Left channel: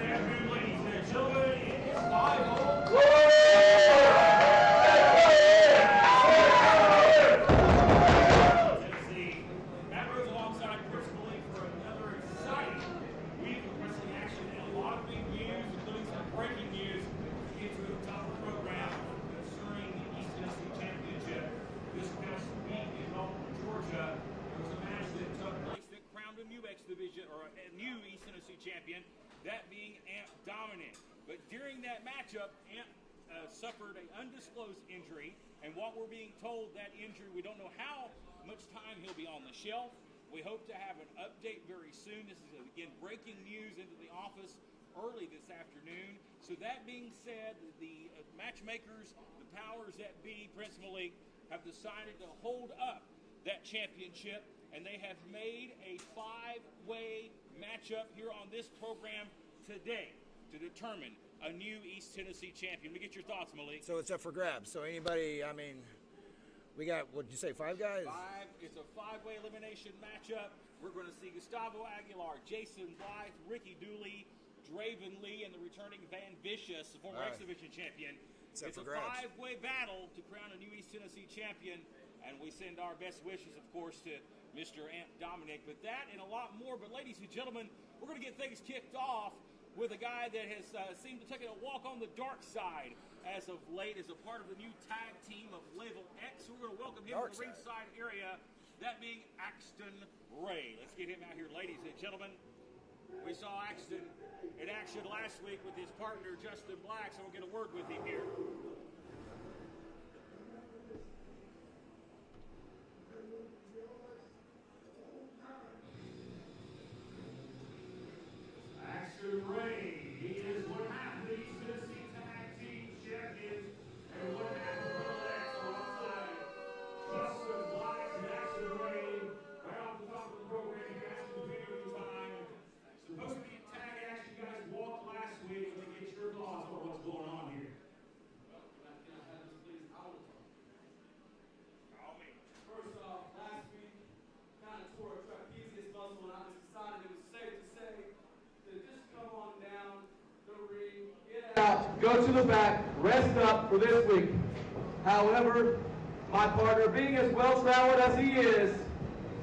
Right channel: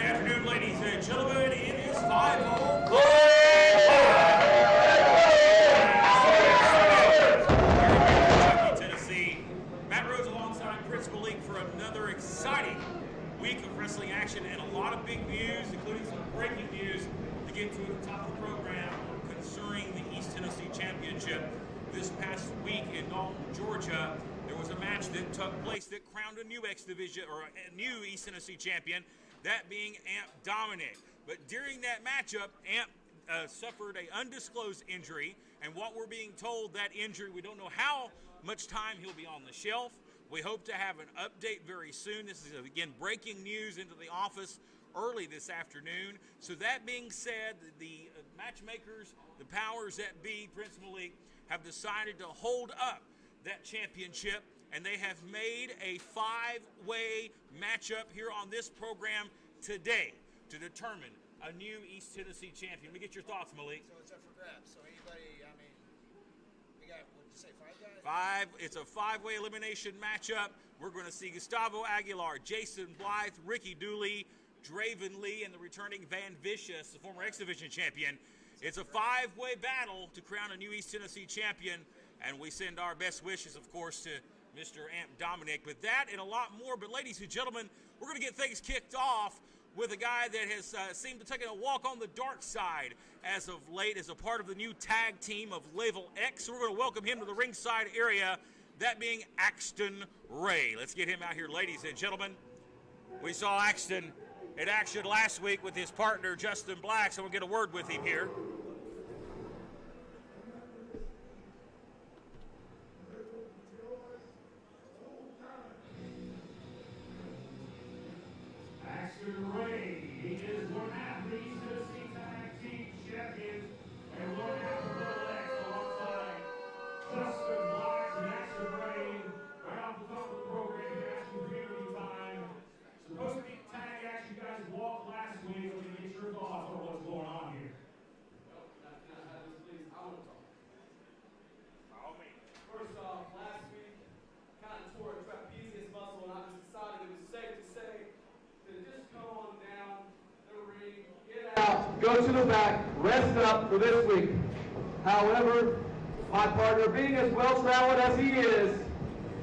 afternoon, ladies and gentlemen. It is 5-0. Tennessee. Matt Rhodes alongside Principal League for another exciting week of wrestling action and a lot of big news, including some breaking news to get to at the top of the program concerning the East Tennessee Championship. This past week in Dalton, Georgia, there was a match that took place that crowned a new X Division or a new East Tennessee champion, that being Amp Dominic. But during that matchup, Amp suffered an undisclosed injury, and what we're being told, that injury, we don't know how much time he'll be on the shelf. We hope to have an update very soon. This is, again, breaking news into the office early this afternoon. So that being said, the matchmakers, the powers that be, Principal League, have decided to hold up that championship, and they have made a 5-way matchup here on this program today to determine a new East Tennessee champion. Let me get your thoughts, Malik. So it's up for grabs. So anybody, I mean, we got, what did you say, 5 guys? 5. It's a 5-way elimination matchup. We're going to see Gustavo Aguilar, Jason Blythe, Ricky Dooley, Draven Lee, and the returning Van Vicious, the former X Division champion. It's a 5-way battle to crown a new East Tennessee champion, and we send our best wishes, of course, to Mr. Amp Dominic. But that and a lot more. But ladies and gentlemen, we're going to get things kicked off with a guy that has seemed to take a walk on the dark side as of late as a part of the new tag team of Level X. So we're going to welcome him to the ringside area, that being Axton Ray. Let's get him out here, ladies and gentlemen. We saw Axton in action last week with his partner, Justin Black, so we'll get a word with him here. Axton Ray, he is one half of the East Tennessee Tag Team Champions and one half of Level X alongside Justin Black and Axton Ray. Right off the top of the program, Axton viewing time. Supposed to be tag action, guys walked last week. Let me get your thoughts on what's going on here. First off, last week, kind of tore a trapezius muscle, and I just decided it was safe to say to just come on down the ring, get out, go to the back, rest up for this week. However, my partner, being as well-traveled as he is,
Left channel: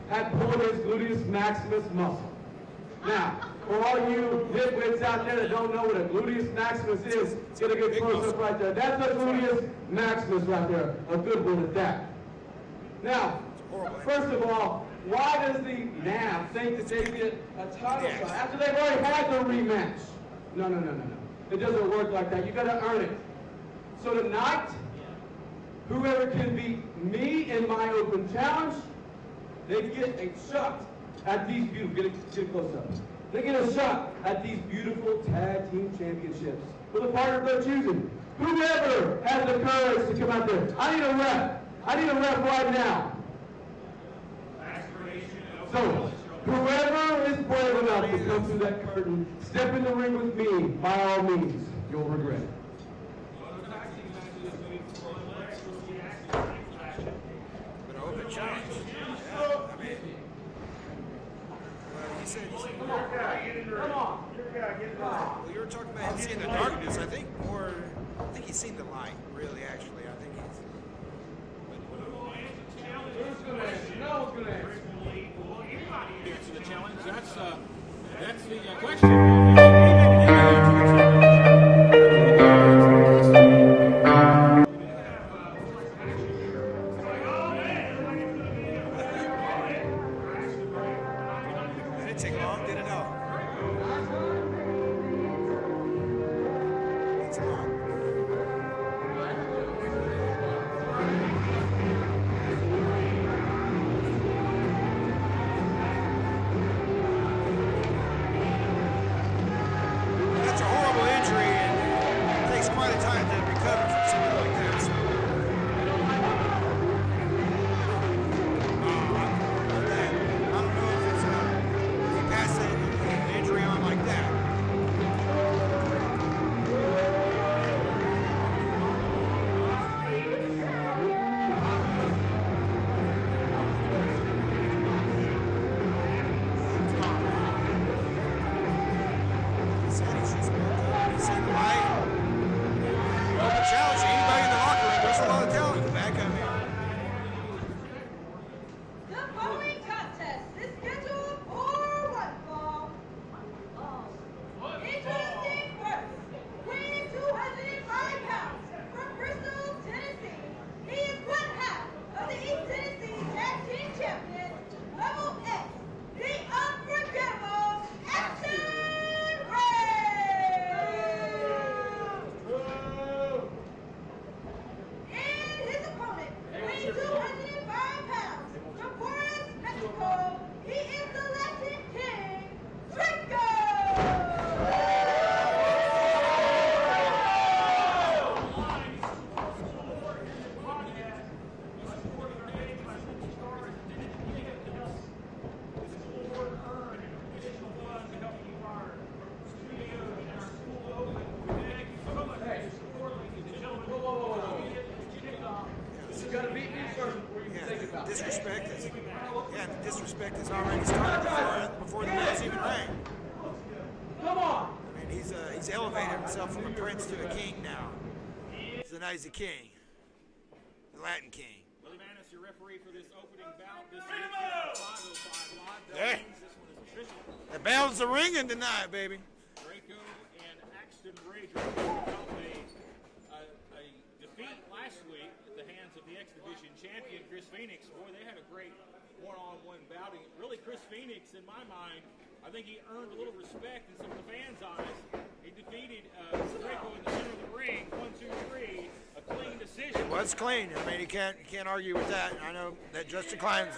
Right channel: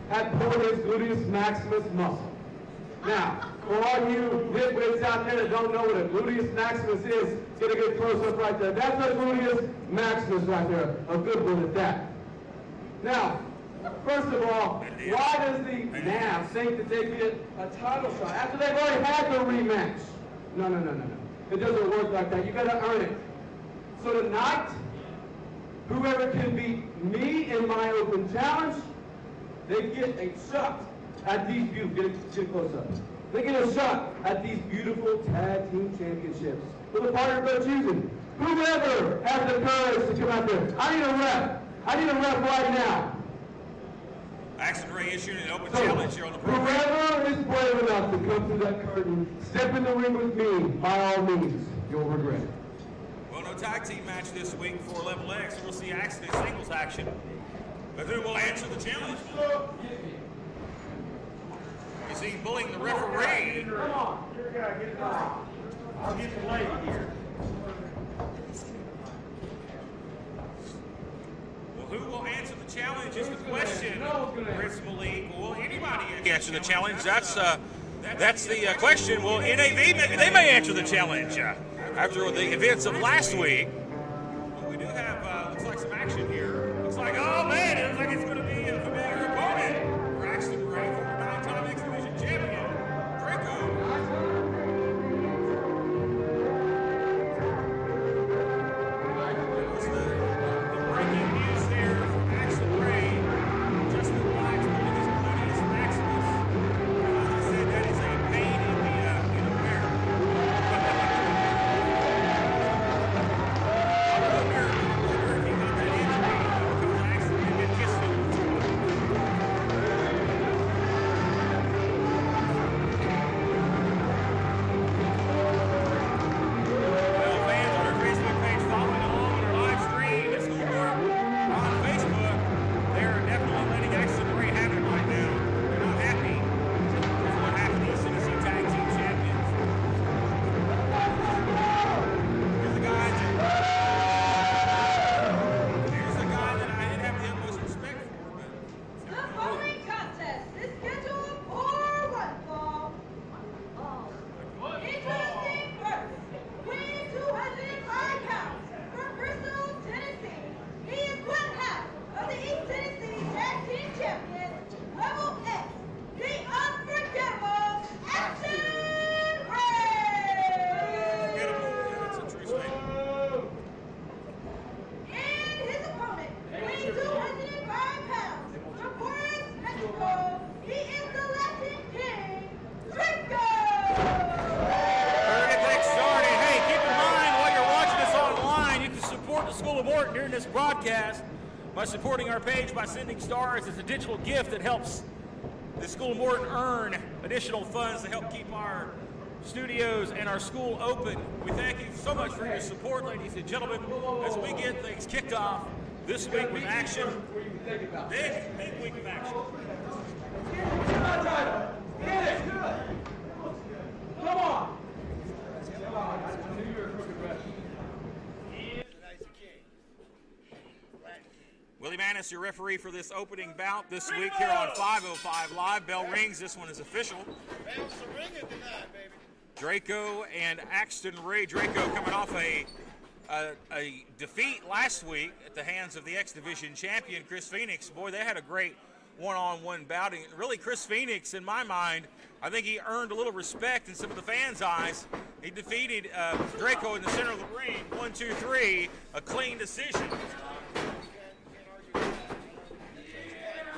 had pulled his gluteus maximus muscle. Now, for all you nitwits out there that don't know what a gluteus maximus is, get a good close-up right there. That's a gluteus maximus right there, a good one at that. Now, first of all, why does the NAV think that they get a title shot after they've already had their rematch? No. It doesn't work like that. You got to earn it. So tonight, whoever can beat me in my open challenge, they get a shot at these beautiful, get close up. They get a shot at these beautiful tag team championships for the partner they're choosing. Whoever has the courage to come out there, I need a rep. I need a rep right now. Axton Ray issued an open challenge here on the program. Whoever is brave enough to come through that curtain, step in the ring with me, by all means, you'll regret it. Well, no tag team match this week for Level X. We'll see Axton in singles action. But who will answer the challenge? Is he pulling the referee? Come on. You were talking about seeing the darkness, I think, or I think he's seen the light, really, actually. I think he's... Who will answer the challenge is the question. Principal League, will anybody answer the challenge? That's the question. Will NAV, maybe they may answer the challenge after the events of last week. We do have, looks like some action here. Looks like, oh man, it looks like it's going to be a familiar opponent for Axton Ray, former 9-time X Division champion, Draco. Breaking news there from Axton Ray. Justin Black holding his gluteus maximus. He said that is a pain in the rear. He's trying to injury. by supporting our page by sending stars. It's a digital gift that helps the school board earn additional funds to help keep our studios and our school open. We thank you so much for your support, ladies and gentlemen, as we get things kicked off this week with action. This week of action. Yeah, the disrespect is already started before the match even began. Come on! And he's elevated himself from the prince to the king now. He's the king, the Latin king. Willie Manis, your referee for this opening bout this week here on 505 Live. Bell rings. This one is official. The bells are ringing tonight, baby. Draco and Axton Ray. Draco coming off a defeat last week at the hands of the X Division champion, Chris Phoenix. Boy, they had a great one-on-one bout. And really, Chris Phoenix, in my mind, I think he earned a little respect in some of the fans' eyes. He defeated Draco in the center of the ring, 1, 2, 3, a clean decision. Well, it's clean. I mean, you can't argue with that. I know that just declines.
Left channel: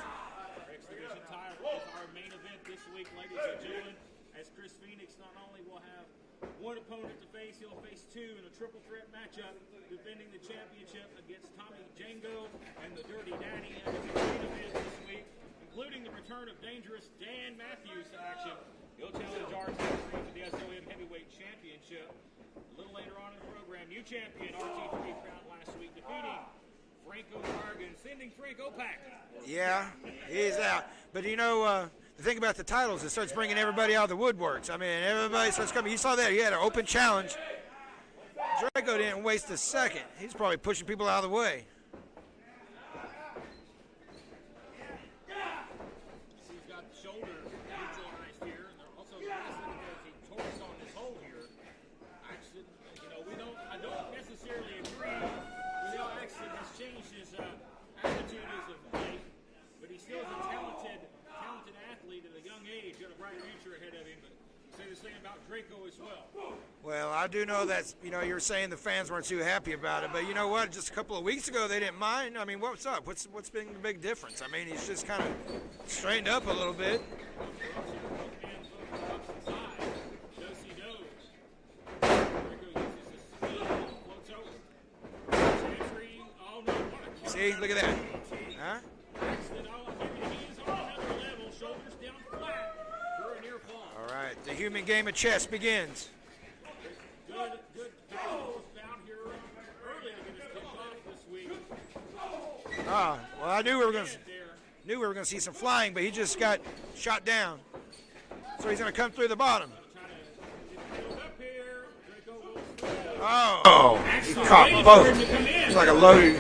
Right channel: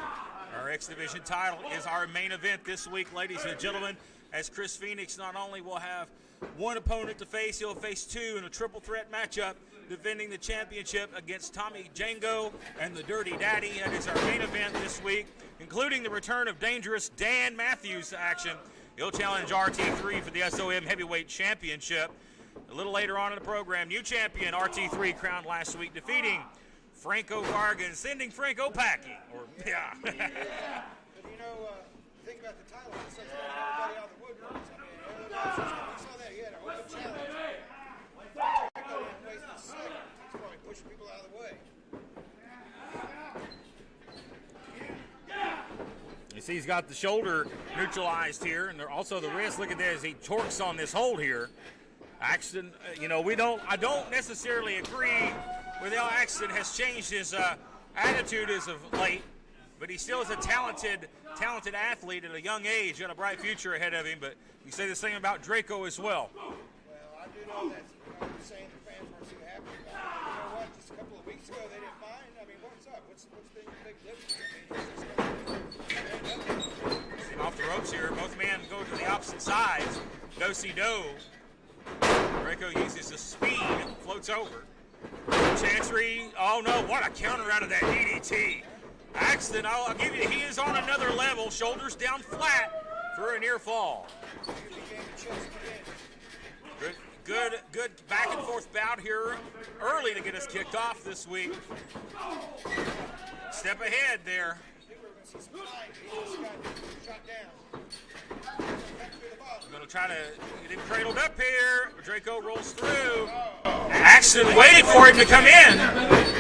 Our X Division title is our main event this week, ladies and gentlemen, as Chris Phoenix not only will have one opponent to face, he'll face two in a triple threat matchup, defending the championship against Tommy Django and the Dirty Daddy. That is our main event this week, including the return of dangerous Dan Matthews to action. He'll challenge RT3 for the SOM Heavyweight Championship. A little later on in the program, new champion RT3 crowned last week, defeating Franco Vargas, sending Franco packing. Yeah, he's out. But you know, the thing about the titles, it starts bringing everybody out of the woodworks. I mean, everybody starts coming. You saw that. He had an open challenge. Draco didn't waste a second. He's probably pushing people out of the way. You see he's got the shoulder neutralized here, and also the wrist. Look at that as he torques on this hold here. Axton, you know, I don't necessarily agree with how Axton has changed his attitude as of late, but he still is a talented athlete at a young age, got a bright future ahead of him. But you say the same about Draco as well. Well, I do know that, you know, you're saying the fans weren't too happy about it, but you know what? Just a couple of weeks ago, they didn't mind. I mean, what's up? What's been the big difference? I mean, he's just kind of straightened up a little bit. Off the ropes here. Both men go to the opposite sides. Do-si-do. Draco uses his speed, floats over. Chancery. Oh, no. What a counter out of that DDT. Huh? Axton, I'll give you, he is on another level. Shoulders down flat for a near fall. All right. The human game of chess begins. Good back and forth bout here early to get us kicked off this week. Well, I knew we were going to see some flying, but he just got shot down. So he's going to come through the bottom. Going to try to get him cradled up here. Draco rolls through. Oh. Axton waited for it to come in. Like a load.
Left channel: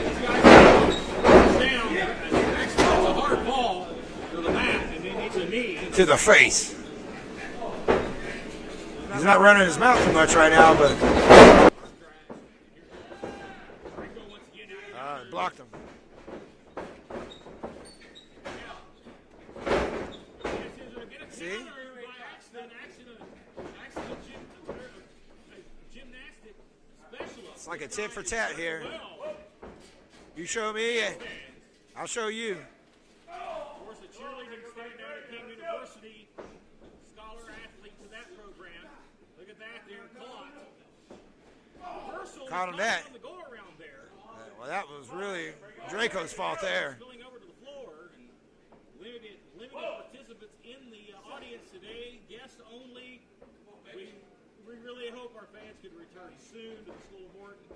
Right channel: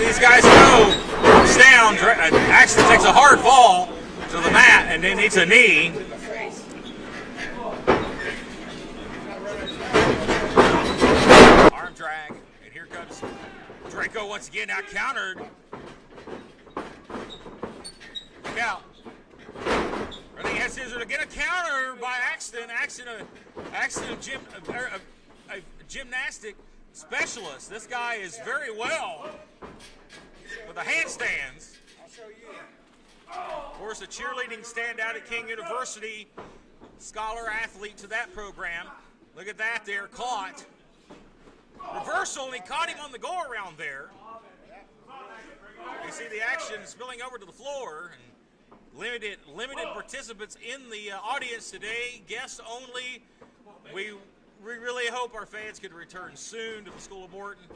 These guys go. It's down. Axton takes a hard fall to the mat and then hits a knee To the face. He's not running his mouth too much right now, but arm drag, and here comes Draco once again. Now countered. blocked him. Look out. Running head scissors to get a counter by Axton. Axton, a gymnastic specialist. Like This a tit guy for is tat very here. well. You show The me. handstands. I'll show you. Of course, a cheerleading standout at King University. Scholar athlete to that program. Look at that there, caught. Reversal, he Caught him caught back. him on the go around there. Well, that was really See Draco's the fault action there. spilling over to the floor. And limited participants in the audience today, guests only. We really hope our fans can return soon to the School of Morton.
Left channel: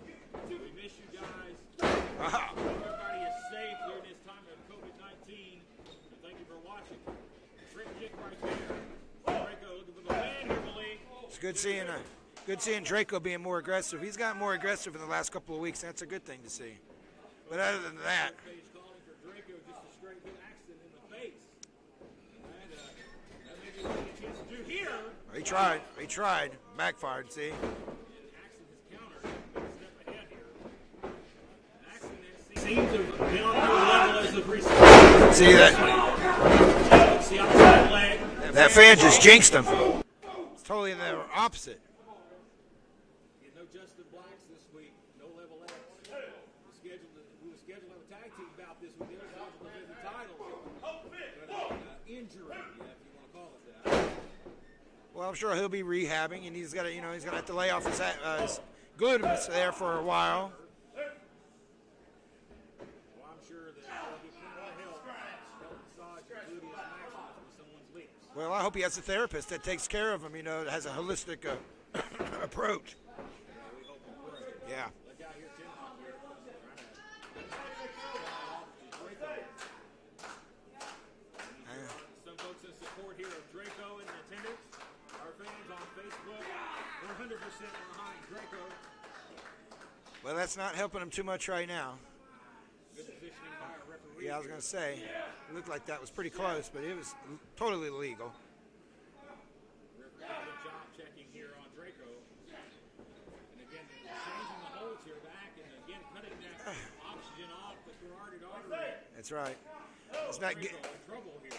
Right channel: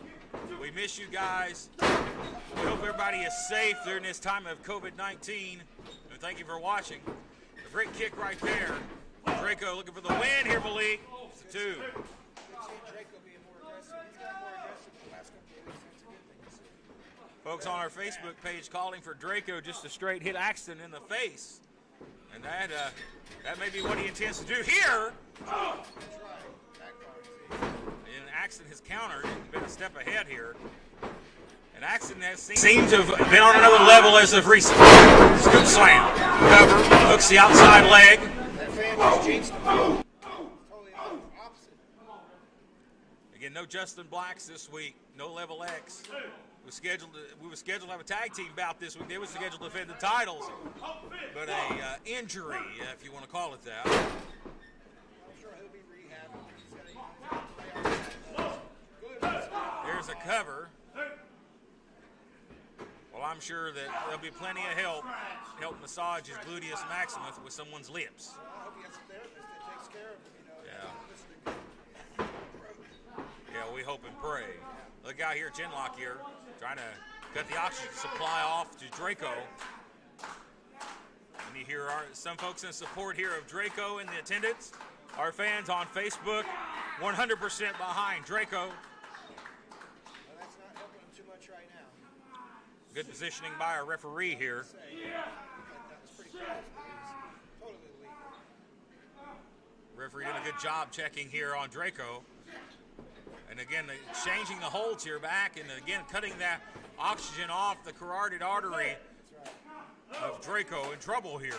We miss you guys. We hope everybody is safe during this time of COVID-19. And thank you for watching. The free kick right there. Draco looking for the win here, Malik. It's good seeing Draco being more aggressive. He's gotten more aggressive in the last couple of weeks. That's a good thing to see. Folks But on other our than Facebook page calling for Draco just to straight hit Axton in the face. And that may be what he intends to do here. He tried. Backfired, see? And Axton has countered, been a step ahead here. And Axton has seemed to have been on another level as of recent. See that? Slam. Cover. Hooks the outside leg. That fan just jinxed him. It's totally in the opposite. Again, no Justin Blacks this week. No Level X. We were scheduled to have a tag team bout this week. They were scheduled to defend the titles, but a injury, if you want to call it that. Well, I'm sure he'll be rehabbing, and he's gonna have to lay off his glutes there for There's a while. cover. Well, I'm sure that there'll be plenty of help massage his gluteus maximus with someone's lips. Well, I hope he has a therapist that takes care of him, you know, that has a holistic approach. Yeah, we hope and pray. Yeah. Look out here, Chinlock here, trying to cut the oxygen supply off to Draco. And you hear some folks in support here of Draco in the attendance. Our fans on Facebook, 100% behind Draco. Well, that's not helping him too much right now. Good positioning by our referee Yeah, I here. was gonna say, it looked like that was pretty close, but it was totally legal. Referee did a good job checking here on Draco. And again, changing the holds here back, and again, cutting that oxygen off the carotid artery. That's right. Draco in trouble here.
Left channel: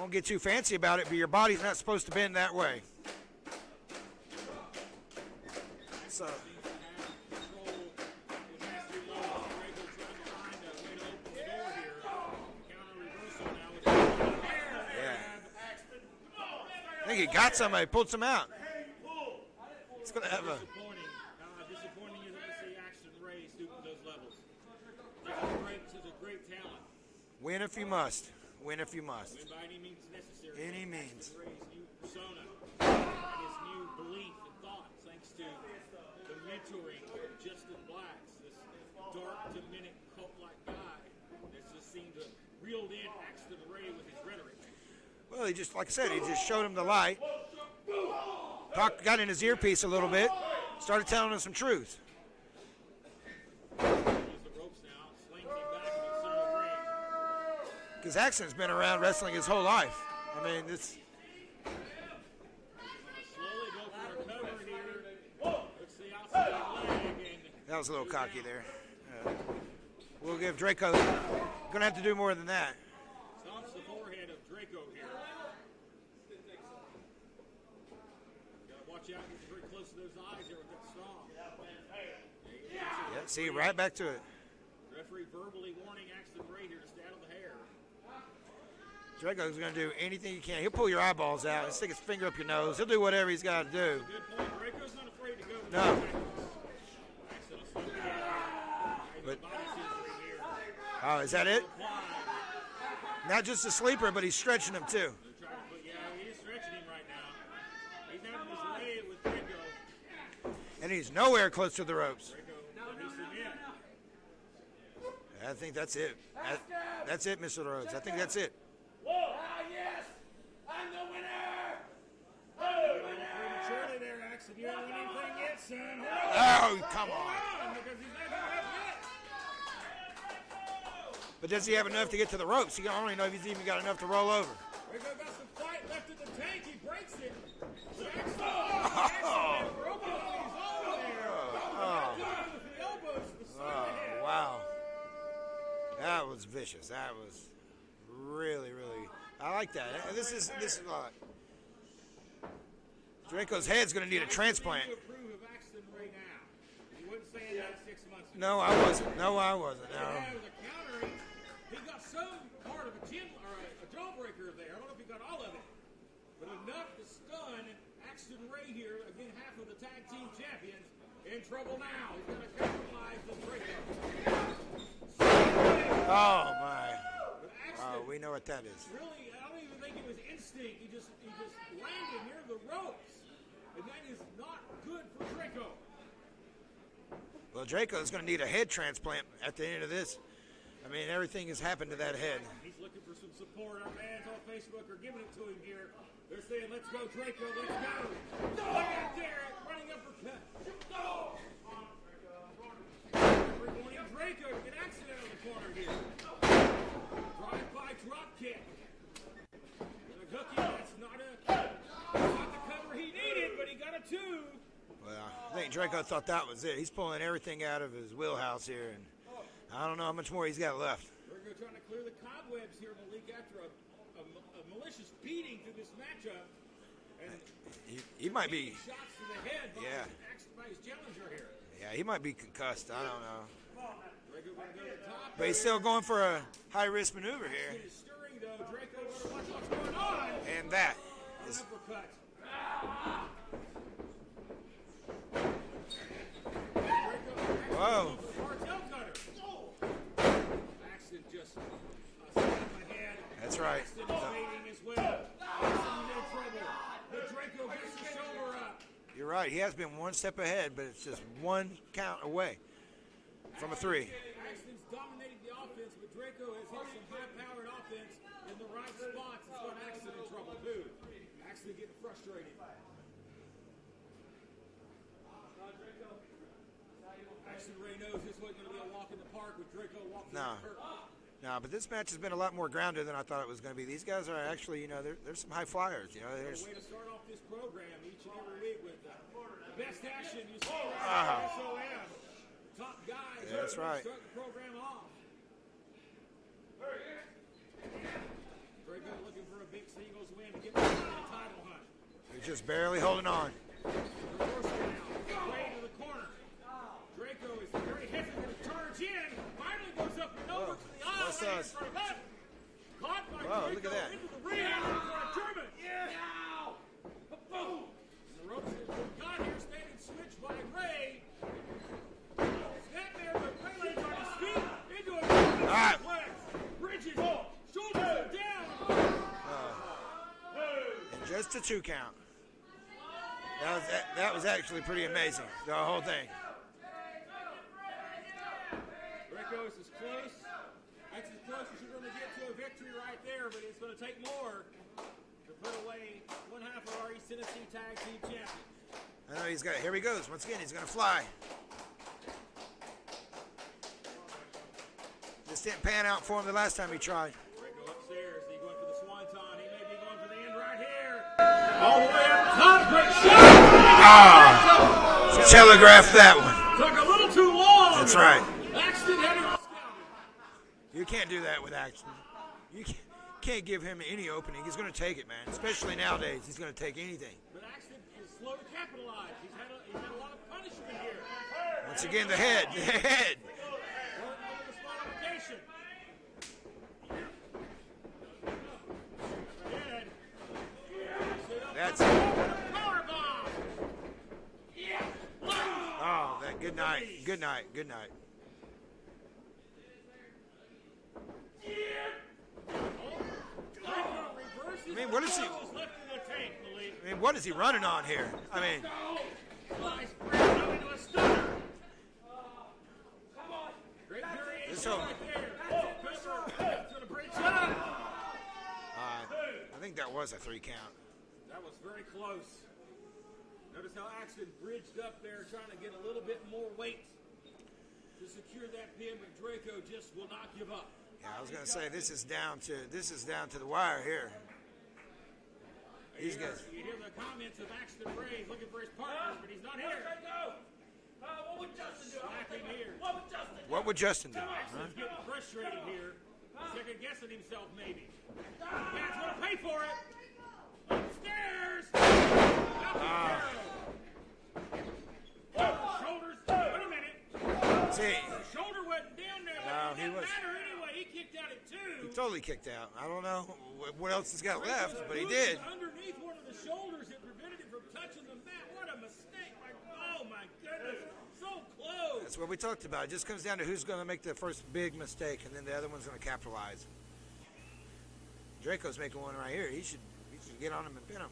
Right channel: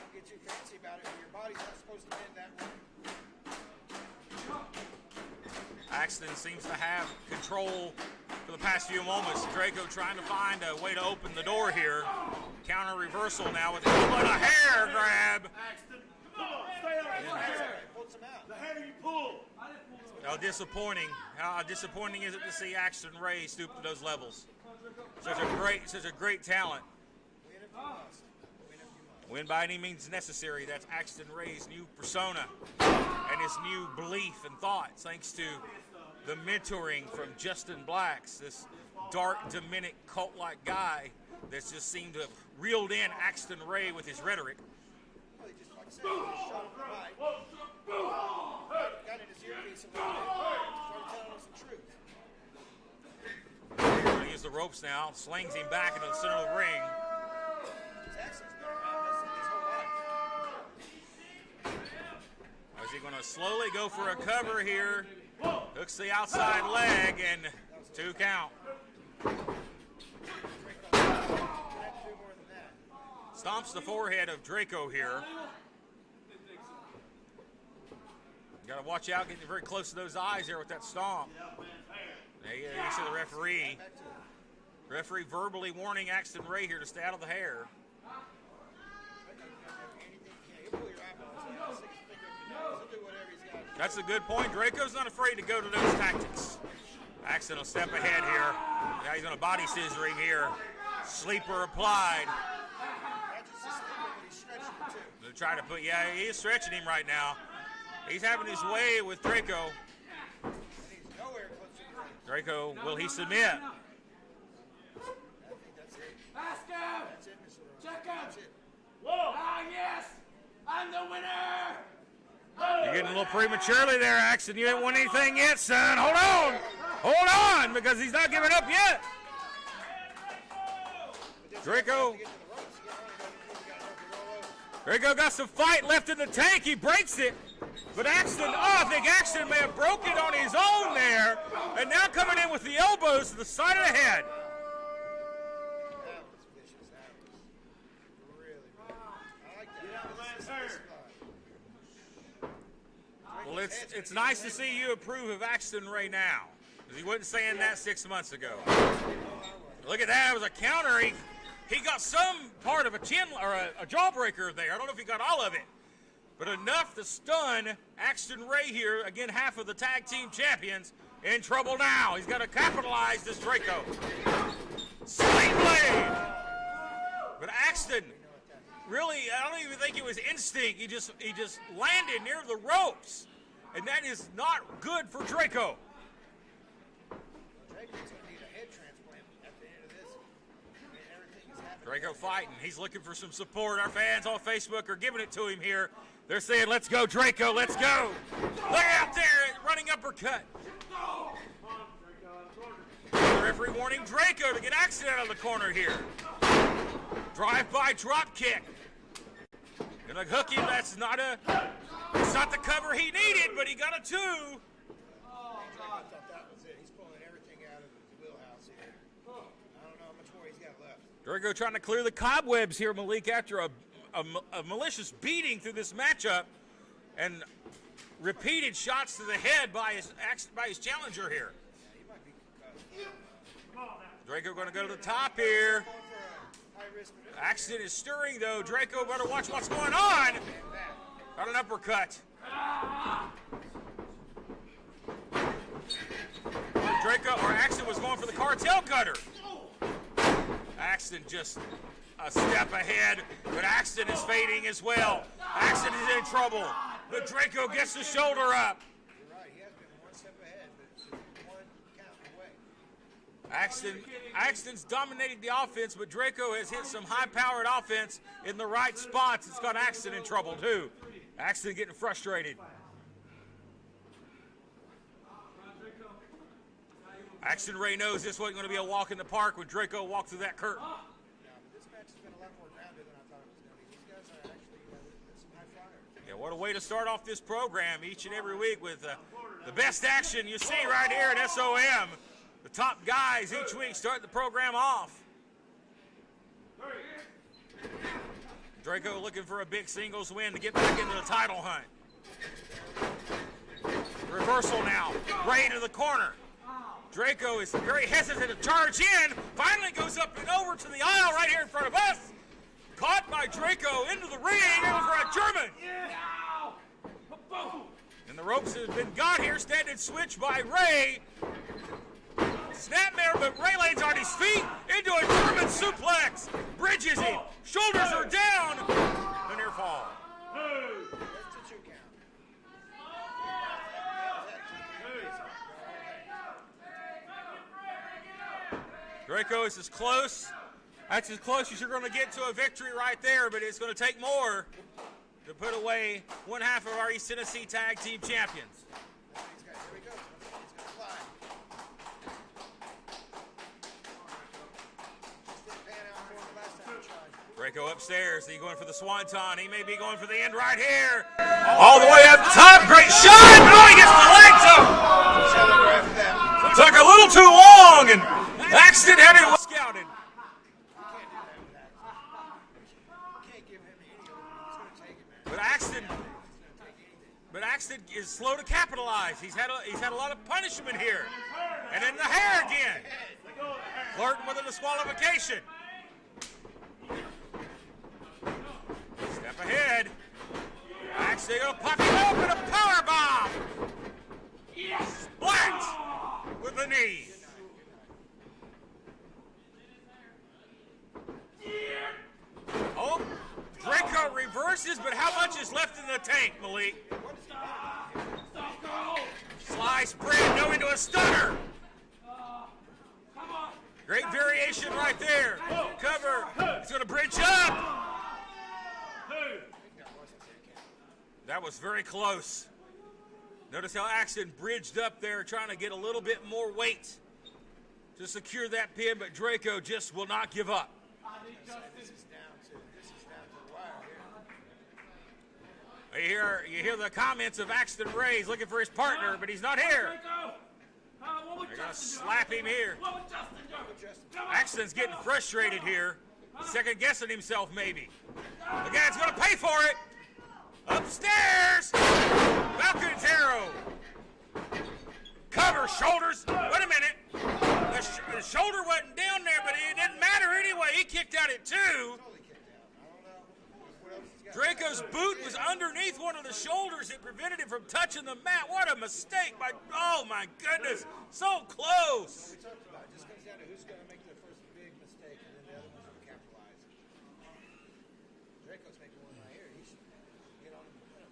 Won't get too fancy about it, but your body's not supposed to bend that way. Axton seems to have control for the past few moments. Draco trying to find a way to open the door here. Counter reversal now with a hair grab. I think he got somebody, pulled some out. How disappointing is it to see Axton Ray stoop to those levels? Such a great talent. Win if you must. Win if you must. Win by any means necessary. Any That's means. Axton Ray's new persona and his new belief and thoughts, thanks to the mentoring from Justin Blacks, this dark, demonic, cult-like guy that's just seemed to have reeled in Axton Ray with his rhetoric. Well, he just, like I said, he just showed him the light. Got in his earpiece a little bit. Started telling him some truth. He's going to use the ropes now. Slings him back into the center of the ring. Because Axton's been around wrestling his whole life. I mean, it's... Is he going to slowly go for a cover here? Hooks the outside leg, and That was a little 2 cocky count. there. Yeah. We'll give Draco... Going to have to do more than that. Stomps the forehead of Draco here. Got to watch out, getting very close to those eyes here with that stomp. There you see the referee. See, right back to it. Referee verbally warning Axton Ray here to stay out of the hair. Draco's going to do anything he can. He'll pull your eyeballs out. He'll stick his finger up your nose. He'll do whatever he's got to do. That's a good point. Draco's not afraid to go to those tactics. Axton will step ahead here. Now he's going to body scissor him here. Oh, is that it? Sleeper applied. Not just a sleeper, but he's stretching him too. Try to put, yeah, he is stretching him right now. He's having his way with Draco. And he's nowhere close to the ropes. Draco, will he submit? I think that's it. That's it, Mr. Rhodes. I think that's it. Yes! I'm the winner! You're getting a little prematurely there, Axton. You haven't won anything yet, son. Hold on. Hold on, because he's not giving up yet. But doesn't he have Draco. enough to get to the ropes? I don't even know if he's even got enough to roll over. Draco got some fight left in the tank. He breaks it. But Axton, I think Axton may have broke it on his own there. And now coming in with the elbows to the side of the head. Wow. That was vicious. That was really, really. I like that. This is Draco's head's going to need a transplant. It's nice to see you approve of Axton Ray now. 'Cause he wasn't saying that 6 months ago. No, I wasn't. No, I wasn't. Look at that. It was a counter. He got some part of a chin or a jawbreaker there. I don't know if he got all of it. But enough to stun Axton Ray here. Again, half of the tag team champions in trouble now. He's got to capitalize this Draco. Sling blade. Oh, my. But Axton, We know what that is. really, I don't even think it was instinct. He just landed near the ropes. And that is not good for Draco. Well, Draco's going to need a head transplant at the end of this. I mean, everything has happened to Draco that head. fighting. He's looking for some support. Our fans on Facebook are giving it to him here. They're saying, let's go, Draco, let's go. Look out there, running uppercut. Referee warning Draco to get Axton out of the corner here. Drive-by drop kick. Gonna hook him. It's not the cover he needed, but he got a 2. Well, I think Draco thought that was it. He's pulling everything out of his wheelhouse here. And I don't know how much more he's got left. Draco trying to clear the cobwebs here, Malik, after a malicious beating through this matchup, and He might repeated be- shots to the head by his challenger here. Yeah, he might be concussed. I don't know. Draco going to go to the top But he's still here. going for a high-risk maneuver Axton here. is stirring, though. Draco better watch what's going on. And that. Got an uppercut. Draco, or Axton was going for the cartel cutter. Axton just a step ahead, but Axton is fading as well. Axton is in trouble, but Draco gets the shoulder up. You're right. He has been one step ahead, but it's just one count away. Axton's dominated the offense, but Draco has hit some high-powered offense in the right spots. It's got Axton in trouble, too. Axton getting frustrated. Axton Ray knows this wasn't going to be a walk in the park when Draco walked through that curtain. No, but this match has been a lot more grounded than I thought it was going to be. These guys are actually, you know, there's some high flyers. You know, what a way to start off this program each and every week with the best action you see right here at SOM. The top guys each week start the program off. Draco looking for a big singles win to get back into the title hunt. He's just barely holding on. Reversal now. Ray to the corner. Draco is very hesitant to charge in. Finally goes up and over to the aisle right here in front of us. Caught by Draco into the ring over a German. And the ropes have been got here. Standing switch by Ray. Snapmare, but Ray lands on his feet into a German suplex. Bridges him. Shoulders are down. And near fall. Just a 2 count. That was actually pretty amazing, the whole thing. Draco is as close. That's as close as you're going to get to a victory right there, but it's going to take more to put away one half of our East Tennessee Tag Team Champions. I know he's got. Here he goes. Once again, he's going to fly. Just didn't pan out for him the last time he tried. Draco upstairs. He's going for the swanton. He may be going for the end right here. All the way up top. Great shot. Oh, he gets the legs up. Telegraph that one. Took a little too long. That's right. Axton had it scouted. You can't do that with Axton. You can't give him any opening. He's going to take it, man. But Especially Axton, nowadays, he's going to take anything. But Axton is slow to capitalize. He's had a lot of punishment here. Once and again, in the head the again. head. Flirting with a disqualification. Step ahead. Axton will pop it open, a power bomb. Splat. Oh, good with the night. knee. Good night. Good night. Oh, Draco reverses, but how much is left in the tank, Malik? I mean, what is he running on here? I mean, Slice, bridge, no into a stunner. Great variation right there. Cover. He's going to bridge up. I think that was a 3 count. That was very close. Notice how Axton bridged up there, trying to get a little bit more weight to secure that pin, but Draco just will not give up. Yeah, I was going to say this is down to the wire here. You hear the comments of Axton Ray. He's looking for his partner, but he's not here. They're going to slap him here. What would Justin do? Axton's getting frustrated here. Second guessing himself, maybe. The guy's going to pay for it. Upstairs. Falcon's arrow. Cover, shoulders. Wait a minute. The shoulder wasn't down there, but it didn't matter anyway. He kicked out at 2. He totally kicked out. I don't know what else he's got Draco's left, boot was underneath one of the shoulders. It prevented him from touching the mat. What a mistake. Oh, my goodness. So close. That's what we talked about. It just comes down to who's going to make the first big mistake, and then the other one's going to capitalize. Draco's making one right here. He should get on him and pin him.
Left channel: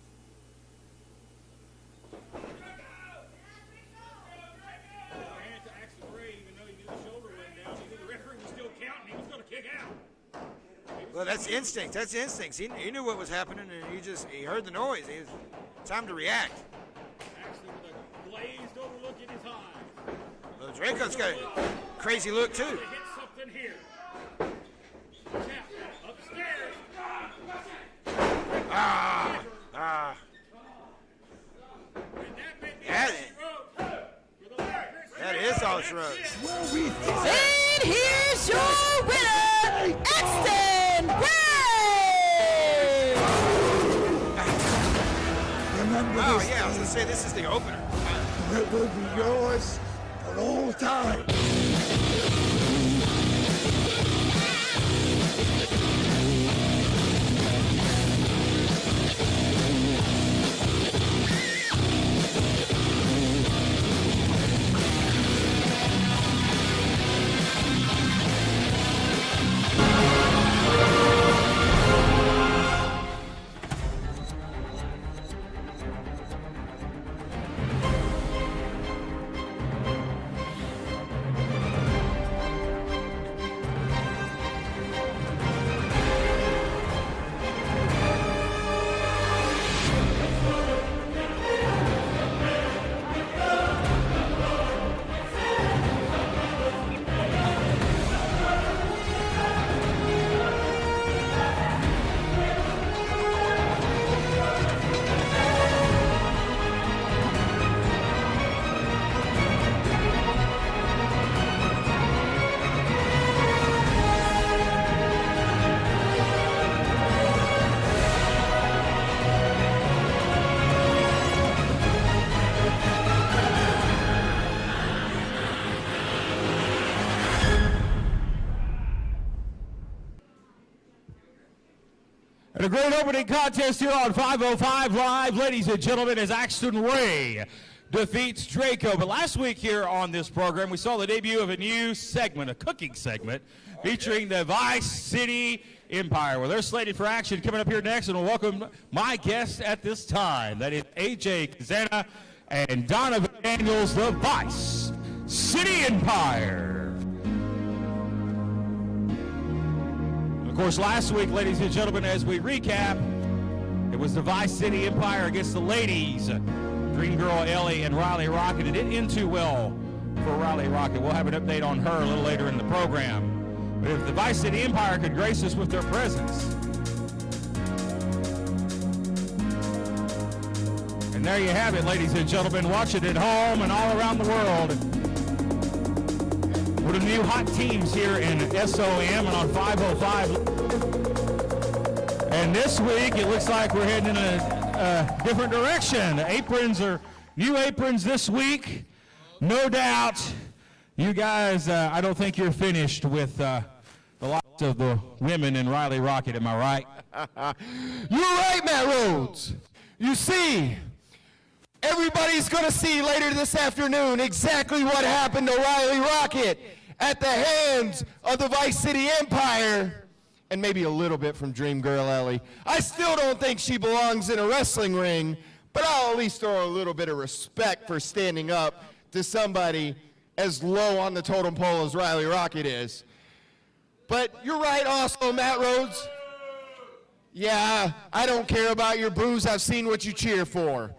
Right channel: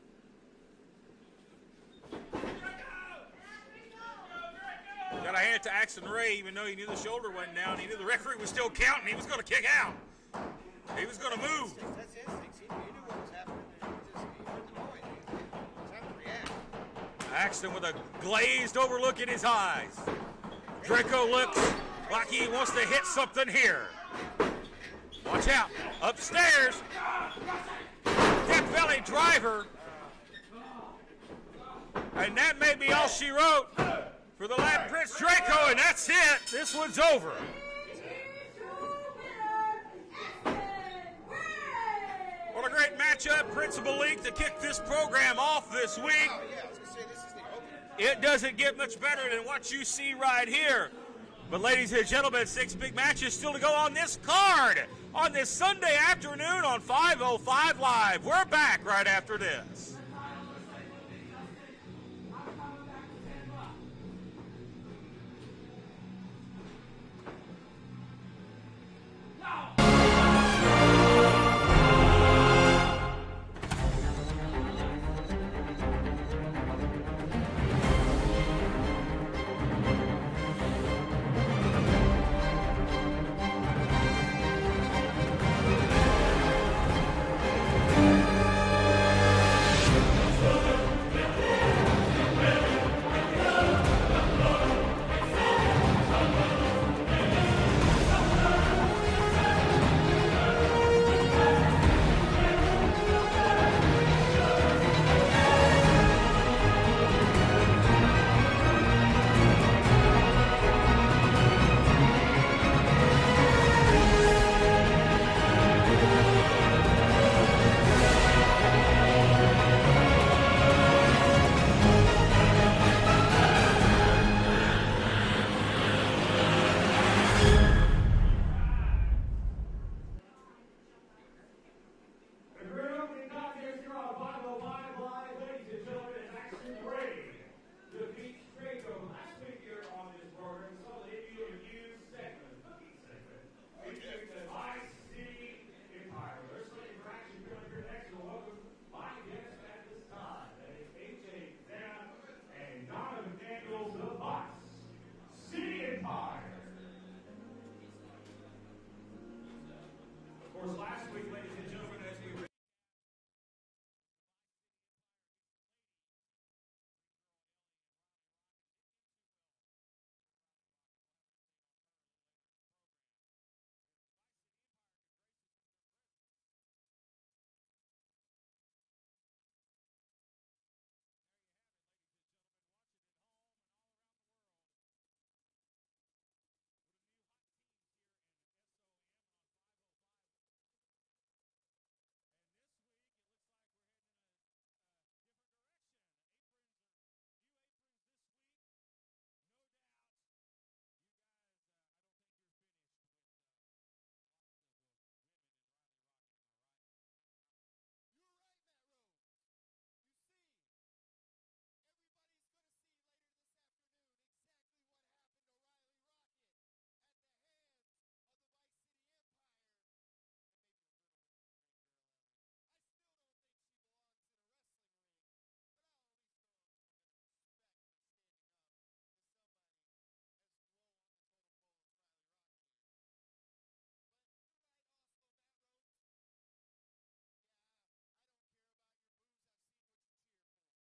Got a hand to Axton Ray, even though he knew the shoulder went down. He knew the referee was still counting. He was going to kick out. He was going to move. Instinct. That's instincts. He knew what was happening, and he heard the noise. Time to react. Axton with a glazed over look in his eyes. Draco looks crazy like look he wants too. to hit something here. Watch out. Upstairs. Death Valley driver. And that may be all she wrote for the lad Prince Draco, and that's it. This one's over. And here's your winner, Axton Great Ray! matchup. Prince Malik to take this program off this week. Oh, yeah, I was going to say this is the opener. It doesn't get much better than what you see right here. But ladies and gentlemen, 6 big matches will go on this card on this Sunday afternoon on 505 Live. We're back right after this. great opening contest here on 505 Live, ladies and gentlemen, as Axton Ray defeats Draco. But last week here on this program, we saw the debut of a new segment, a cooking segment, featuring the Vice City Empire. Well, they're slated for action coming up here next, and we'll welcome my guests at this time. That is AJ Kazana and Donovan Daniels, the Vice City Empire. Of course, last week, ladies and gentlemen, as we recap, it was the Vice City Empire against the ladies, Dream Girl Ellie and Riley Rocket. It didn't end too well for Riley Rocket. We'll have an update on her a little later in the program. But if the Vice City Empire could grace us with their presence. And there you have it, ladies and gentlemen. Watch it at home and all around the world. One of the new hot teams here in SOM and on 505. And this week, it looks like we're heading in a different direction. The aprons are new aprons this week. No doubt, you guys, I don't think you're finished with the lots of the women in Riley Rocket, am I right? You're right, Matt Rhodes. You see, everybody's going to see later this afternoon exactly what happened to Riley Rocket at the hands of the Vice City Empire, and maybe a little bit from Dream Girl Ellie. I still don't think she belongs in a wrestling ring, but I'll at least throw a little bit of respect for standing up to somebody as low on the totem pole as Riley Rocket is. But you're right also, Matt Rhodes. Yeah, I don't care about your boos. I've seen what you cheer for.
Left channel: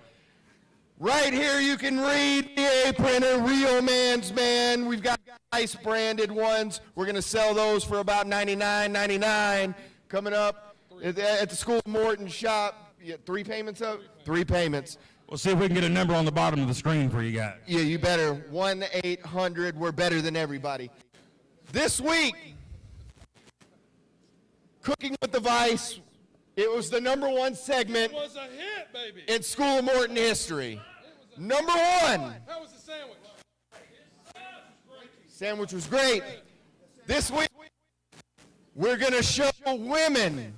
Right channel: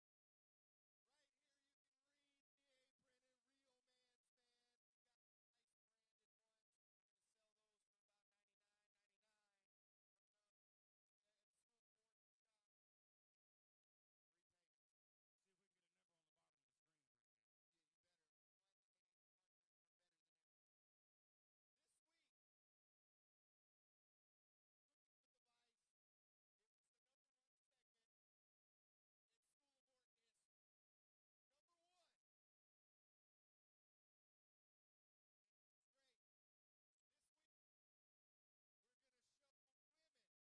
Right here you can read the apron, a real man's man. We've got nice branded ones. We're going to sell those for about $99.99 coming up at the School of Morton shop. Yeah, 3 payments up? 3 payments. We'll see if we can get a number on the bottom of the screen for you guys. Yeah, you better. 1-800. We're better than everybody. This week, Cooking with the Vice, it was the #1 segment It was a hit, baby. in School of Morton history. #1. How was the sandwich? Sandwich was great. This week, we're going to show women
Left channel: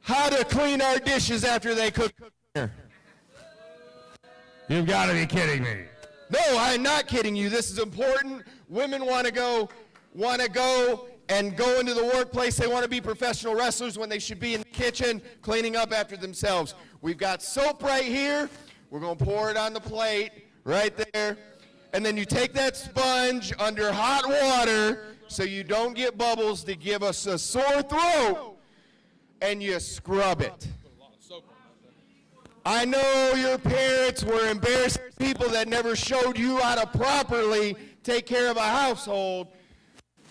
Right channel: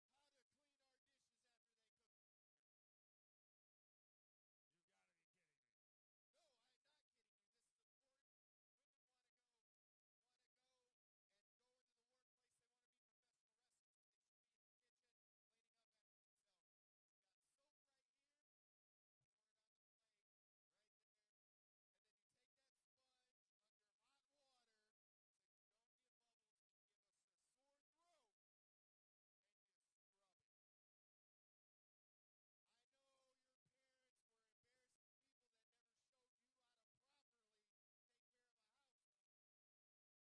how to clean our dishes after they cook dinner. You've got to be kidding me. No, I'm not kidding you. This is important. Women want to go and go into the workplace. They want to be professional wrestlers when they should be in the kitchen cleaning up after themselves. We've got soap right here. We're going to pour it on the plate right there. And then you take that sponge under hot water so you don't get bubbles to give us a sore throat, and you scrub it. I know your parents were embarrassed people that never showed you how to properly take care of a household,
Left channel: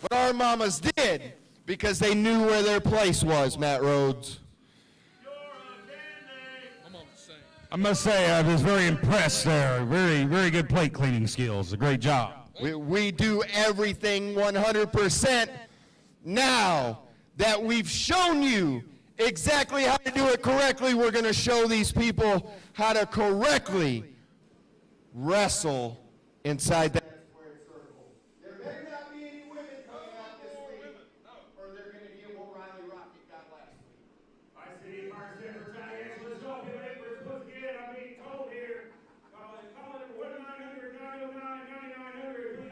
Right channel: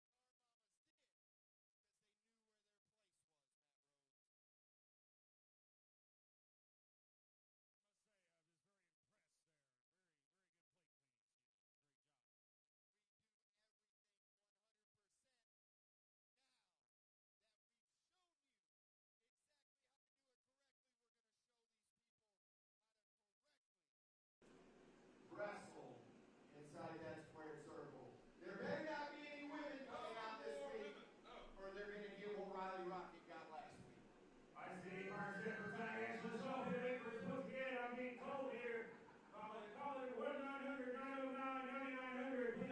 but our mamas did because they knew where their place was, Matt Rhodes. I must say, I was very impressed there. Very, very good plate cleaning skills. A great job. We do everything 100%. Now that we've shown you exactly how to do it correctly, we're going to show these people how to correctly wrestle inside that square circle. There better not be any women coming out this week, or they're going to get what Riley Rocket got last week. I see Mark Zimmer, Tony Angela, Shaw, the papers, once again, I'm being told here. Call it 1-900-909-9900.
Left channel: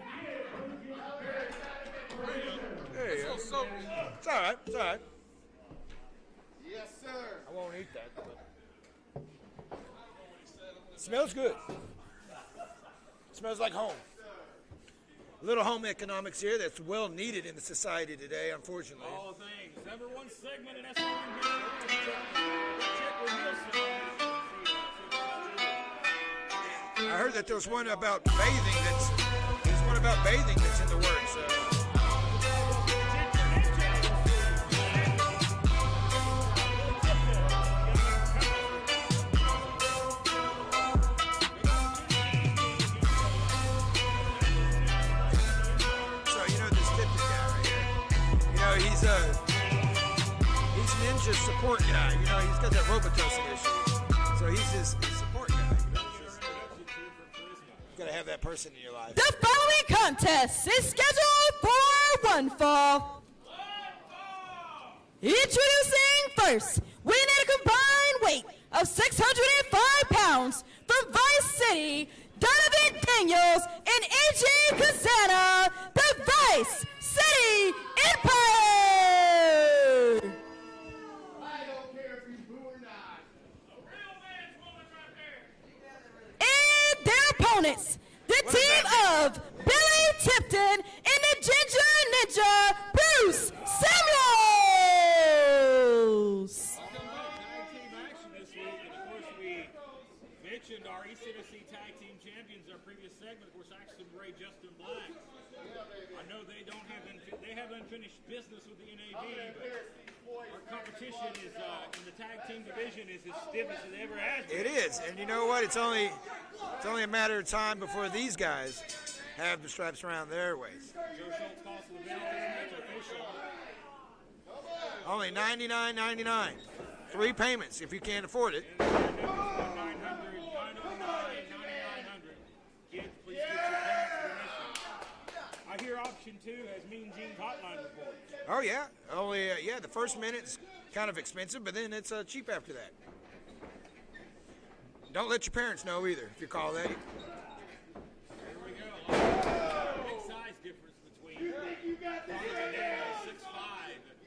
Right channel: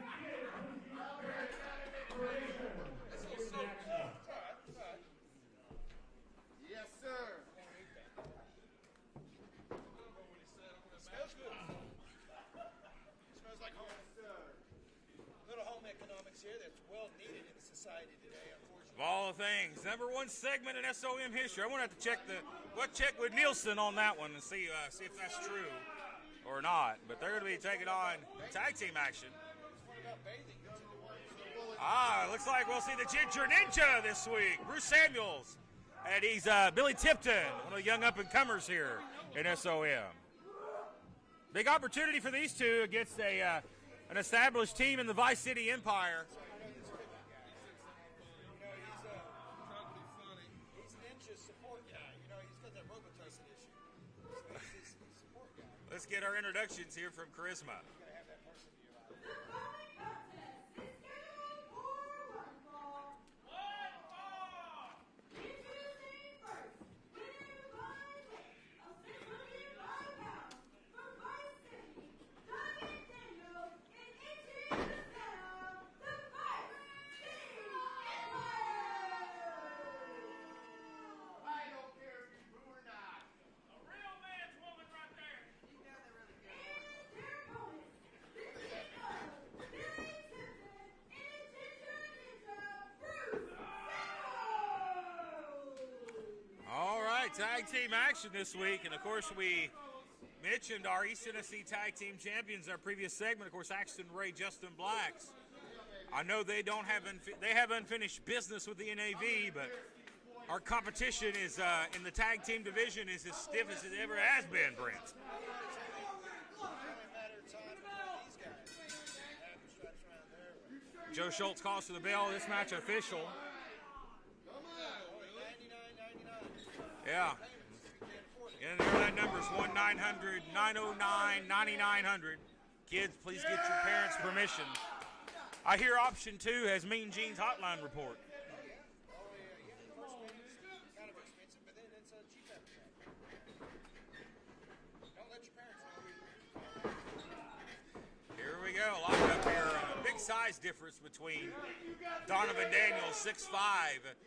Hey, it's all right. It's all right. Yes, sir. I won't eat that. Smells good. Smells like home. A little home economics here that's well needed in the society today, unfortunately. All things. #1 segment in SOM history. I want to check with Nielsen on that one and see if that's true or not. I heard that there's one about bathing that's in the works. Looks like we'll see the Ginger Ninja this week with Samuel. And he's Billy Tipton, one of the young up-and-comers here in SOM. Big opportunity for these two against an established team in the Vice City Empire. So you know this Tipton guy right here. You know he's Ninja support guy. You know he's got that Robitussin issue. So he's his support guy. Let's get our introductions here from Charisma. You gotta have that person in your life. The following contest is scheduled for one fall. Introducing first, weighing at a combined weight of 605 pounds from Vice City, Donovan Daniels and AJ Kazana, the Vice City Empire! And their opponents, the team of Billy Tipton and the Ginger Ninja, Bruce Samuels! All right, tag team action this week, and of course we mentioned our East Tennessee Tag Team Champions in our previous segment. Of course, Axton Ray, Justin Blacks. I know they have unfinished business with the NAV, but our competition is in the tag team division is as stiff as it ever has been. It is, and you know what? It's only a matter of time before these guys have the stripes around their waist. Joe Schultz calls for the bell. This match official. Only $99.99. Yeah. 3 payments if you can't afford it. And the numbers 1-900-909-9900. Kids, please get your parents' permission. I hear option 2 has Mean Gene's hotline report. Oh yeah, only the first minute's kind of expensive, but then it's cheap after that. Don't let your parents know either if you call that. Here we go. A lot of big size difference between Donovan Daniels, 6'5", and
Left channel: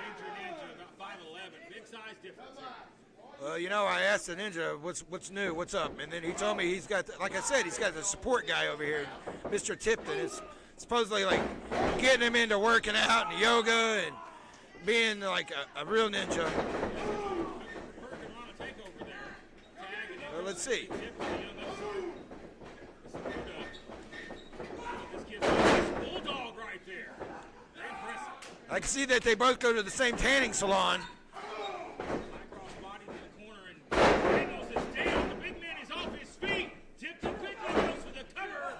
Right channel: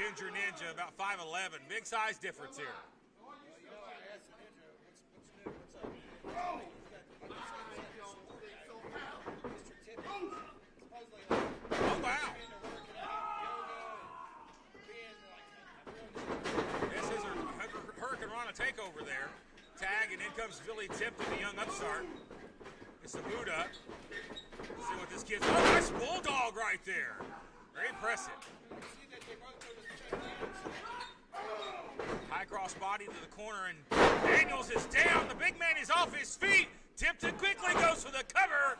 Ginger Ninja, about 5'11". Big size difference here. Well, you know, I asked the Ninja, what's new, what's up? And then he told me he's got, like I said, he's got the support guy over here, Mr. Tipton. It's supposedly like getting him into working out and yoga and being like a real ninja. This is a Hurricane Rana takeover there. Tag and in Well, comes let's see. Billy Tipton, the young upstart. It's a Buddha. See what this gives us. Nice bulldog right there. Very impressive. I can see that they both go to the same tanning salon. High cross body to the corner, and Daniels is down. The big man is off his feet. Tipton quickly goes for the cover.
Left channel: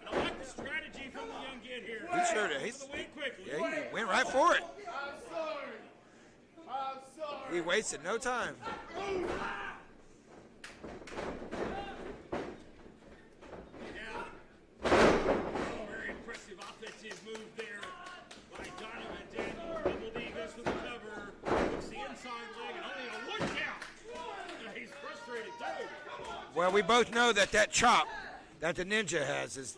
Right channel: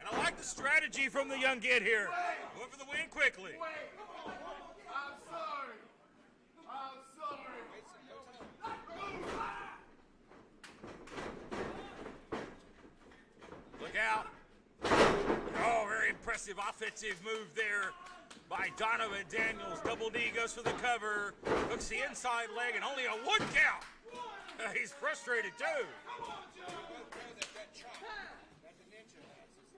And I like the strategy from the young kid here. He sure did. Goes for the win quickly. Yeah, he went right for it. I'm sorry. I'm sorry. He wasted no time. Look out. Oh, very impressive offensive move there by Donovan Daniels. Double D goes for the cover. Hooks the inside leg and only a 1 count. He's frustrated too. Well, we both know that chop that the Ninja has is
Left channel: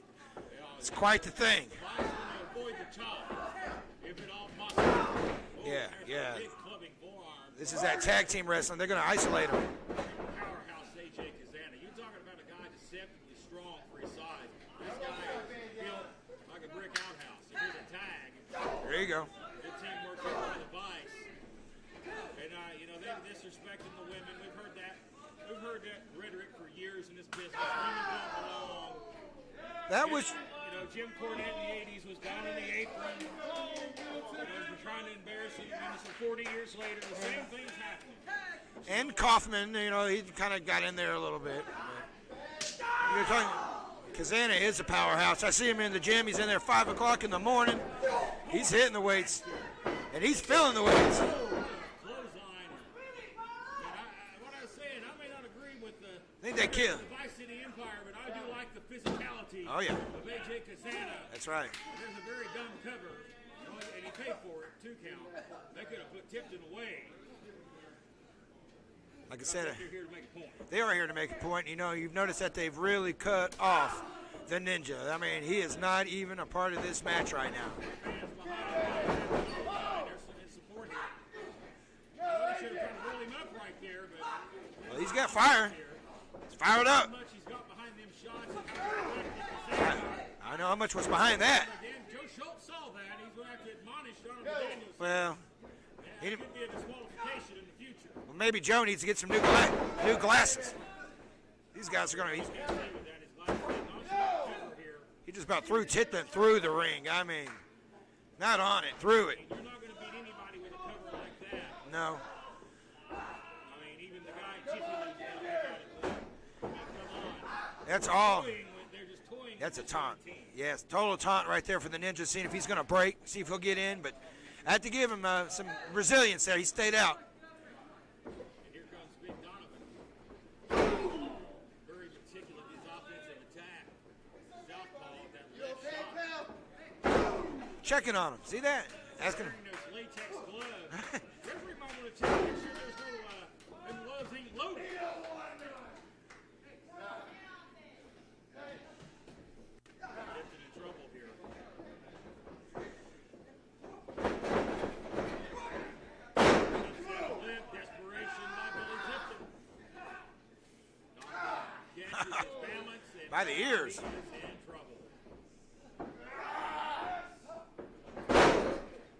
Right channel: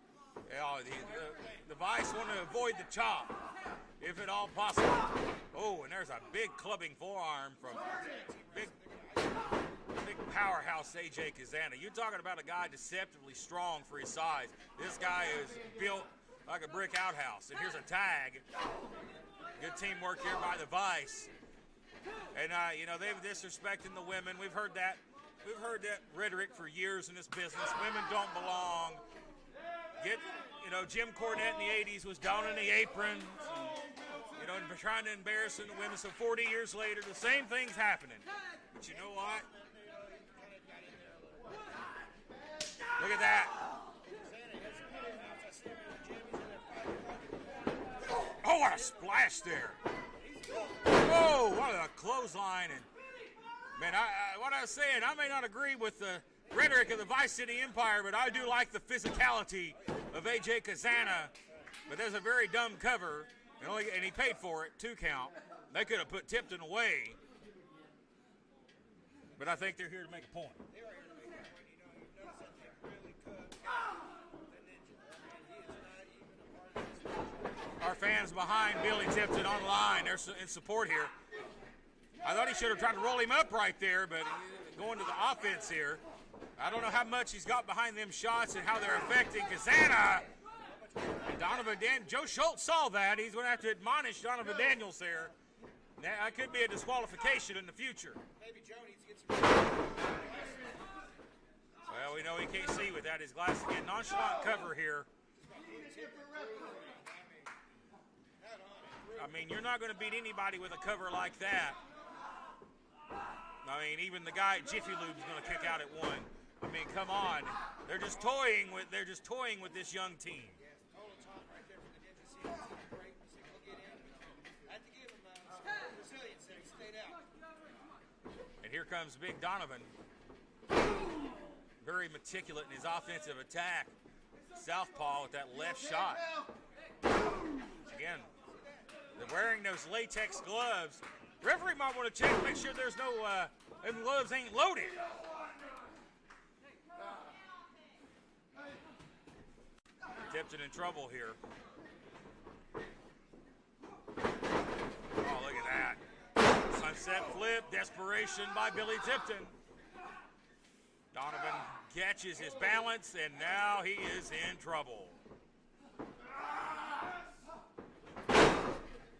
it's quite the thing. The Vice want to avoid the chop, if at all possible. Oh, Yeah, and there's yeah. a big clubbing forearm. This is that tag team wrestling. They're going to isolate him. Big powerhouse AJ Kazana. You're talking about a guy deceptively strong for his size. This guy is built like a brick outhouse. And here's a tag. There you go. Good teamwork here by the Vice. And you know, they've disrespected the women. We've heard that rhetoric for years in this business. Women don't belong. That was You know, Jim Cornette in the 80s was down in the apron, you know, and trying to embarrass the women. So 40 years later, the same thing's happening. and Kaufman. You know, he kind of got in there a little bit. Look at that. Kazana is a powerhouse. I see him in the gym. He's in there 5 o'clock in the morning. Oh, He's what a hitting the weights, splash there. and he's feeling the weights. Whoa, what a clothesline. And, man, what I was saying, I may not agree with the Think they rhetoric kill. of the Vice City Empire, but I do like the physicality Oh, yeah. of AJ Kazana. That's right. But there's a very dumb cover, and he paid for it, 2 count. They could have put Tipton away, Like but I I said, think they're here to make a point. they are here to make a point. You know, you've noticed that they've really cut off the Ninja. I mean, he is not even a part of this match right now. Our fans behind Billy Tipton online, they're in support here. I thought he should have tried to roll him up right there, but going He's to got the offense fire. here. Fired How up. much he's got behind them shots and how they're affecting Kazana. I know how much was behind that. But then Joe Schultz saw that. He's going to have to admonish Donovan Daniels there. Well, That could be a disqualification in the future. maybe Joe needs to get some new glasses. These guys are You know, going he to. can't see without his glasses. Get nonchalant cover here. He just about threw Tipton through the ring. I mean, not on it, through I it. mean, you're not going to beat anybody with a cover like that. No. I mean, even the guy at Jiffy Lube is going to kick out at 1. I mean, come on. That's They're just all. They're just toying That's a with this young taunt. team. Yes, total taunt right there for the Ninja, seeing if he's going to break, see if he'll get in. But I had to give him some resilience there. He stayed out. And here comes Big Donovan. Very meticulous in his offensive attack. Southpaw with that left shot. Checking on him. See that? wearing those latex gloves. Referee might want to check, make sure there's no, them gloves ain't loaded. Tipton in trouble here. Oh, look at that. Sunset flip, desperation by Billy Tipton. Donovan catches his balance, and By the now ears. he is in trouble.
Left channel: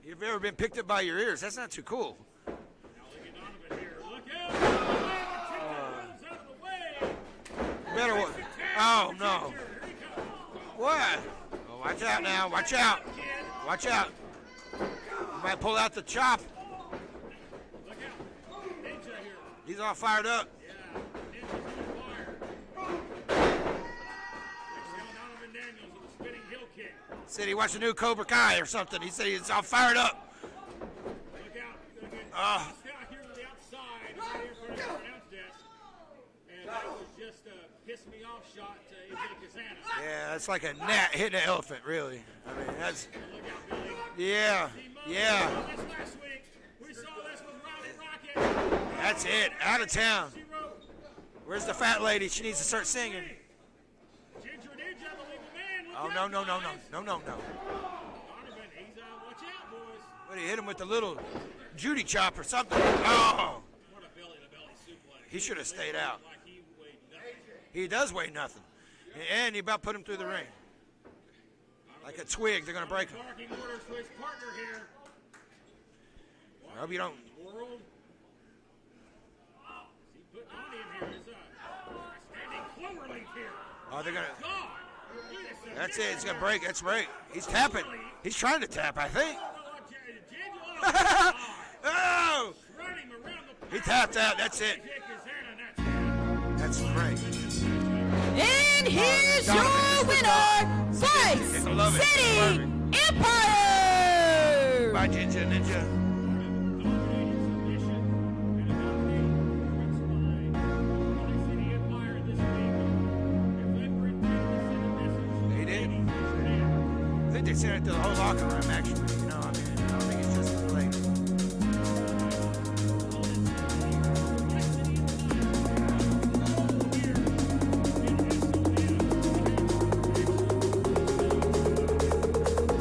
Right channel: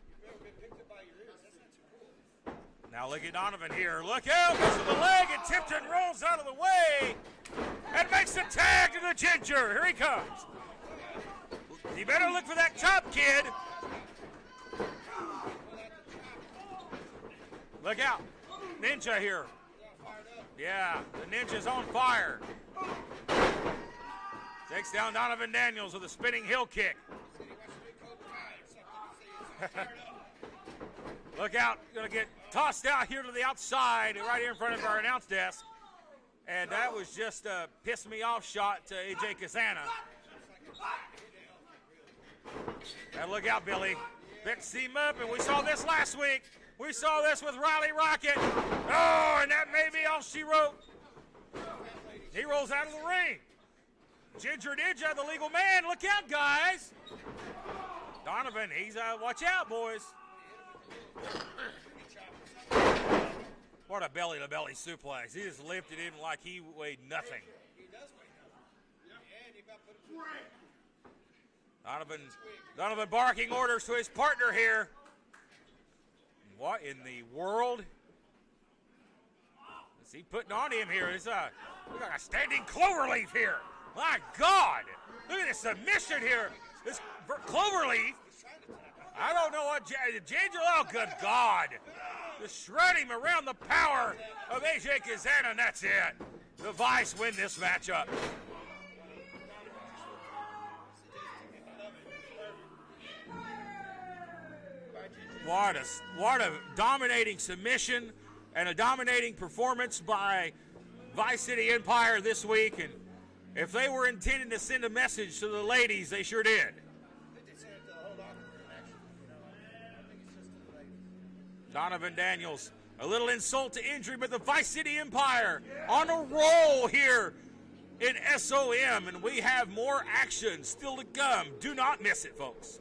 You've ever been picked up by your ears? That's not too cool. Now look at Donovan here. Look out! Goes to the leg, and Tipton rolls out of the way. And Better makes the tag to the no. Ginger. Here he comes. What? Oh, watch You out gotta now. look for Watch that out. cup, kid. Watch out. You might pull out the chop. Look out. Ninja here. He's all fired up. Yeah, the Ninja's on fire. Takes down Donovan Daniels with a spinning heel kick. Said he watched a new Cobra Kai or something. He said he's all fired up. Look out. Gonna get tossed out here to the outside, right here in front of our announce desk. And that was just a piss me off shot to AJ Casana. Yeah, that's like a gnat hitting an elephant, really. I mean, that's, And look out, Billy. yeah, Let's see, Muff. yeah. We saw this last week. We saw this with Riley Rocket. That's Oh, it. and that Out of baby town. She wrote. Where's the fat lady? She He needs to rolls start out of the singing. ring. Ginger Ninja, the legal man. Look Oh, out, guys. no. Donovan, he's watch out, boys. But he hit him with the little Judy chop or something. Oh, What a belly-to-belly suplex. He should have just lived stayed in out. like he weighed nothing. he does weigh nothing. And he about put him through the ring. Donovan, Like a twig. They're going to Donovan break. barking orders to his partner here. What Hope in you the don't- world is he putting on him here? Is a standing cloverleaf here. Oh, My they're gonna- God. Look at this That's submission it. It's here. going to break. That's right. For He's tapping. Cloverleaf? He's trying to tap, I think. I don't know what Ginger. Oh, good God. Oh! Shred him around the power. tapped out, that's of it. AJ Kazana, and that's it. That's the Vice right. win this matchup. And here's your Donovan, winner, Vice I love it. City Empire! By Ginger Ninja. What a dominating submission and a dominating performance by Vice City Empire this week. And if they were intended to send a message to the ladies, they sure did. I think they sent it to the whole locker room, actually. You know, I mean, I don't think it's just for the ladies. Donovan Daniels, a little insult to injury, but the Vice City Empire on a roll here in SOM. We have more action still to come. Do not miss it, folks.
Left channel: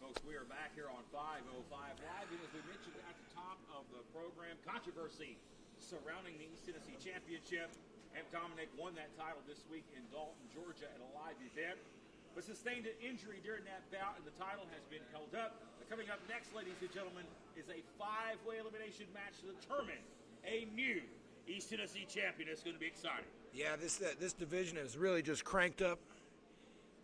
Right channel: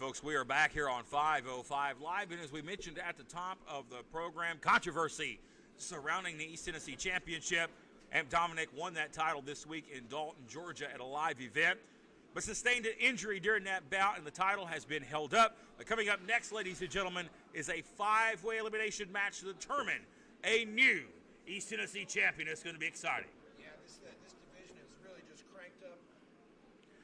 Folks, we are back here on 505 Live, and as we mentioned at the top of the program, controversy surrounding the East Tennessee Championship, and Dominic won that title this week in Dalton, Georgia at a live event, but sustained an injury during that bout, and the title has been held up. But coming up next, ladies and gentlemen, is a five-way elimination match to determine a new East Tennessee champion. It's going to be exciting. Yeah, this division has really just cranked up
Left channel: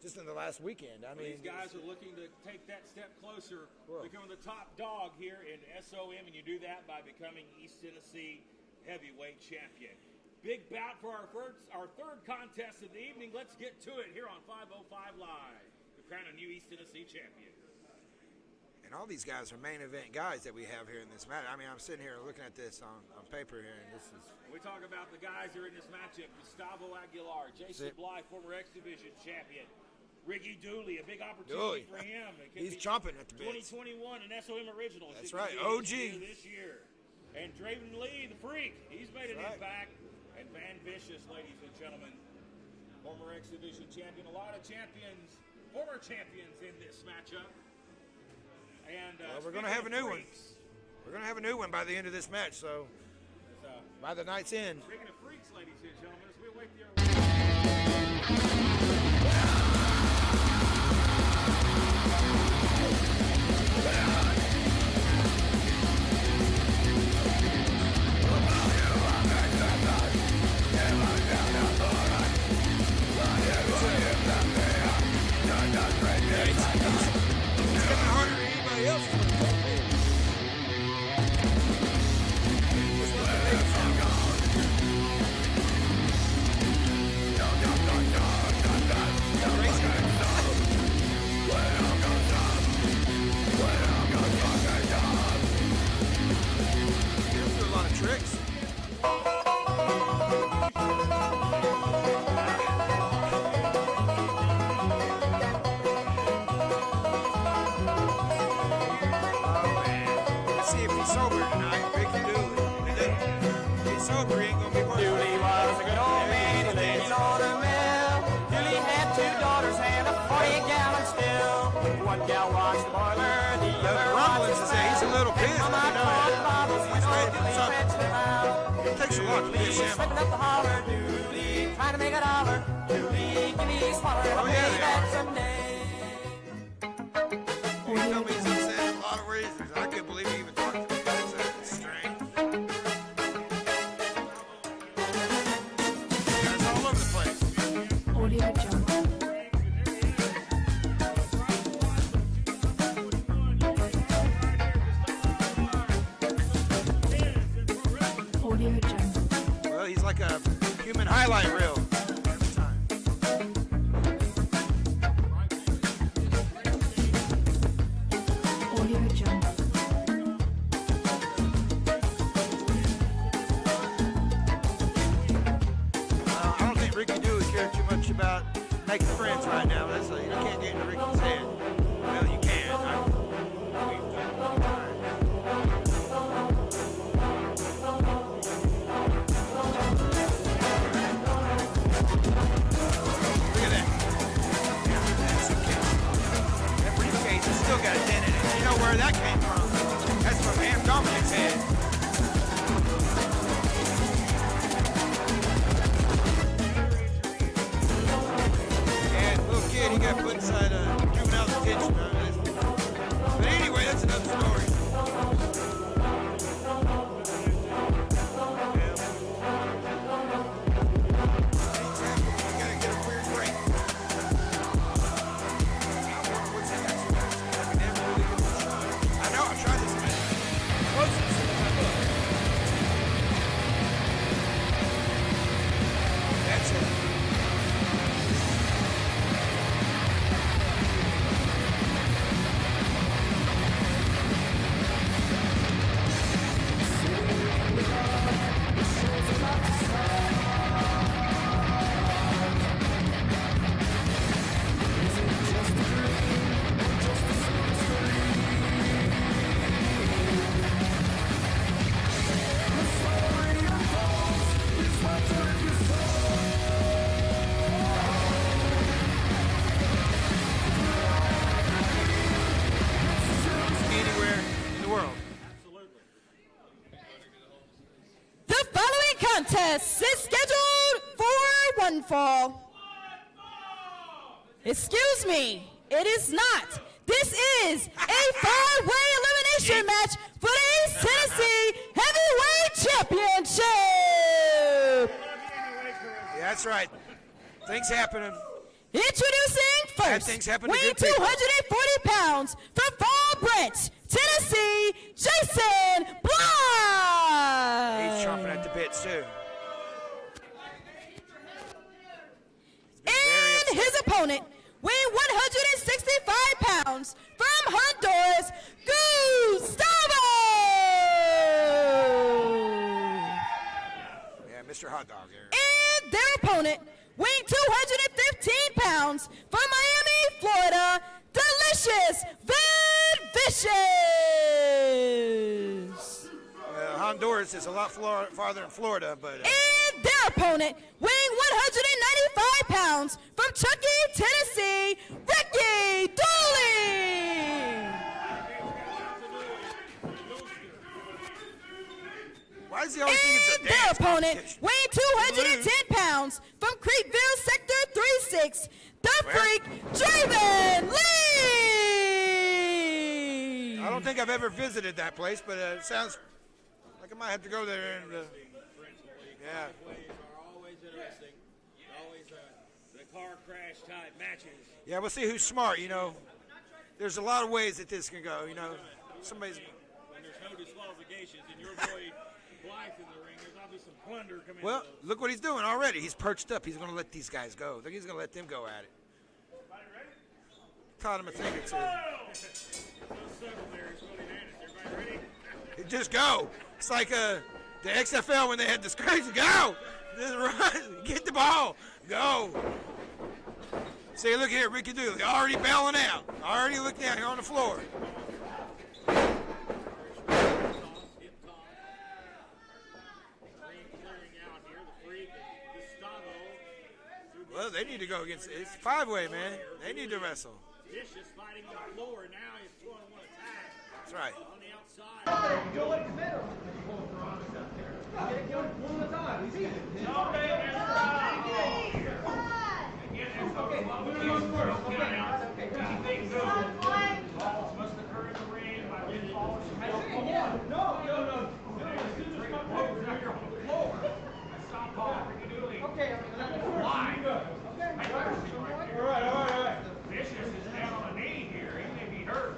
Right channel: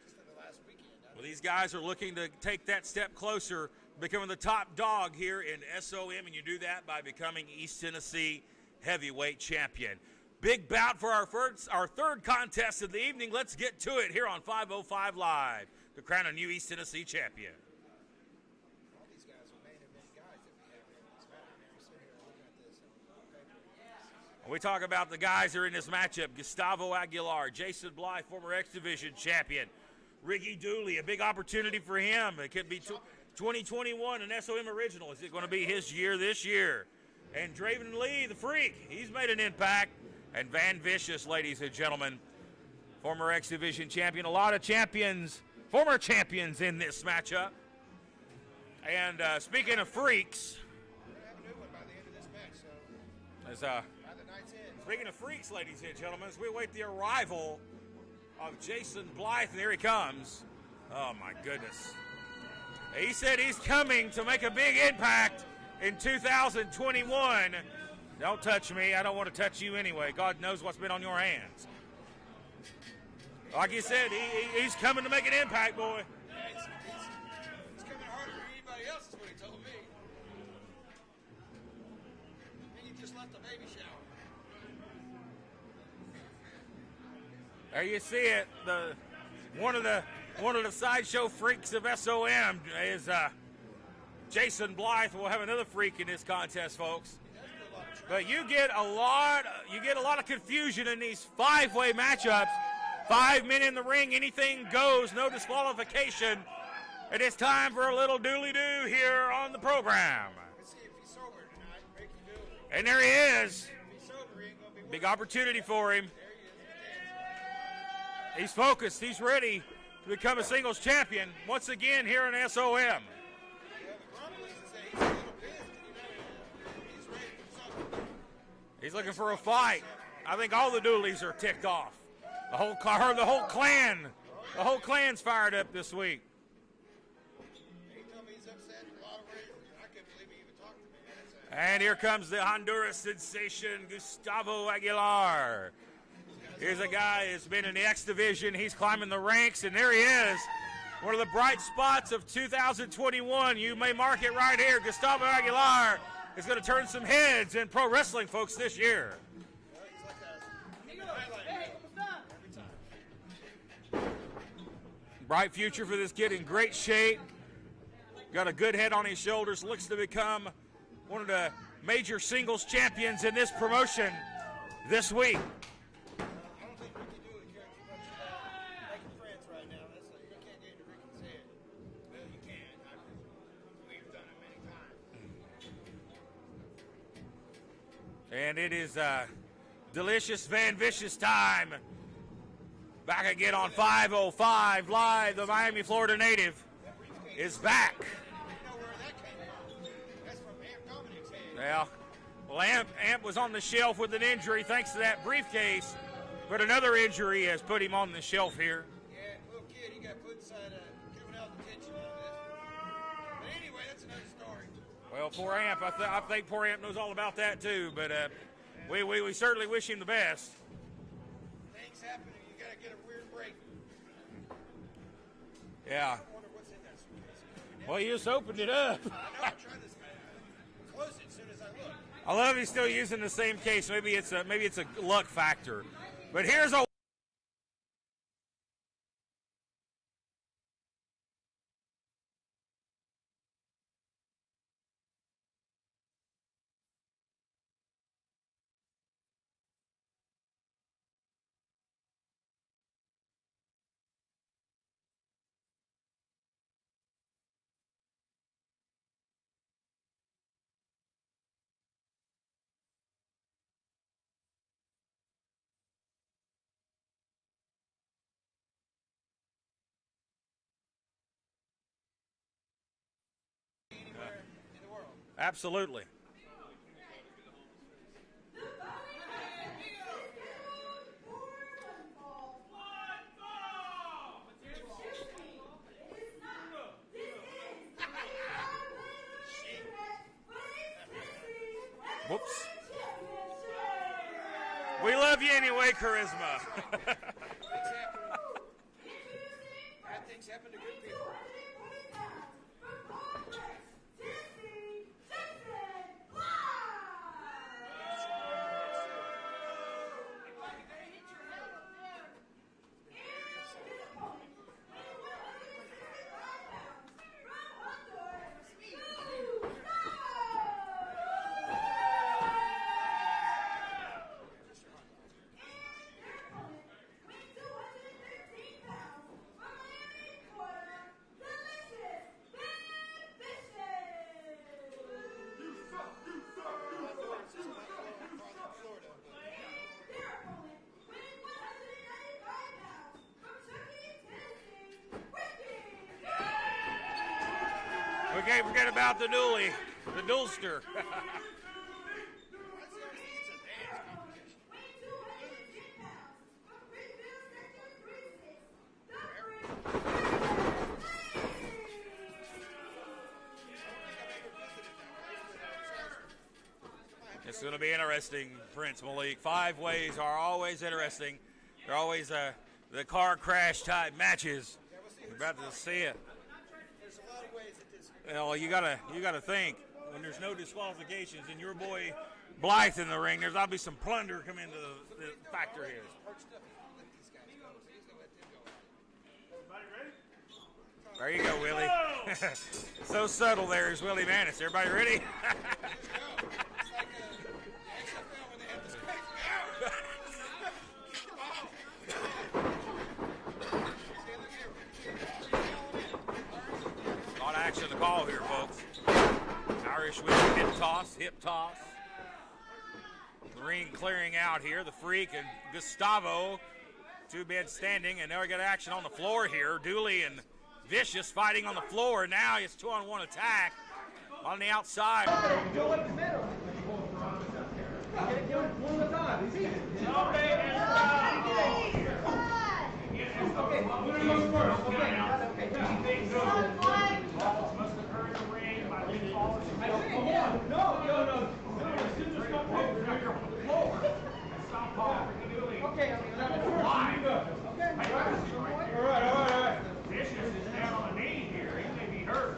just in the last weekend. I mean, These guys are looking to take that step closer, becoming the top dog here in SOM, and you do that by becoming East Tennessee heavyweight champion. Big bout for our third contest of the evening. Let's get to it here on 505 Live to crown a new East Tennessee champion. and all these guys are main event guys that we have here in this match. I mean, I'm sitting here looking at this on paper here, and this is. We talk about the guys that are in this matchup. Gustavo Aguilar, Jason Bly, former X Division champion. Ricky Dooley, a big opportunity for him. It could He's be chomping at the bit. 2021 an SOM original. Is it going right. to be his OG. year this year? And Draven Lee, the freak, he's made an impact. And Van Vicious, ladies and gentlemen, former X Division champion. A lot of champions, former champions in this matchup. And we're gonna speaking have of a new one. freaks, We're gonna have a new one by the end of this match. So as, by the night's end. speaking of freaks, ladies and gentlemen, as we await the arrival, here he comes. He said he's coming to make a big impact in 2021. Don't touch me. I don't want to touch you anyway. God knows what's on the ring. Like you said, he's coming to make an impact. He's getting harder than anybody else. One of the sideshow freaks of SOM is Jason White will have another freak in his contest. But you get a lot of confusion in these five-way matchups. 5 minute ring, anything goes, no disqualification. And it's time for a little dooley-doo here on the program. Let's see if he's sober tonight, Ricky Dooley. And there he is. If he's sober, he ain't gonna be one of The the opportunity for him. He's focused, he's ready. Become a singles champion once again here at SOM. The rumblings is that he's a little pissed, you know. He's ready to do something. It takes a lot to please him. I think all the doolies are ticked off. The whole clan. Oh, The yeah. whole clan's fired up this week. He told me he's upset in a lot of reasons. I can't believe he even talked to me. That's it. And here comes the Honduras sensation, Gustavo Aguilar. And the guy has been in the X Division. He's climbing the ranks, and there he is. One of the bright spots of 2021. You may mark it right here. Gustavo Aguilar is going to turn some heads in pro wrestling, folks, this year. Well, he's like a human highlight reel. Every time. Bright future for this kid, in great shape. Got a good head on his shoulders. Looks to become one of the major singles champions in this promotion this week. I don't think Ricky Dooley cared too much about making friends right now. That's you can't get into Ricky's head. Well, you can. And it is delicious, man, vicious time. Back again on 505 live, Miami, Florida native. That briefcase has still got a dent in it. You know where that came from? That's from Am Dominic's head. Lamb was on the shelf with an injury thanks to that briefcase. But another injury and put him on the shelf here. And little kid, he got put inside juvenile detention. But anyway, that's another story. For Am, I think for Am was all about that too. But we certainly wish you the best. Exactly. You gotta get a weird break. Yeah. What's that? I know. I tried this minute. I love he's still using the same case. Maybe it's a luck factor. But here's a Anywhere in the world. absolutely. The following contest is scheduled for one fall. Excuse me, it is not. This is a five-way elimination match for the East Tennessee Heavyweight Championship. We love you anyway, Charisma. Yeah, that's right. Things happening. Introducing Bad first, things happen to weighing good people. 240 pounds from Fall Branch, Tennessee, Jason Bly. He's chomping at the bits, too. And his opponent, weighing 165 pounds from Honduras, Gustavo. Yeah, Mr. Hot Dog here. And their opponent, weighing 215 pounds from Miami, Florida, Delicious Van Vicious. Honduras is a lot farther than Florida, but And their opponent, weighing 195 pounds from Chucky, Tennessee, Ricky Dooley. Okay, forget about the dually, the duelster. why does he always think it's a And their dance opponent, competition? weighing 210 pounds from Creekville, Sector 36, the Freak, Draven Lee. think I've ever visited that place, but it sounds like I might have to go It's there. going to be and, interesting, Prince Malik. 5 ways are always interesting. They're always the car crash type matches. yeah, we'll see who's About to smart. You see know, it. there's a lot of ways that this can go. Yeah, well, you know. gotta Somebody- think when there's no disqualifications and your boy Blythe in the ring, there's obviously some plunder coming. Well, look what he's doing already. He's perched up. He's going to let these guys go. I think he's going to let them go at it. Taught him There to you go, think. Willie. So subtle there is Willie Manis. Everybody ready? Just go. It's like the XFL when they had the scratch. Go. Just run. Get the ball. Go. See, look here, Ricky Dooley already bailing out. Already look down here on the On floor. action the call here, folks. Irish with a hip toss. The ring clearing out here. The Freak and Gustavo, 2 men Well, they need to standing, go and now we against got these action on the five-way, floor man. here. They need to Dooley and wrestle. Vicious fighting on the floor, and now it's 2-on-1 attack. That's right. On the outside. Go in the middle. Get it one at a time. Okay, winner goes first. Okay. I see, yeah. No. Scissors come over the floor. Okay, I mean, let the first. You go. Okay. All right. Vicious is down on the knee here. He may be hurt.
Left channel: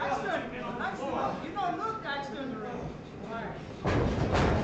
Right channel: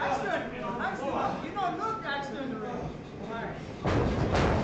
Axton, you don't look Axton Ray. All right.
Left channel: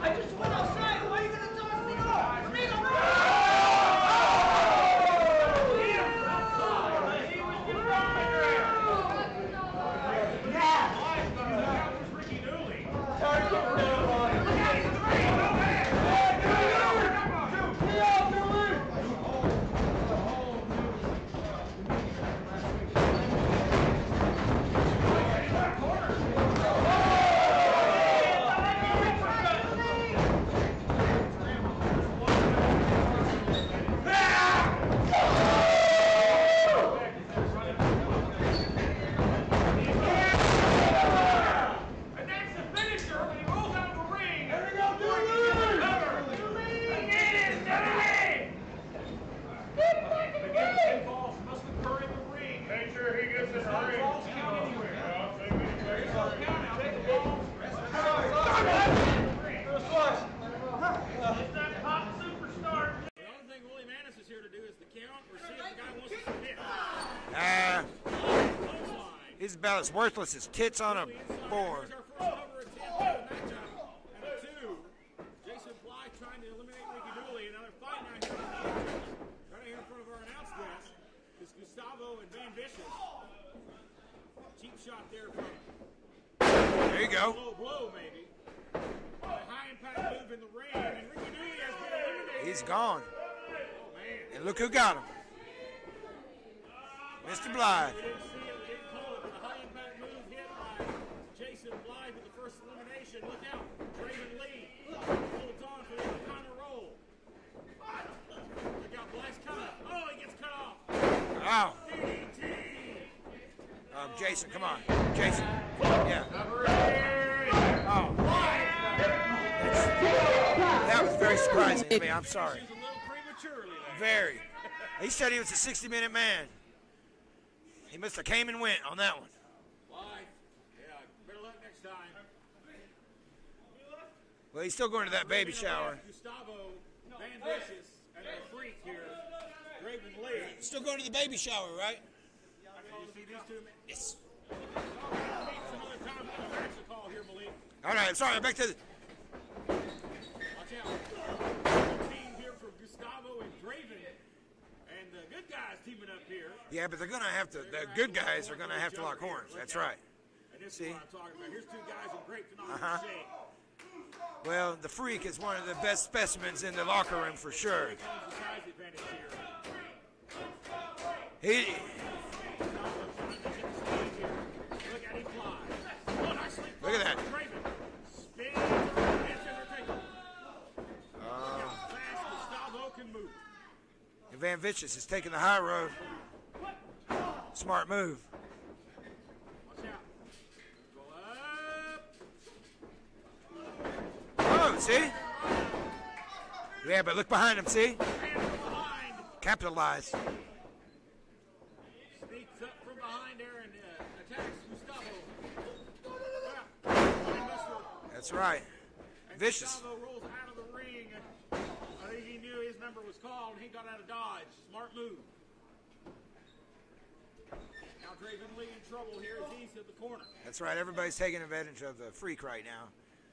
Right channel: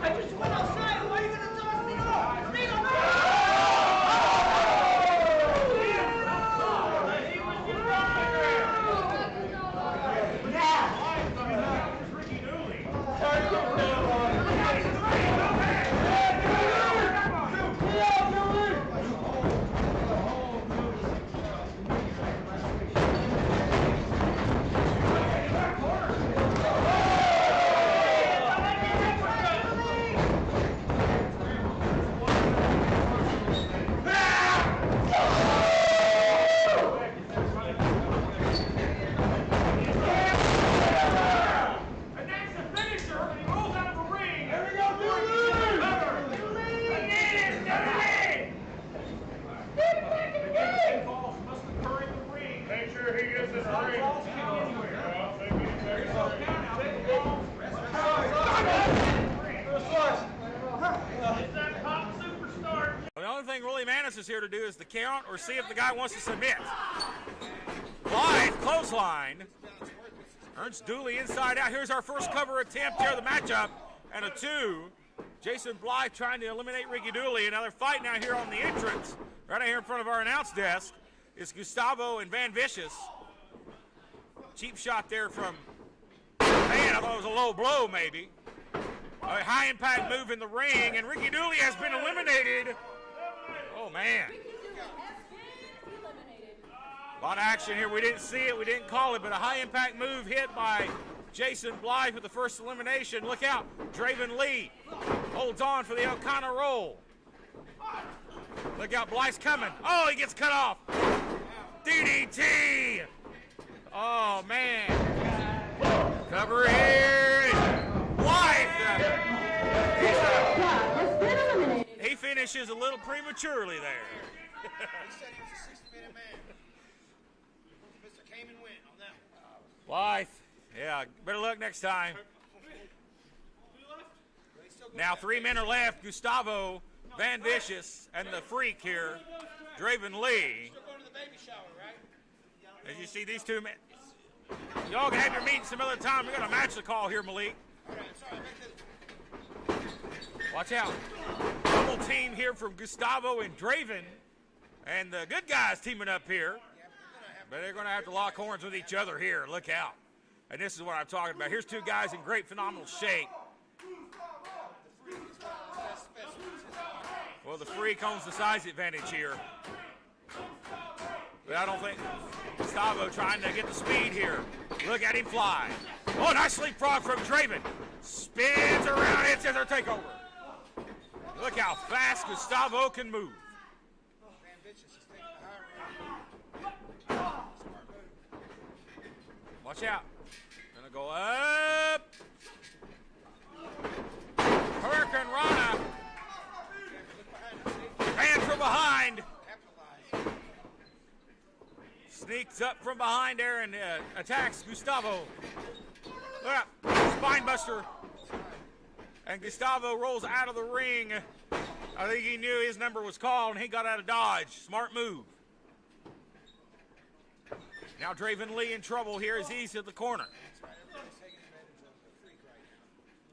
I just went outside. Why are you gonna toss me off? Amigo, The only thing Willie Manis is here to do is the count or see if the guy wants to submit. Blythe, clothesline. He's about as worthless as tits on a Dooley inside out. board. Here's our first cover attempt here of the matchup. And a 2. Jason Blythe trying to eliminate Ricky Dooley. Another fight now here on the entrance. Right out here in front of our announce desk is Gustavo and Van Vicious. Cheap shot there from, man, a low blow maybe. A high impact move in the ring, and Ricky Dooley has been eliminated. He's gone. Oh, man. And look who got him. On Mr. action here, Blythe. we didn't see it, we didn't call it, but a high impact move hit by Jason Blythe with the first elimination. Look out, Draven Lee holds on for the Elkanah roll. Look out, Blythe's coming. Oh, he gets cut off. Wow. DDT. Oh, Jason, come man. on. Jason. Yeah. Cover here. Blythe. That was very surprising. to me. He I'm sorry. finishes a little prematurely there. Very. He said he was a 60-minute man. He must have came and went on that one. Blythe. Yeah, better luck next time. Well, he's still going Now to that 3 baby men are shower. left. Gustavo, Van Vicious, and the Freak here, Draven Lee. Still going to the baby shower, right? As you see these 2 men. Yes. Y'all can have your meeting some other time. We got a match to call here, Malik. All right, sorry, back to the... Watch out. Double team here from Gustavo and Draven. And the good guys teaming up here. Yeah, but they're going to have to. They're The going to have good to lock guys are horns gonna with have each to other lock here. horns. Look That's out. right. And this is what I'm talking about. Here's two guys in great, phenomenal shape. Well, the Freak is one of the best specimens in the locker room for sure. The Freak owns the size advantage here. He, I don't think Gustavo trying to get the speed here. Look at him fly. Oh, nice leapfrog from Draven. Spins around, hits their takeover. Look how fast Gustavo can move. Van Vicious is taking the high road. Smart move. Watch out. Gonna go up. Oh, see? Hurricane Rana. Yeah, but look behind him, see? And from behind. Capitalize. Sneaks up from behind there and attacks Gustavo. Look out. Spine buster. That's right. And Vicious. Gustavo rolls out of the ring. I think he knew his number was called and he got out of dodge. Smart move. Now Draven Lee in trouble here as he's at the corner. That's right. Everybody's taking advantage of the Freak right now.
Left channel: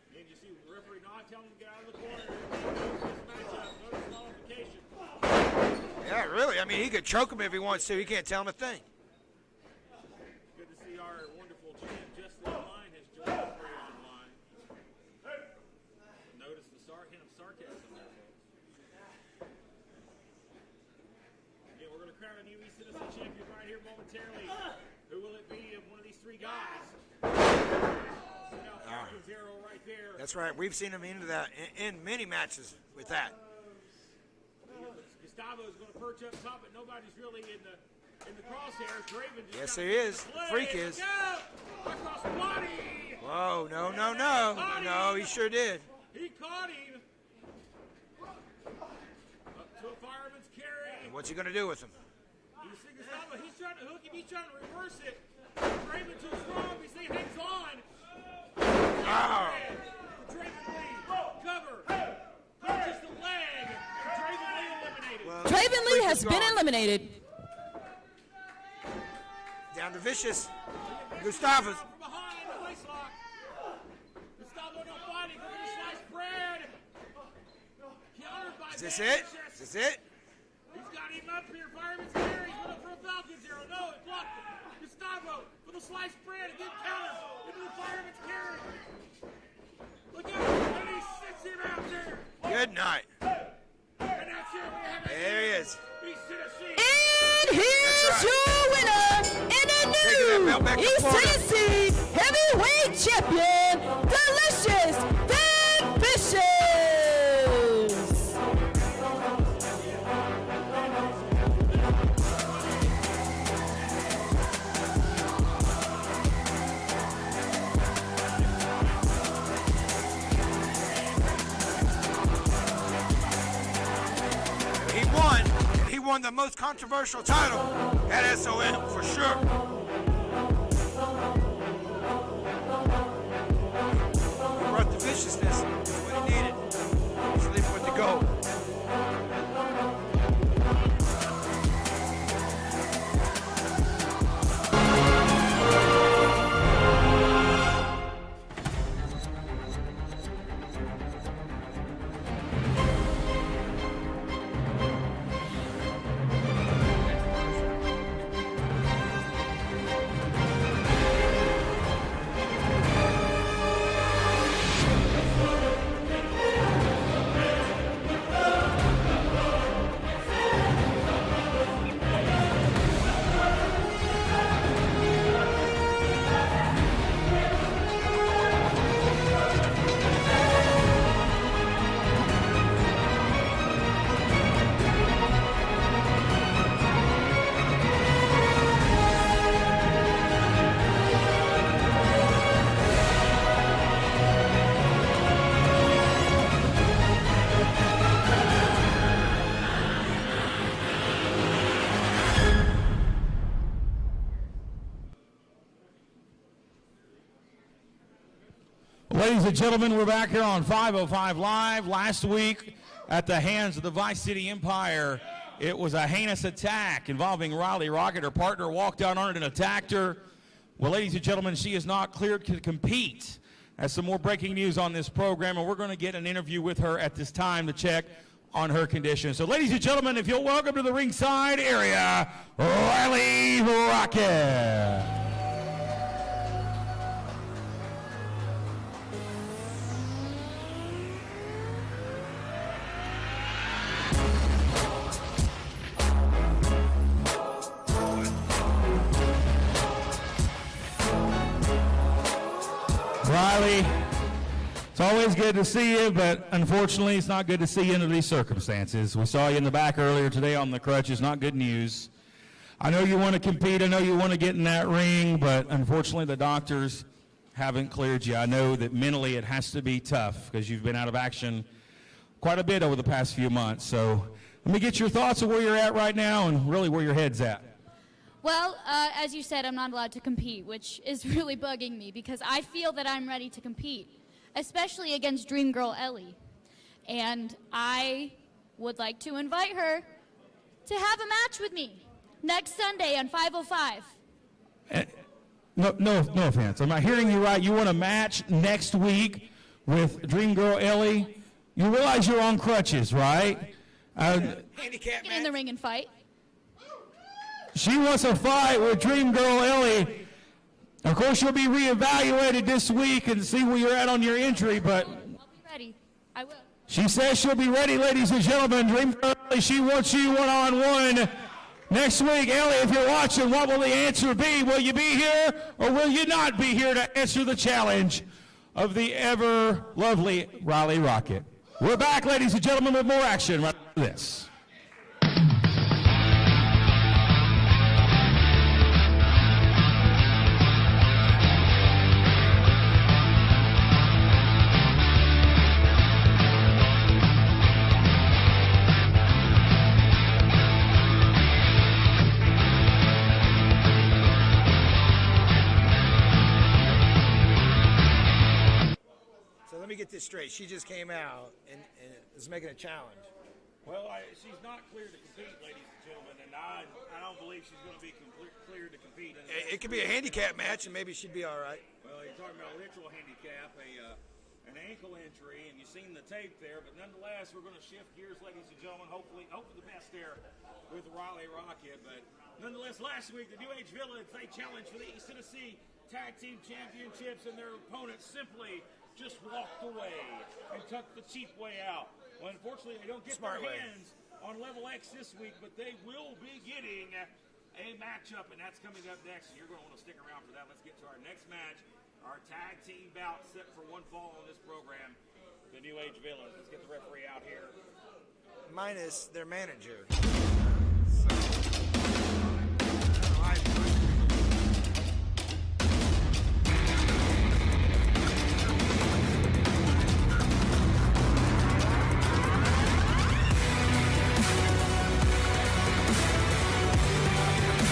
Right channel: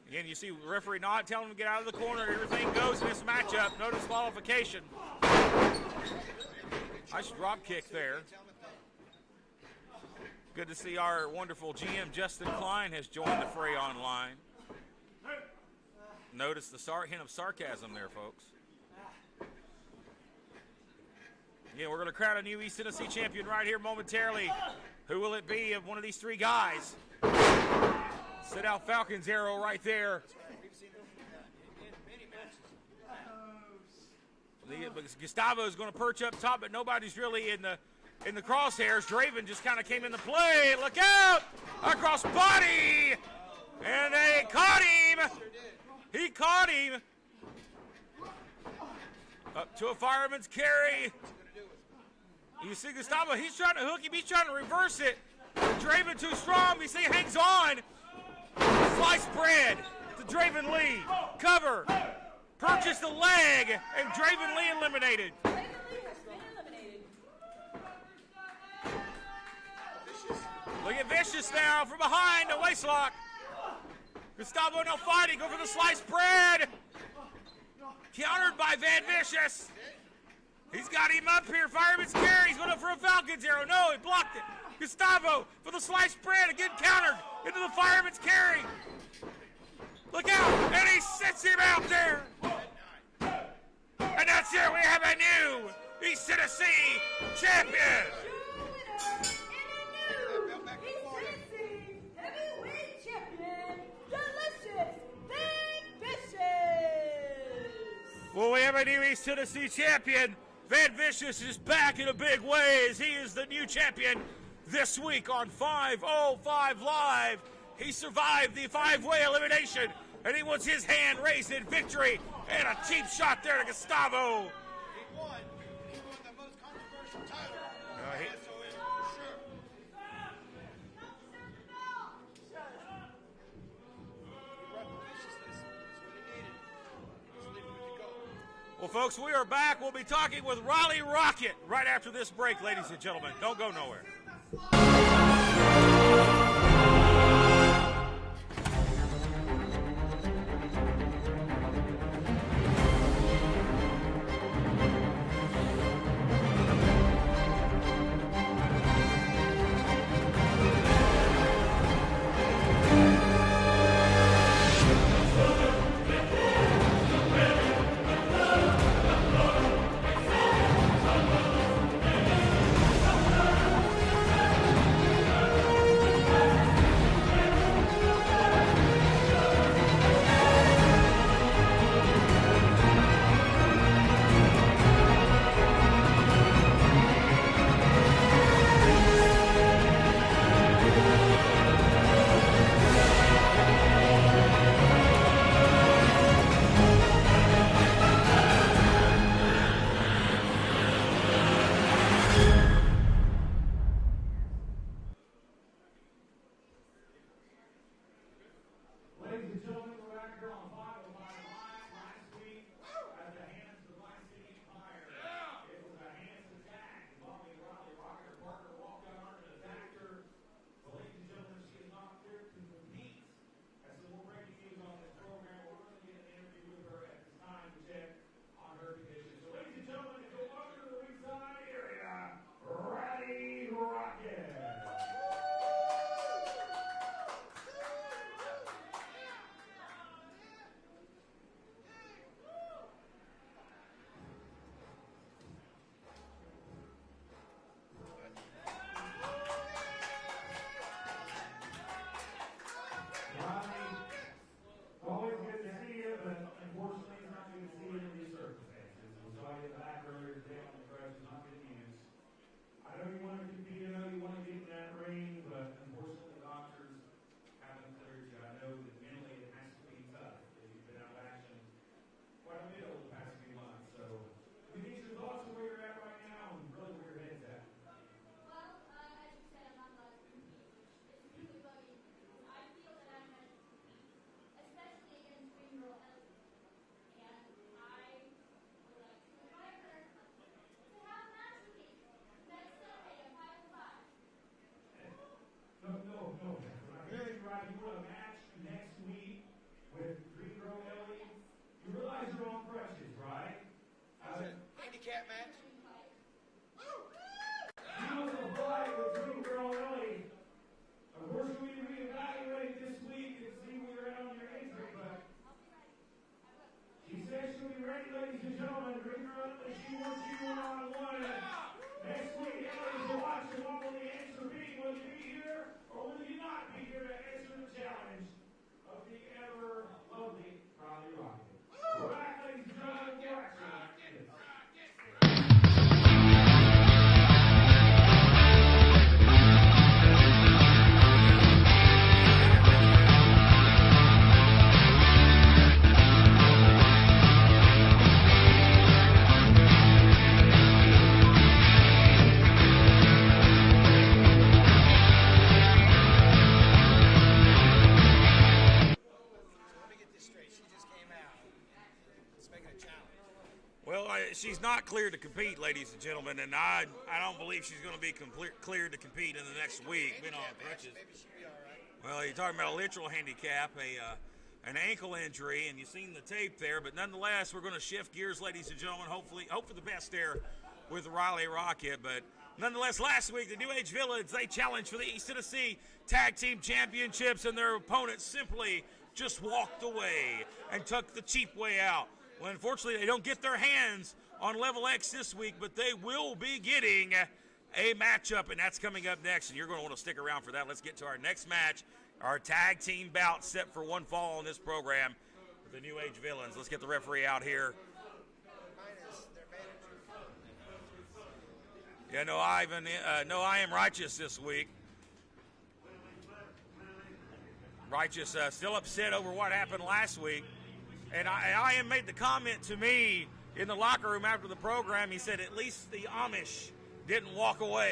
Again, you see referee not telling him to get out of the corner. Everything goes in this matchup. No disqualification. Yeah, really. I mean, he could choke him if he Drop wants to. kick He can't tell him a thing. Good to see our wonderful GM Justin Klein has joined the fray online. Notice the hint of sarcasm there, folks. Again, we're going to crown a new East Tennessee champion right here momentarily. Who will it be of one of these three guys? Sit out Falcon's arrow right there. That's right. We've seen him into that in many matches with that. Gustavo is going to perch up top, but nobody's really in the crosshairs. Draven just Yes, kind of he came is. into play. Freak Look is. out! Across body! Whoa, no, And no, they no. caught him. No, he sure did. He caught him. Up to a fireman's carry. What's he going to do with him? You see Gustavo, he's trying to hook him. He's trying to reverse it. Draven too strong. You see he hangs on. Slice bread to Draven Lee. Cover. Purchase the leg. And Draven Lee eliminated. Draven Lee has been eliminated. Down to Vicious. Look at Vicious Gustavo. now from behind the waist lock. Gustavo no fighting. Go for the sliced bread. Countered by Van Vicious. That's it. He's got him up here. Fireman's carry. He's going up for a Falcon's arrow. No, he blocked it. Gustavo for the sliced bread. Again countered into the fireman's carry. Look out. And he sits him out there. Good night. And that's it. We have a There he new is. East Tennessee And here's your winner and a Taking that new belt back to East Florida. Tennessee heavyweight champion, Delicious Van Vicious. Well, we have a new East Tennessee champion. Van Vicious is back in a big way as he's the new champion this week on 505 Live. He survived the five-way elimination, and he wants his hand raised in victory. And a cheap shot there to Gustavo. He won. He won the most controversial title at SOM for sure. He brought the viciousness. That's what he needed. He's leaving with the gold. Folks, we are back. We'll be talking with Riley Rocket right after this break, ladies and gentlemen. Don't go nowhere. Ladies and gentlemen, we're back here on 505 Live. Last week, at the hands of the Vice City Empire, it was a heinous attack involving Riley Rocket. Her partner walked out on it and attacked her. Well, ladies and gentlemen, she is not cleared to compete. That's some more breaking news on this program, and we're going to get an interview with her at this time to check on her condition. So, ladies and gentlemen, if you'll welcome to the ringside area, Riley Rocket. Riley, it's always good to see you, but unfortunately it's not good to see you under these circumstances. We saw you in the back earlier today on the crutches, not good news. I know you want to compete, I know you want to get in that ring, but unfortunately the doctors haven't cleared you. I know that mentally it has to be tough because you've been out of action quite a bit over the past few months. So let me get your thoughts on where you're at right now and really where your head's at. Well, as you said, I'm not allowed to compete, which is really bugging me because I feel that I'm ready to compete, especially against Dream Girl Ellie. And I would like to invite her to have a match with me next Sunday on 505. No offense. I'm not hearing you right. You want a match next week with Dream Girl Ellie? You realize you're on crutches, right? Handicap Get in the ring and fight. She wants a fight with Dream Girl Ellie. Of course, you'll be reevaluated this week and see where you're at on your injury, but I'll be ready. I will. she says she'll be ready, ladies and gentlemen. Dream Girl Ellie, she wants you one-on-one next week. Ellie, if you're watching, what will the answer be? Will you be here or will you not be here to answer the challenge of the ever-lovely Riley Rocket? We're back, ladies and gentlemen, with more action right after this. Straight. She just came out and is making a challenge. Well, she's not cleared to compete, ladies and gentlemen, and I don't believe she's going to be cleared to compete in the next week. It could be a handicap match, and maybe she'd be all right. Well, you're talking about a literal handicap, an ankle injury, and you've seen the tape there. But nonetheless, we're going to shift gears, ladies and gentlemen. Hope for the best there with Riley Rocket. But nonetheless, last week, the New Age Villains, they challenged for the East Tennessee Tag Team Championships, and their opponents simply just walked away and took the cheap way out. Well, unfortunately, they don't get their hands on Level X this week, but they will be getting a matchup, and that's coming up next, and you're going to want to stick around for that. Let's get to our next match, our tag team bout set for one fall on this program for the New Age Villains. Let's get the referee out here. Minus their manager. Yeah, no I Am Righteous this week. Righteous still upset over what happened last week. And I am making a comment to me in the locker room after the program and said, please didn't walk away.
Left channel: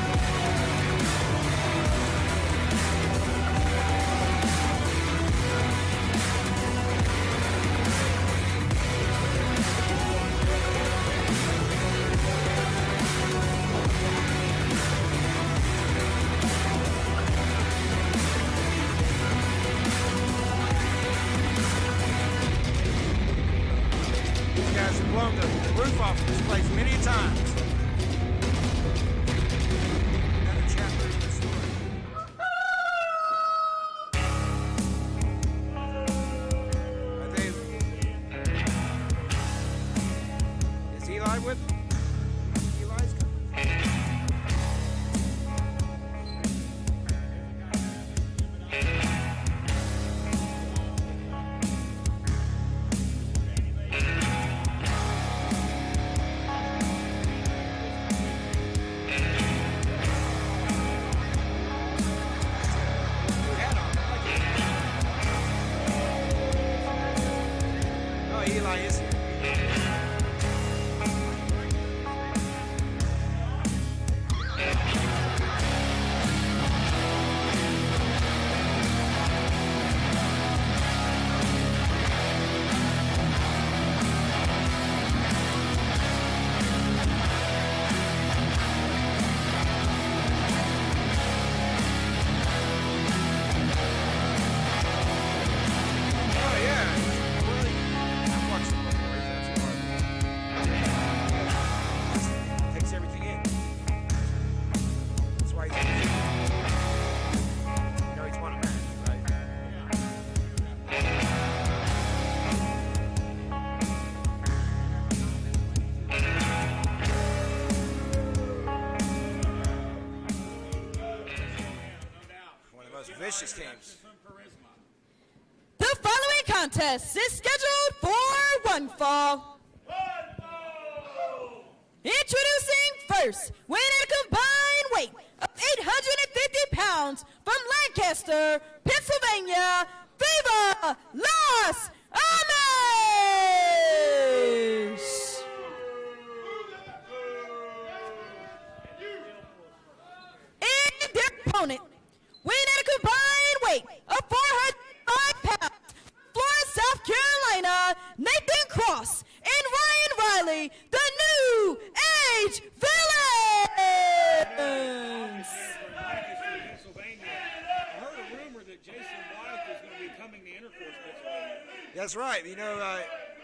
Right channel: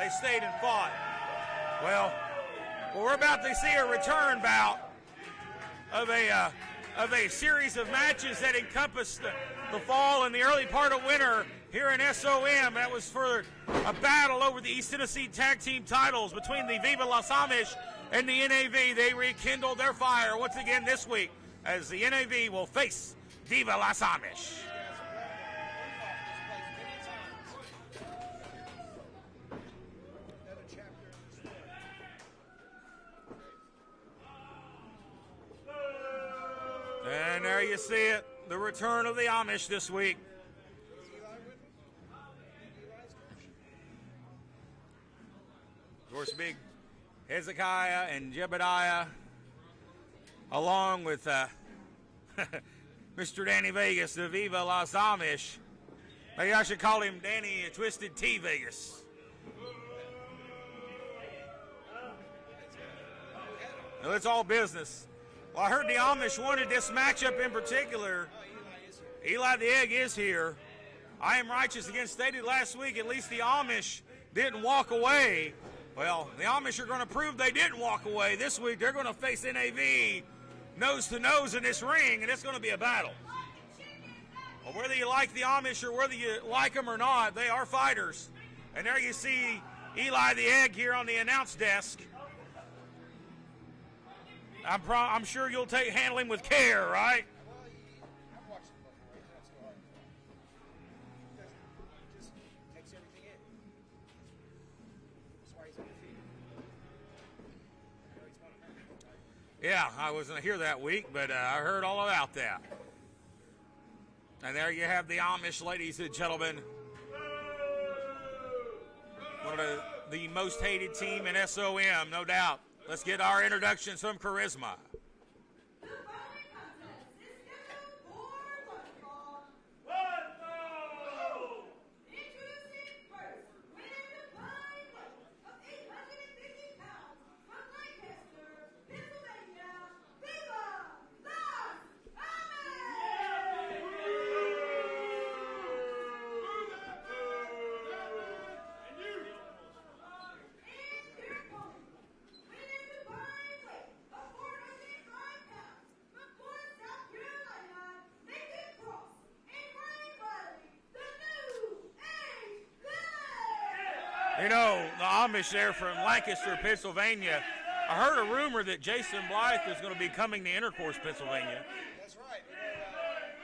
They stayed and fought. Well, we're about to see a return bout of a series of matches that encompassed the fall in the early part of winter here at SOM. That was for a battle over the East Tennessee Tag Team title between the Viva Las Amish and the NAV. They rekindled their fire once again this week as the NAV will face Viva Las Amish. These guys have blown the roof off of this place many times. Another chapter in the story. There you see it. The return of the Amish this week. Is Eli with them? Eli's coming. Of course, big Hezekiah and Jebediah, along with Mr. Danny Vegas of Viva Las Amish. Maybe I should call him Danny and Twisted T Vegas. Well, it's all business. Well, I heard the Amish wanted this matchup in particular. Oh, Eli is here. Eli the Egg is here. I Am Righteous again stated last week, at least the Amish didn't walk away. Well, the Amish are going to prove they did walk away. This week they're going to face NAV nose to nose in this ring, and it's going to be a battle. Whether you like the Amish or whether you like them or not, they are fighters. And there you see Eli the Egg here on the announce desk. I'm sure you'll take handling with care, right? I've watched some of them. that week, but I heard all about that. And there you have the Amish, ladies and gentlemen. One of the most hated team in SOM, no doubt. Let's get our introductions from Charisma. The following contest is scheduled for one fall. Introducing first, weighing at a combined weight of 850 pounds from Lancaster, Pennsylvania, Viva Las Amish! And their opponent, weighing at a combined weight of 405 pounds, Florence, South Carolina, Nathan Cross and Ryan Riley, the New Age Village! You know, the Amish there from Lancaster, Pennsylvania. I heard a rumor that Jason Blythe is going to be coming to Intercourse, Pennsylvania. That's right. You know,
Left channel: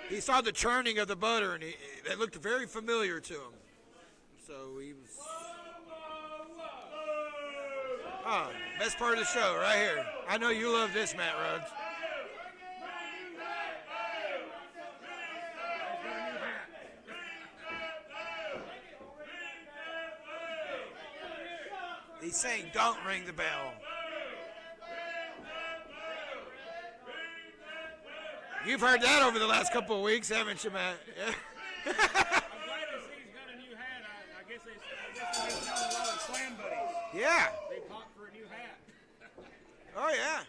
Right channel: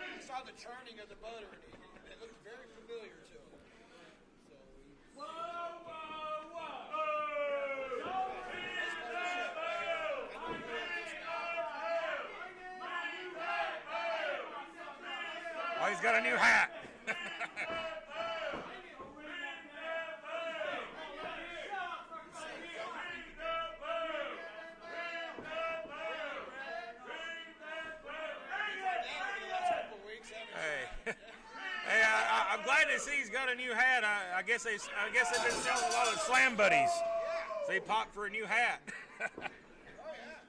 he saw the churning of the butter, and it looked very familiar to him. So he was... Oh, best part of the show right here. I know you love this, Matt Rhodes. Oh, he's got a new hat. He's saying, don't ring the bell. You've heard that over the last couple of weeks, haven't you, Matt? Yeah. Hey, I'm glad to see he's got a new hat. I guess they've been selling a lot of Slam Buddies. Yeah. They popped for a new hat. Oh, yeah.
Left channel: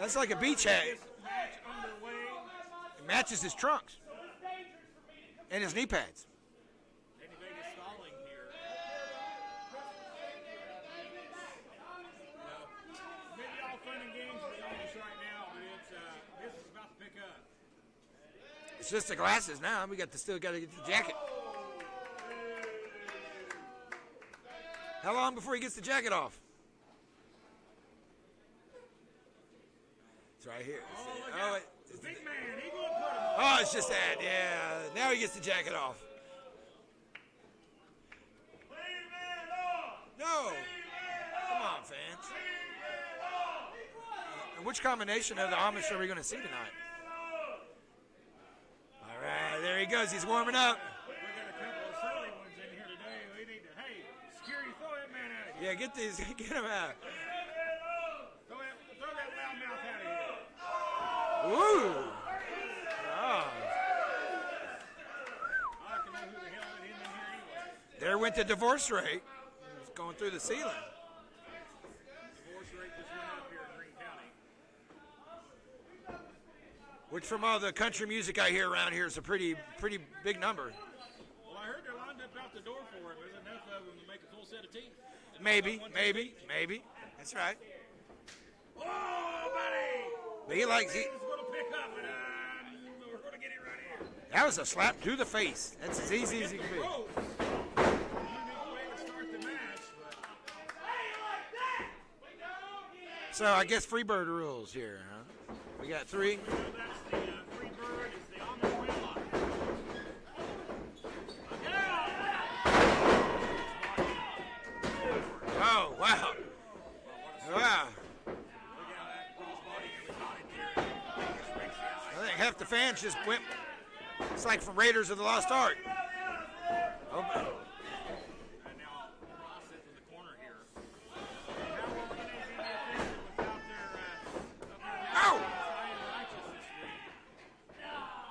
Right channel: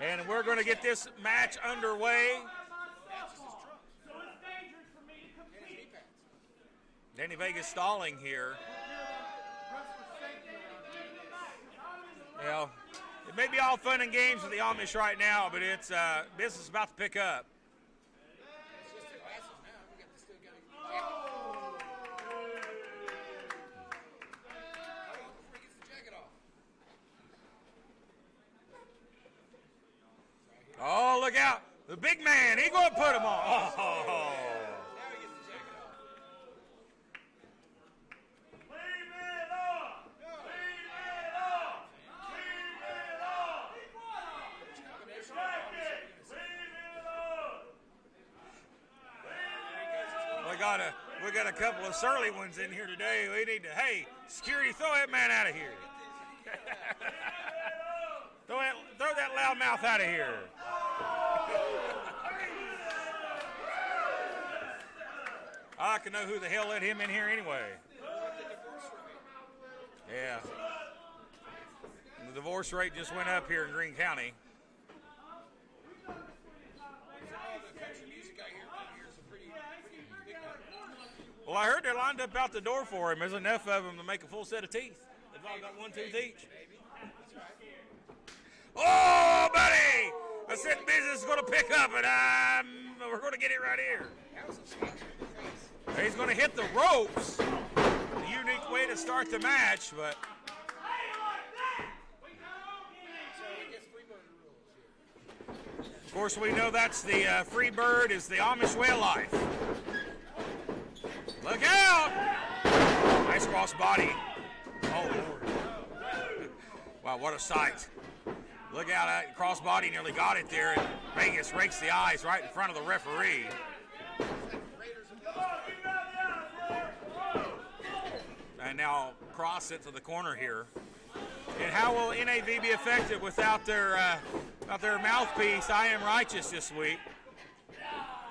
That's And like a we're going beach to get hat. this match underway. It matches his trunks and his knee pads. Danny Vegas stalling here. Well, it may be all fun and games with the Amish right now, but it's business is about to pick up. It's just the glasses now. We still got to get the jacket. How long before he gets the jacket off? It's right here. Oh, look out. The big man, he going to put him on. Oh, it's just that. Yeah. Now he gets the jacket off. No. Come on, fans. Which combination of the Amish are we going to see tonight? All right, there he goes. He's warming up. We got a couple of surly ones in here today. We need to, hey, security, throw that man out of here. Yeah, get him out. Throw that loud mouth out of here. Ooh. Oh. I can know who the hell let him in here anyway. There went the divorce rate. It's going through the ceiling. The divorce rate just went up here in Greene County. Which, from all the country music I hear around here, is a pretty big number. Well, I heard they're lined up out the door for him. There's enough of them to make a full set of teeth. Maybe. That's right. Oh, buddy! But This business is going to pick up, and we're going to get it right here. That was a slap through the face. He's going to hit the ropes. The unique way to start the match, but... So I guess Freebird rules here, huh? We got Of course, we know that's the free bird is the Amish way of life. Look out! Nice cross body. Oh, wow. Wow, what a sight. Wow. Look out, that cross body nearly got it there. And Vegas rakes the eyes right in Half front the of the fans just referee. It's like from Raiders of the Lost Ark. And now cross it to the corner here. And how will NAV be effective without their mouthpiece, I Am Righteous, this week?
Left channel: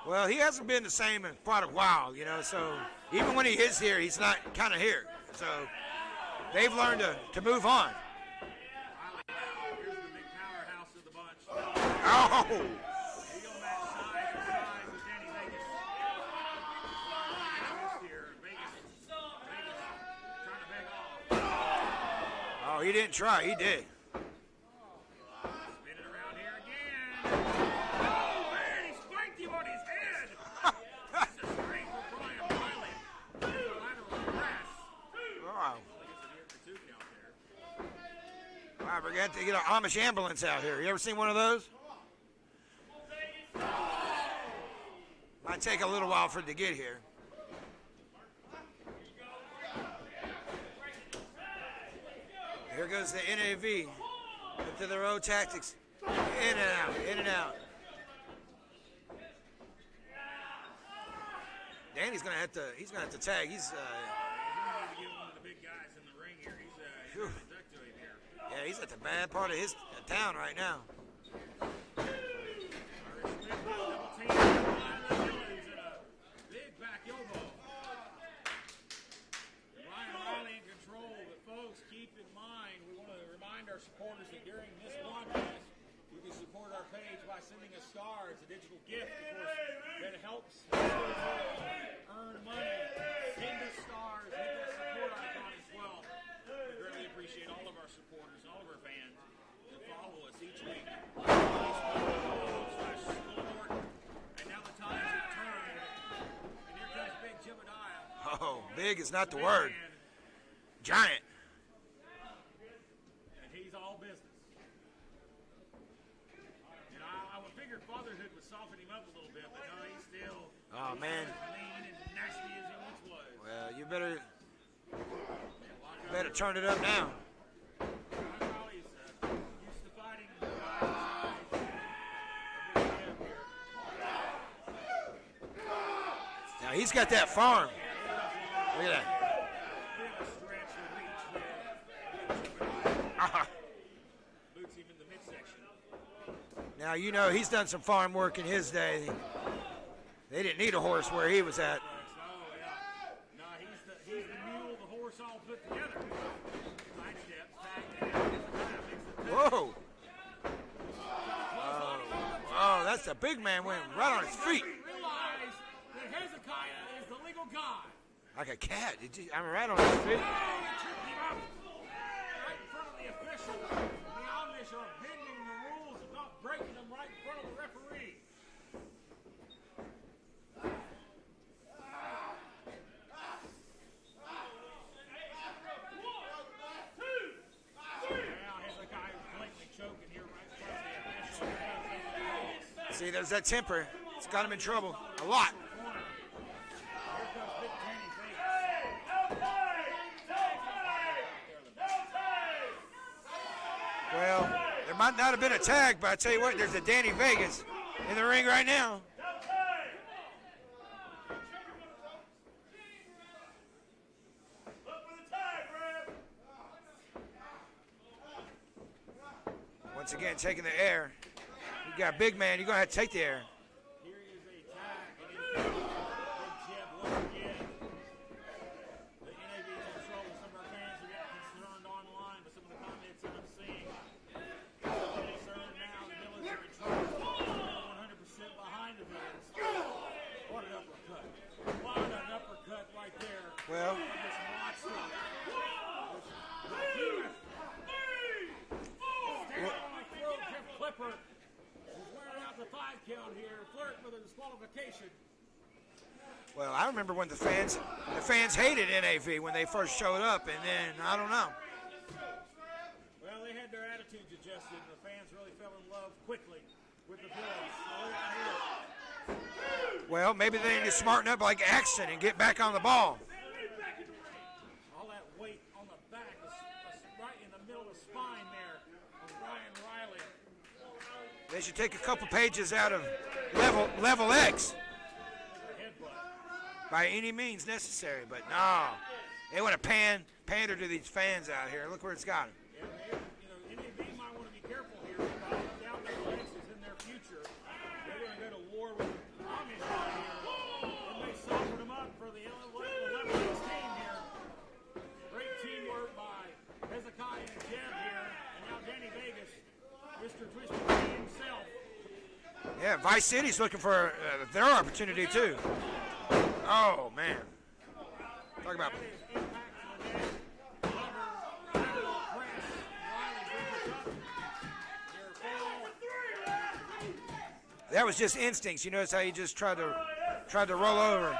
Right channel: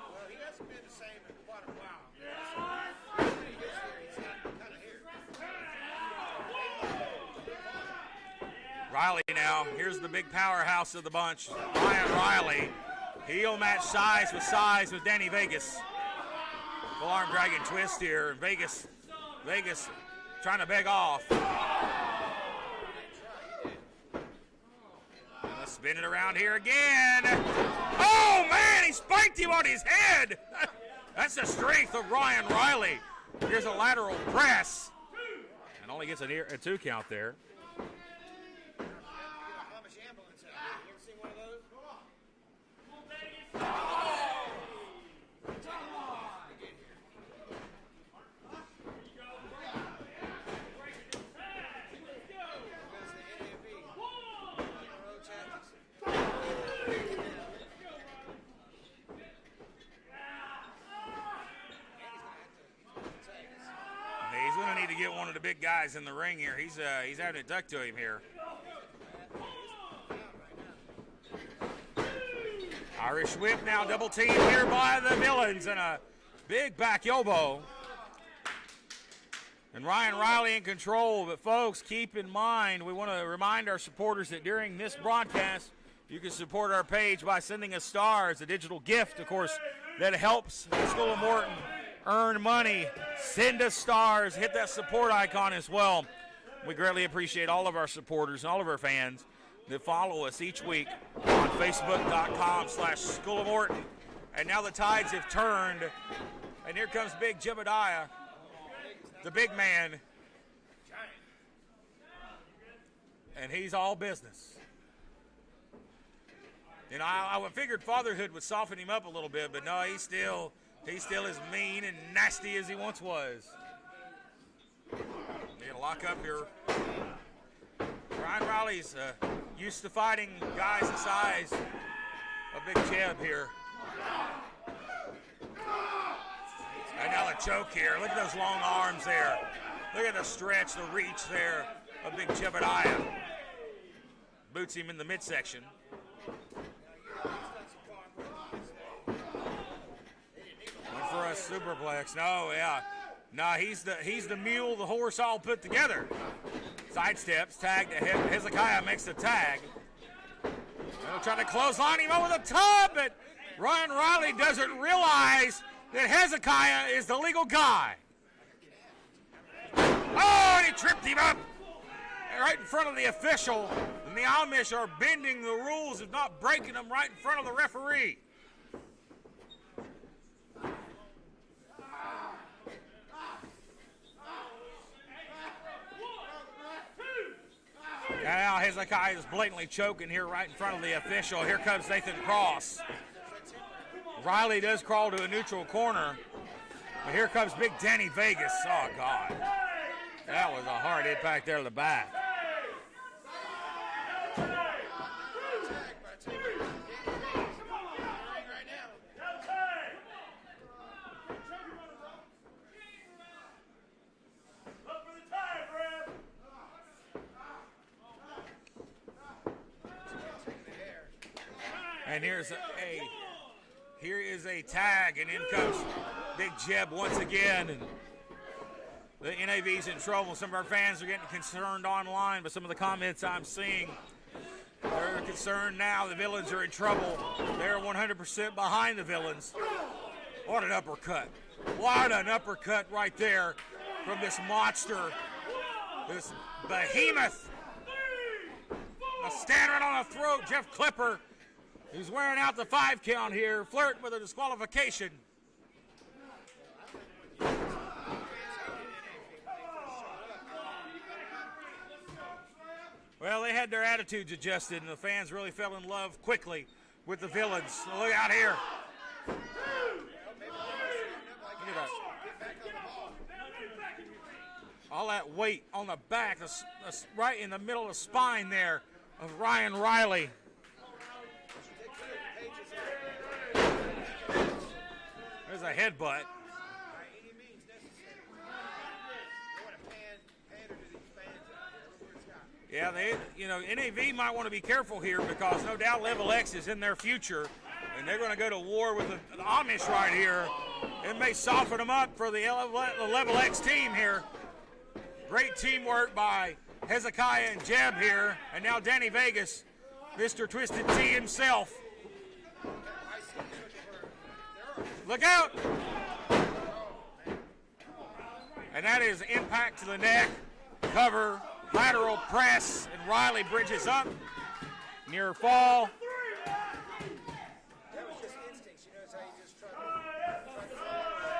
Well, he hasn't been the same in quite a while, you know, so even when he is here, he's not kind of here. So they've learned to move on. Riley now, here's the big powerhouse of the bunch. Ryan Riley. He'll match size with Danny Vegas. Full arm dragon twist here. Vegas trying to beg off. Oh, he didn't try, he did. Let's spin it around here again. Oh, man, he spiked him on his head. That's the strength of Ryan Riley. Here's a lateral press. And only gets a 2 count there. I forgot to get an Amish ambulance out here. You ever seen one of those? Might take a little while for it to get here. Here goes the NAV. Up to their own tactics. In and He's gonna have to tag. He's going to need to get one of the big guys in the ring here. He's having it duck to him here. Yeah, he's at the bad part of his town right now. Irish whip now double teamed here by the villains and a big back elbow. And Ryan Riley in control. But folks, keep in mind, we want to remind our supporters that during this broadcast, you can support our page by sending us stars, a digital gift, of course, that helps the School of Morton earn money. Send us stars, hit that support icon as well. We greatly appreciate all of our supporters and all of our fans that follow us each week on Facebook.com/School of Morton. And now the tides have turned, and here comes Big Jebediah. Oh, big is not the big word. man, Giant. and he's all business. And I figured fatherhood would soften him up a little bit, but no, he's still as mean and nasty as he once was. You better Lock up better here. turn it up now. Ryan Riley's used to fighting guys the size of Big Jeb here. Now he's got that farm. Here. Look at those long arms there. Look at the stretch, the reach there of Big Jebediah. Boots him in the midsection. Now, you know, he's done some farm work in his day. They didn't need a horse where he was at. Superplex. No, yeah. No, he's the mule, the horse all put together. Sidesteps, tag to him. Hezekiah makes the tag. Whoa. They're trying to clothesline him over the top. Oh, that's a big man. Ryan Riley doesn't realize that Hezekiah is the legal guy. Like a cat. I'm right on his face. Oh, and he tripped him up right in front of the official. And the Amish are bending the rules of not breaking them right in front of the referee. Now Hezekiah is blatantly choking here right in front of the official. Here comes Nathan Cross. See, there's that temper. Riley does crawl to a neutral corner. And here comes Big Danny Vegas. Oh, God. That was a hard impact there to the back. Well, there might not have been a tag, but I tell you what, there's a Danny Vegas in the ring right now. Once again, taking the air. You got big man, you're going to have to take the air. Here is a tag, and in comes Big Jeb once again. And the NAV's in trouble. Some of our fans are getting concerned online, but some of the comments I'm seeing, they're concerned now. The villains are in trouble. They're 100% behind the villains. What an uppercut. What an uppercut right there from this monster, this behemoth. A staring on the throat, Jeff Clipper. He's wearing out the 5 count here, flirting with a disqualification. Well, I remember when the fans hated NAV when they first showed up, and then, I don't know. Well, they had their attitudes adjusted, and the fans really fell in love quickly with the villains. So look out here. Well, maybe they need to smarten up like Axton and get back on the ball. All that weight on the back, right in the middle of the spine there of Ryan Riley. They should take a couple pages out of Level X. There's a headbutt. By any means necessary, but no. They want to pander to these fans out here. Look where it's got them. Yeah, NAV might want to be careful here because no doubt Level X is in their future, and they're going to go to war with the Amish right here. It may soften them up for the Level X team here. Great teamwork by Hezekiah and Jeb here, and now Danny Vegas, Mr. Twisted T himself. Yeah, Vice City's looking for their opportunity Look out. too. Oh, man. And that is impact to the neck, cover, lateral press, and Riley bridges up. Near fall. That was just instincts. You notice how he just tried to roll over.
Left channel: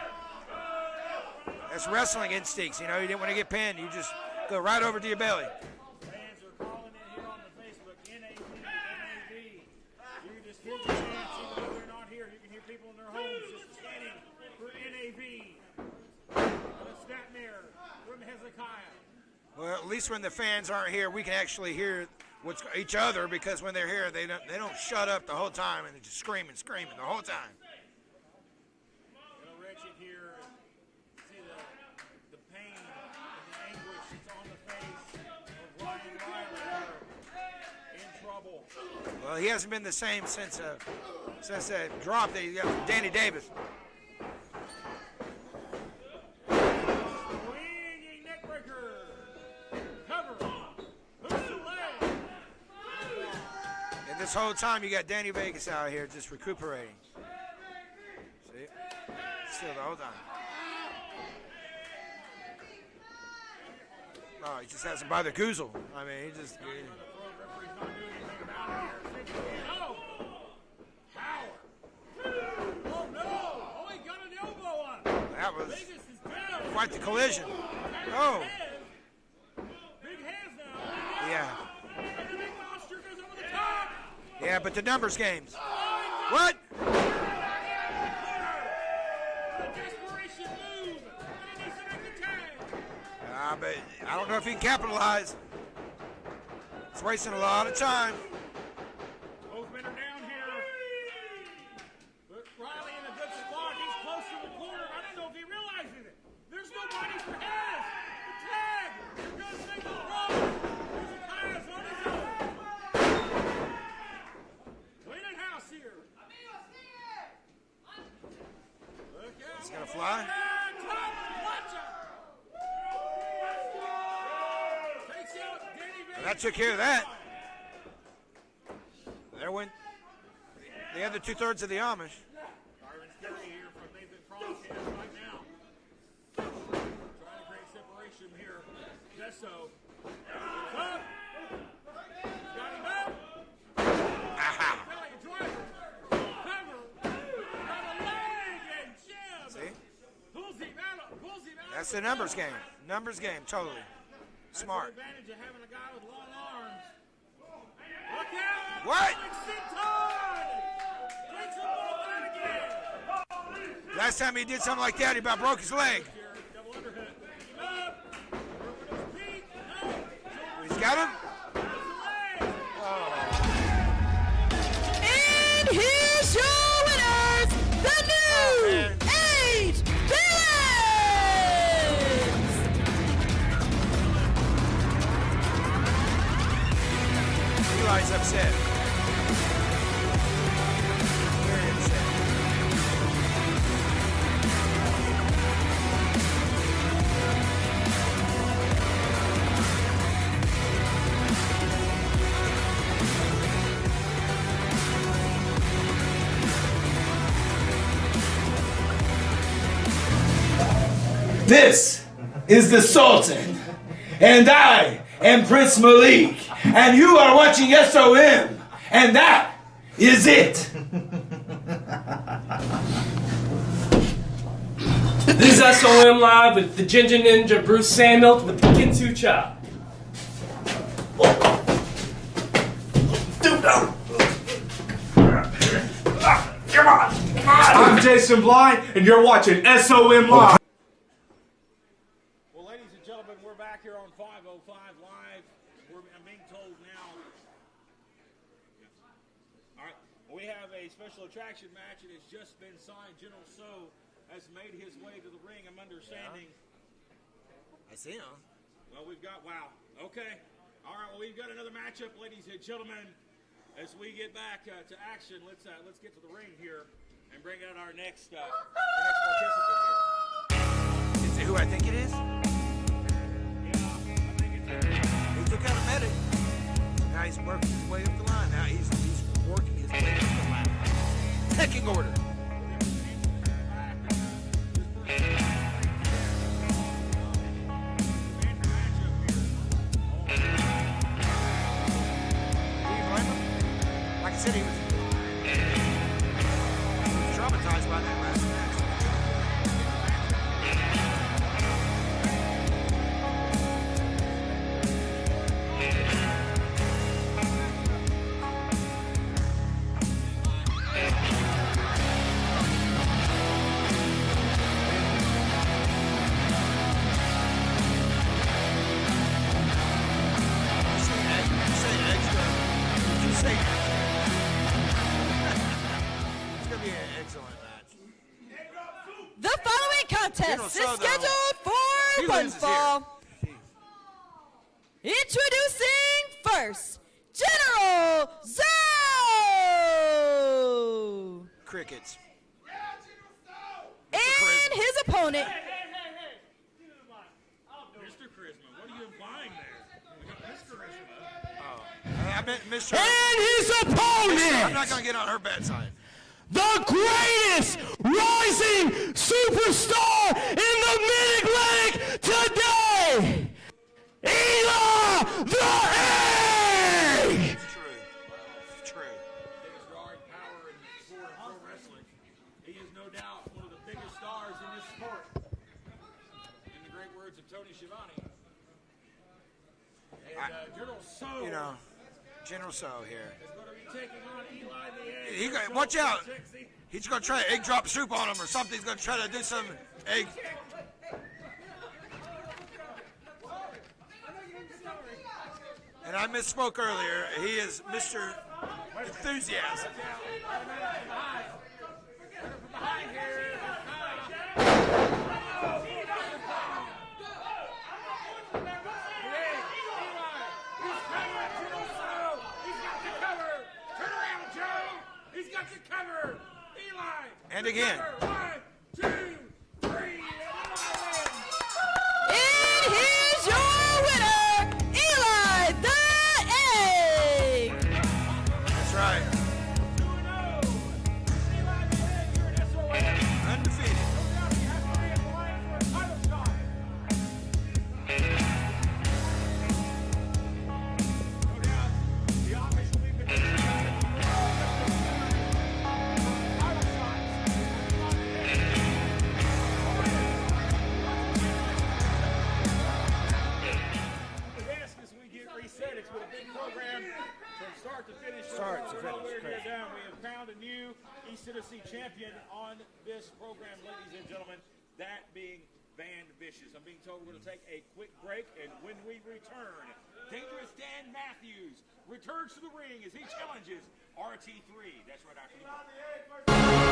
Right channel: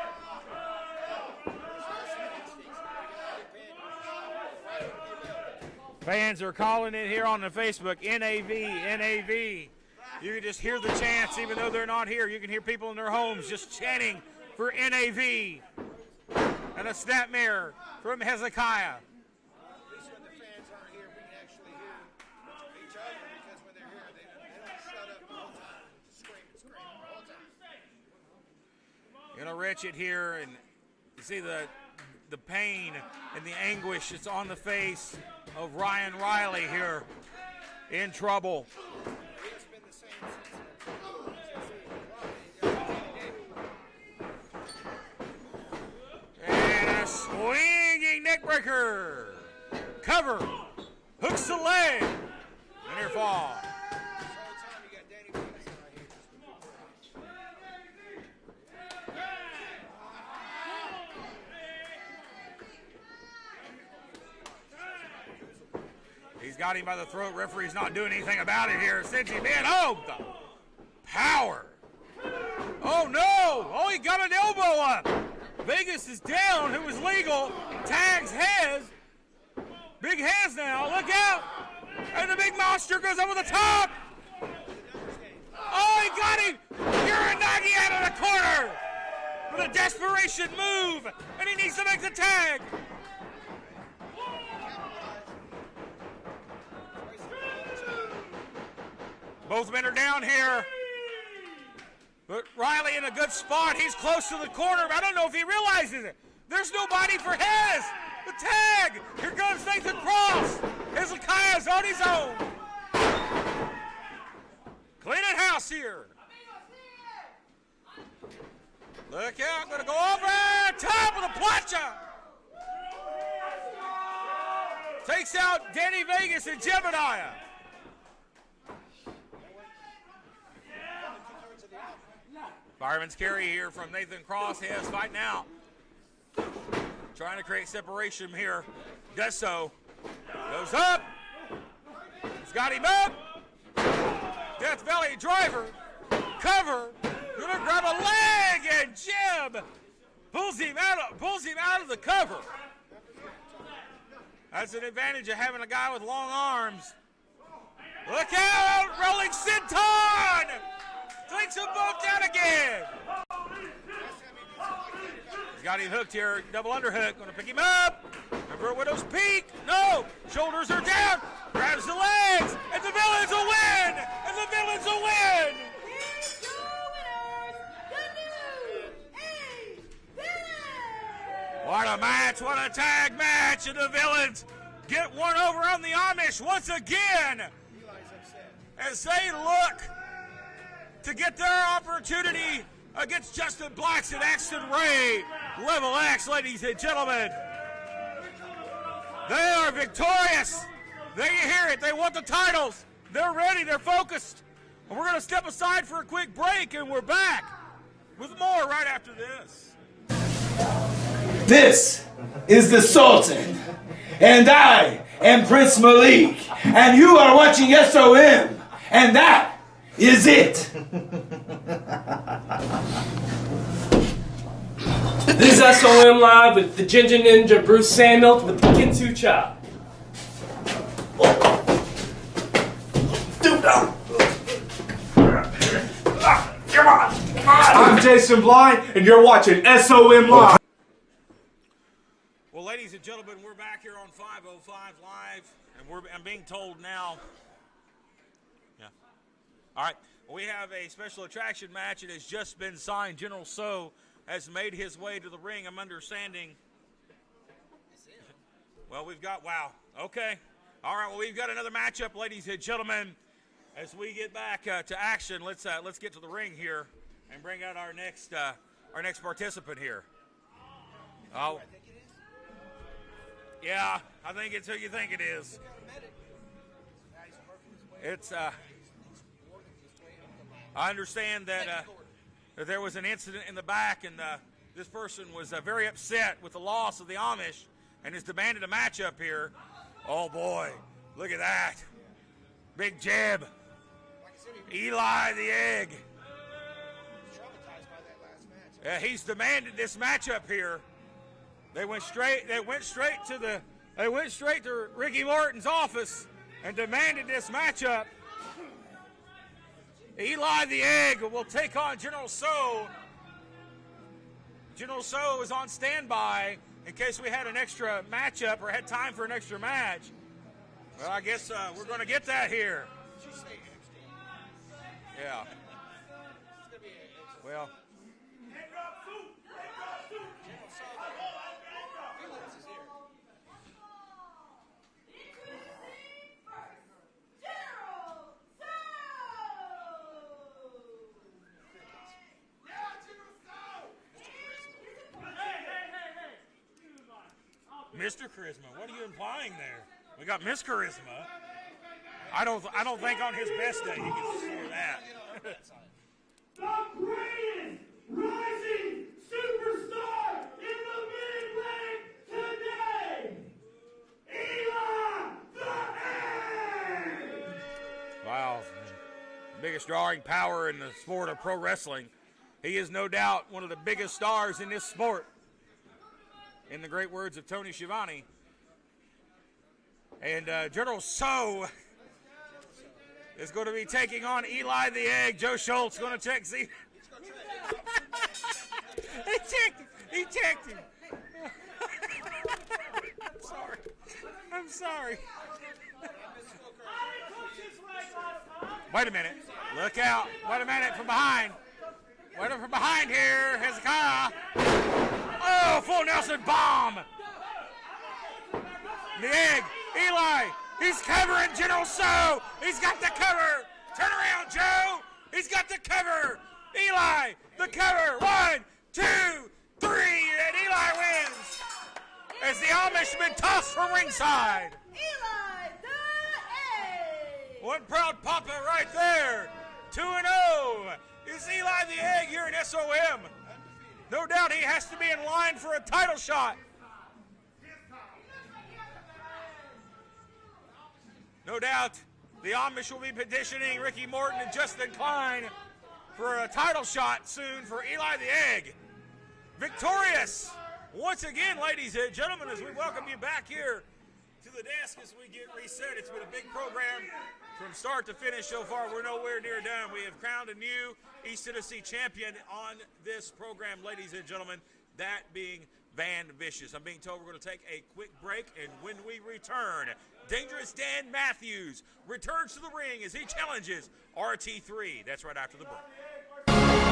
That's wrestling instincts. You know, you didn't want to get pinned. You just go right over to your belly. Fans are calling it here on the Facebook, NAV, NAV. You can just hear the chants even though they're not here. You can hear people in their homes just chanting for NAV. And a snapmare from Hezekiah. Well, at least when the fans aren't here, we can actually hear each other, because when they're here, they don't shut up the whole time and they're just screaming the whole time. Richard here, and You see the pain and the anguish that's on the face of Ryan Riley here, in trouble. Well, he hasn't been the same since that drop that he got from Danny Davis. And a swinging neckbreaker. Cover. Hooks the leg. And near fall. And this whole time you got Danny Vegas out here just recuperating. See? Still the whole time. Oh, he just has him by the goozle. I mean, He's got him by the throat. Referee's not doing anything about it here. Sends him in. Oh, the power. Oh, no. Oh, he got an elbow up. Vegas is down. It was legal. Tags heads. Big hands now. Look out. Yeah. And the big monster goes over the top. Yeah, but the numbers games. Oh, he got it. Uranagi out of the corner. With a desperation move. And he needs to make the tag. But I don't know if he can capitalize. It's wasting a lot of time. Both men are down here. But Riley in a good spot. He's close to the corner, but I don't know if he realizes it. There's nobody for Hez. The tag. Here goes Nathan Cross. Hezekiah's on his own. Cleaning house here. Look out. Going to go over top of the plancha. Takes out Danny Vegas and Gemini. There went. They had the 2/3 of the Amish. Fireman's carry here from Nathan Cross. He has fight now. Trying to create separation here. Does so. Goes up. He's got him up. Death Valley driver. Cover. Gonna grab a leg and Jim pulls him out of the That's a numbers cover. game. Numbers game, totally. That's Smart. an advantage of having a guy with long arms. Look out! What? Rolling Senton! Takes them both down again. Last time he did something like that, he about broke his Got him leg. hooked here. Double underhook. Going to pick him up. Over Widow's Peak. No. Shoulders are got down. Grabs the legs. And the Villains will win. And the Villains will win. And here's your winners, the new Age Villains! What a match. What a tag match. And the Villains get one over on the Amish once again. Eli's upset. And they look to get their opportunity against Justin Weiss and Axton Ray. Level X, ladies and gentlemen. They are victorious. Do you hear it? They won the titles. They're ready. They're focused. We're going to step aside for a quick break, and we're back. More right after this. This is the Sultan, and I am Prince Malik, and you are watching SOM, and that is it. This is SOM Live with the Ginger Ninja Bruce Samuels with the Kinsu Chop. Come on. I'm Jason Blind, and you're watching SOM Live. Well, ladies and gentlemen, we're back here on 505 Live, and I'm being told now. Yeah. All right. We have a special attraction match. It has just been signed. General So has made his way to the ring. I'm understanding. I see him. Well, we've got, wow. Okay. All right. Well, we've got another matchup, ladies and gentlemen. As we get back to action, let's get to the ring here and bring out our next participant here. Is it who I think it is? Yeah, I think it's who you think it is. He's the kind of medic. Now he's working his way up the line. Now he's working his way up the line. I understand that, Pecking order. that there was an incident in the back, and this person is very upset with the loss of the Amish and has demanded a matchup here. Oh, boy. Look at that. Big jam. Like I said, he Eli the Egg. was traumatized by that last match. Yeah, he's demanded this matchup here. They went straight to Ricky Morton's office and demanded this matchup. Eli the Egg will take on General So. General So was on standby in case we had an extra matchup or had time for an extra match. So I guess we're get that here. Did you say that? It's going to be an excellent match. The following contest contest is So, though, scheduled he for one loses fall. Introducing first, General Zhao! Crickets. And his opponent, Mr. Charisma, what are you implying there? We got Miss Charisma. I don't think And his I'm opponent, not going to get on her bad side. the greatest rising superstar in the Mid-Atlantic today, Eli the Egg! Wow. True. Biggest drawing power in the sport of pro wrestling. He is no doubt one of the biggest stars in this sport. In the great words of Tony Schiavone. And General So You know, General So here. is going to be taking on Eli the Egg. You Joe got- Schultz watch gonna out. check. See, He's going to try egg drop soup on him or something. He's going to try to he do something. checked. He Egg. checked him. I'm sorry. And I misspoke earlier. He is Mr. Wait a minute. Enthusiasm. Look out. Wait a minute from behind. Wait from behind here. Hezekiah. Oh, full Nelson bomb. The Egg. Eli. He's covering General So. He's got the cover. Turn around, Joe. He's got the cover. Eli. And the again. cover. 1, 2, 3. And Eli wins. and Almost been here's tossed from your ringside. winner, Eli the Egg! One proud papa right there. 2-0. It's Eli the Egg here at SOM. Undefeated. No doubt he has to be in line for a title shot. No doubt the Amish will be petitioning Ricky Morton and Justin Klein for a title shot soon for Eli the Egg. Victorious. Once again, ladies and gentlemen, as we welcome you back here to the desk as we get reset. It's been a big program from start to finish. So far, we're nowhere near done. We have crowned a new East Tennessee champion on this program, ladies and gentlemen, that being Van Vicious. I'm being told we're going to take a quick break, and when we return, Dangerous Dan Matthews returns to the ring as he challenges RT3. That's right after the break.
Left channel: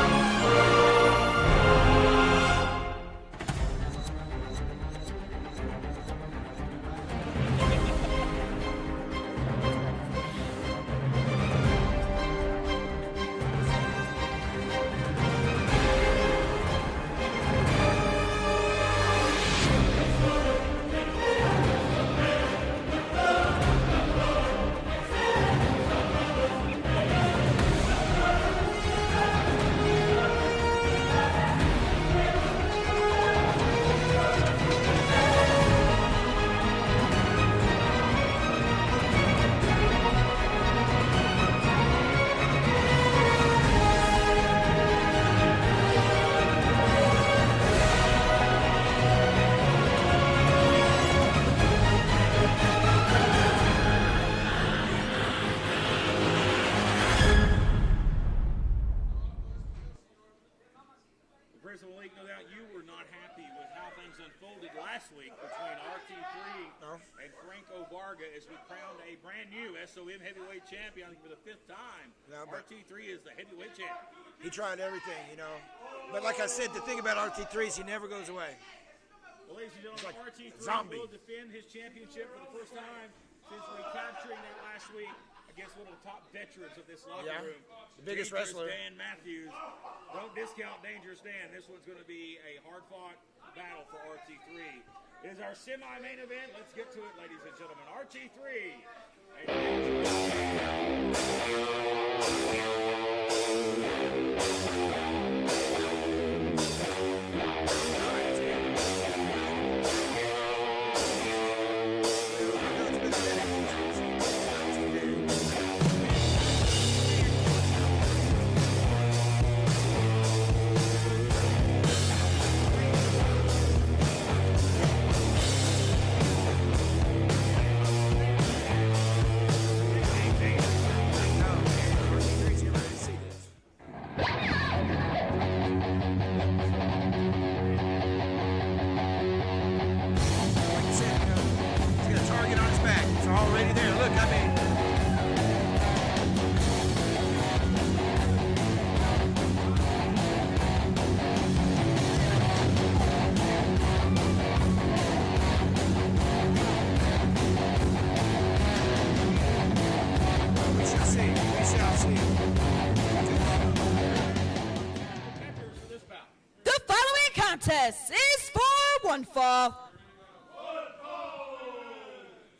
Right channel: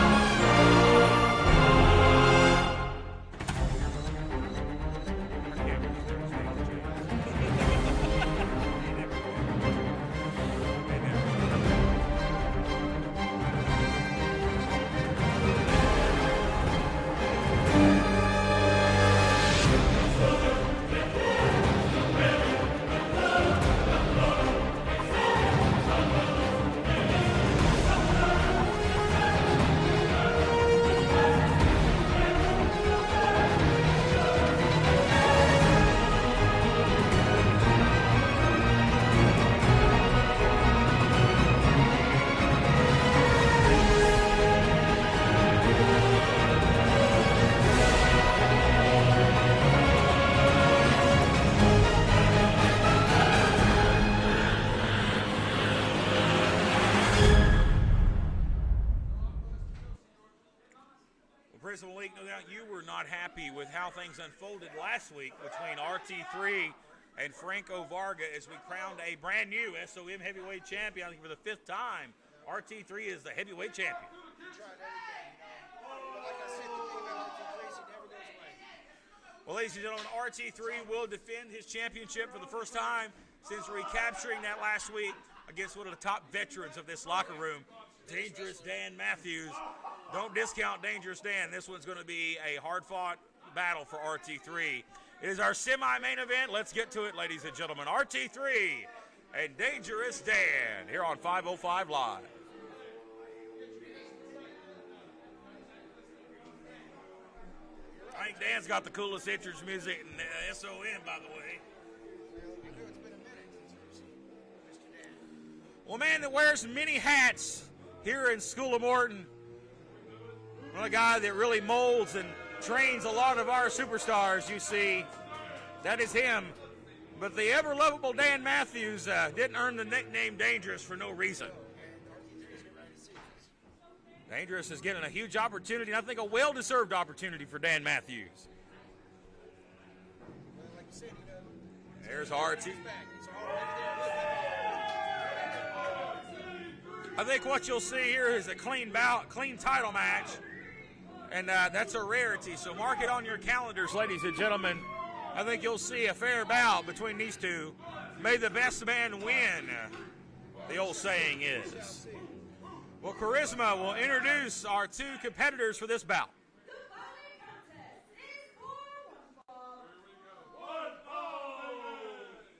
Prism League, no doubt you were not happy with how things unfolded last week between RT3 and Franco Varga as we crowned a brand new SOM heavyweight champion for the 5th time. No, but- RT3 is the heavyweight champion. He tried everything, you know. But like I said, the thing about RT3 is he never goes away. Well, ladies and gentlemen, RT3 zombie. will defend his championship for the first time since recapturing that last week against one of the top veterans of this locker room, Biggest Dangerous wrestler. Dan Matthews. Don't discount Dangerous Dan. This one's going to be a hard-fought battle for RT3. It is our semi-main event. Let's get to it, ladies and gentlemen. RT3 and Dangerous Dan here on 505 Live. Dan's got the little Simpsons music. A man that wears many hats here at School of Art. A guy that really molds and trains a lot of our superstars, you see. That is him. But the ever-lovable Dan Matthews didn't earn the nickname Dangerous for no reason. Dangerous is getting a huge opportunity. I think a well-deserved opportunity for Dan Matthews. Like you said, you know, he's got a target on his back. It's already there. Look, I mean, I think what you'll see here is a clean bout, clean title match. And that's a rarity. So mark it on your calendar. competitors for this bout. The following contest is for one fall.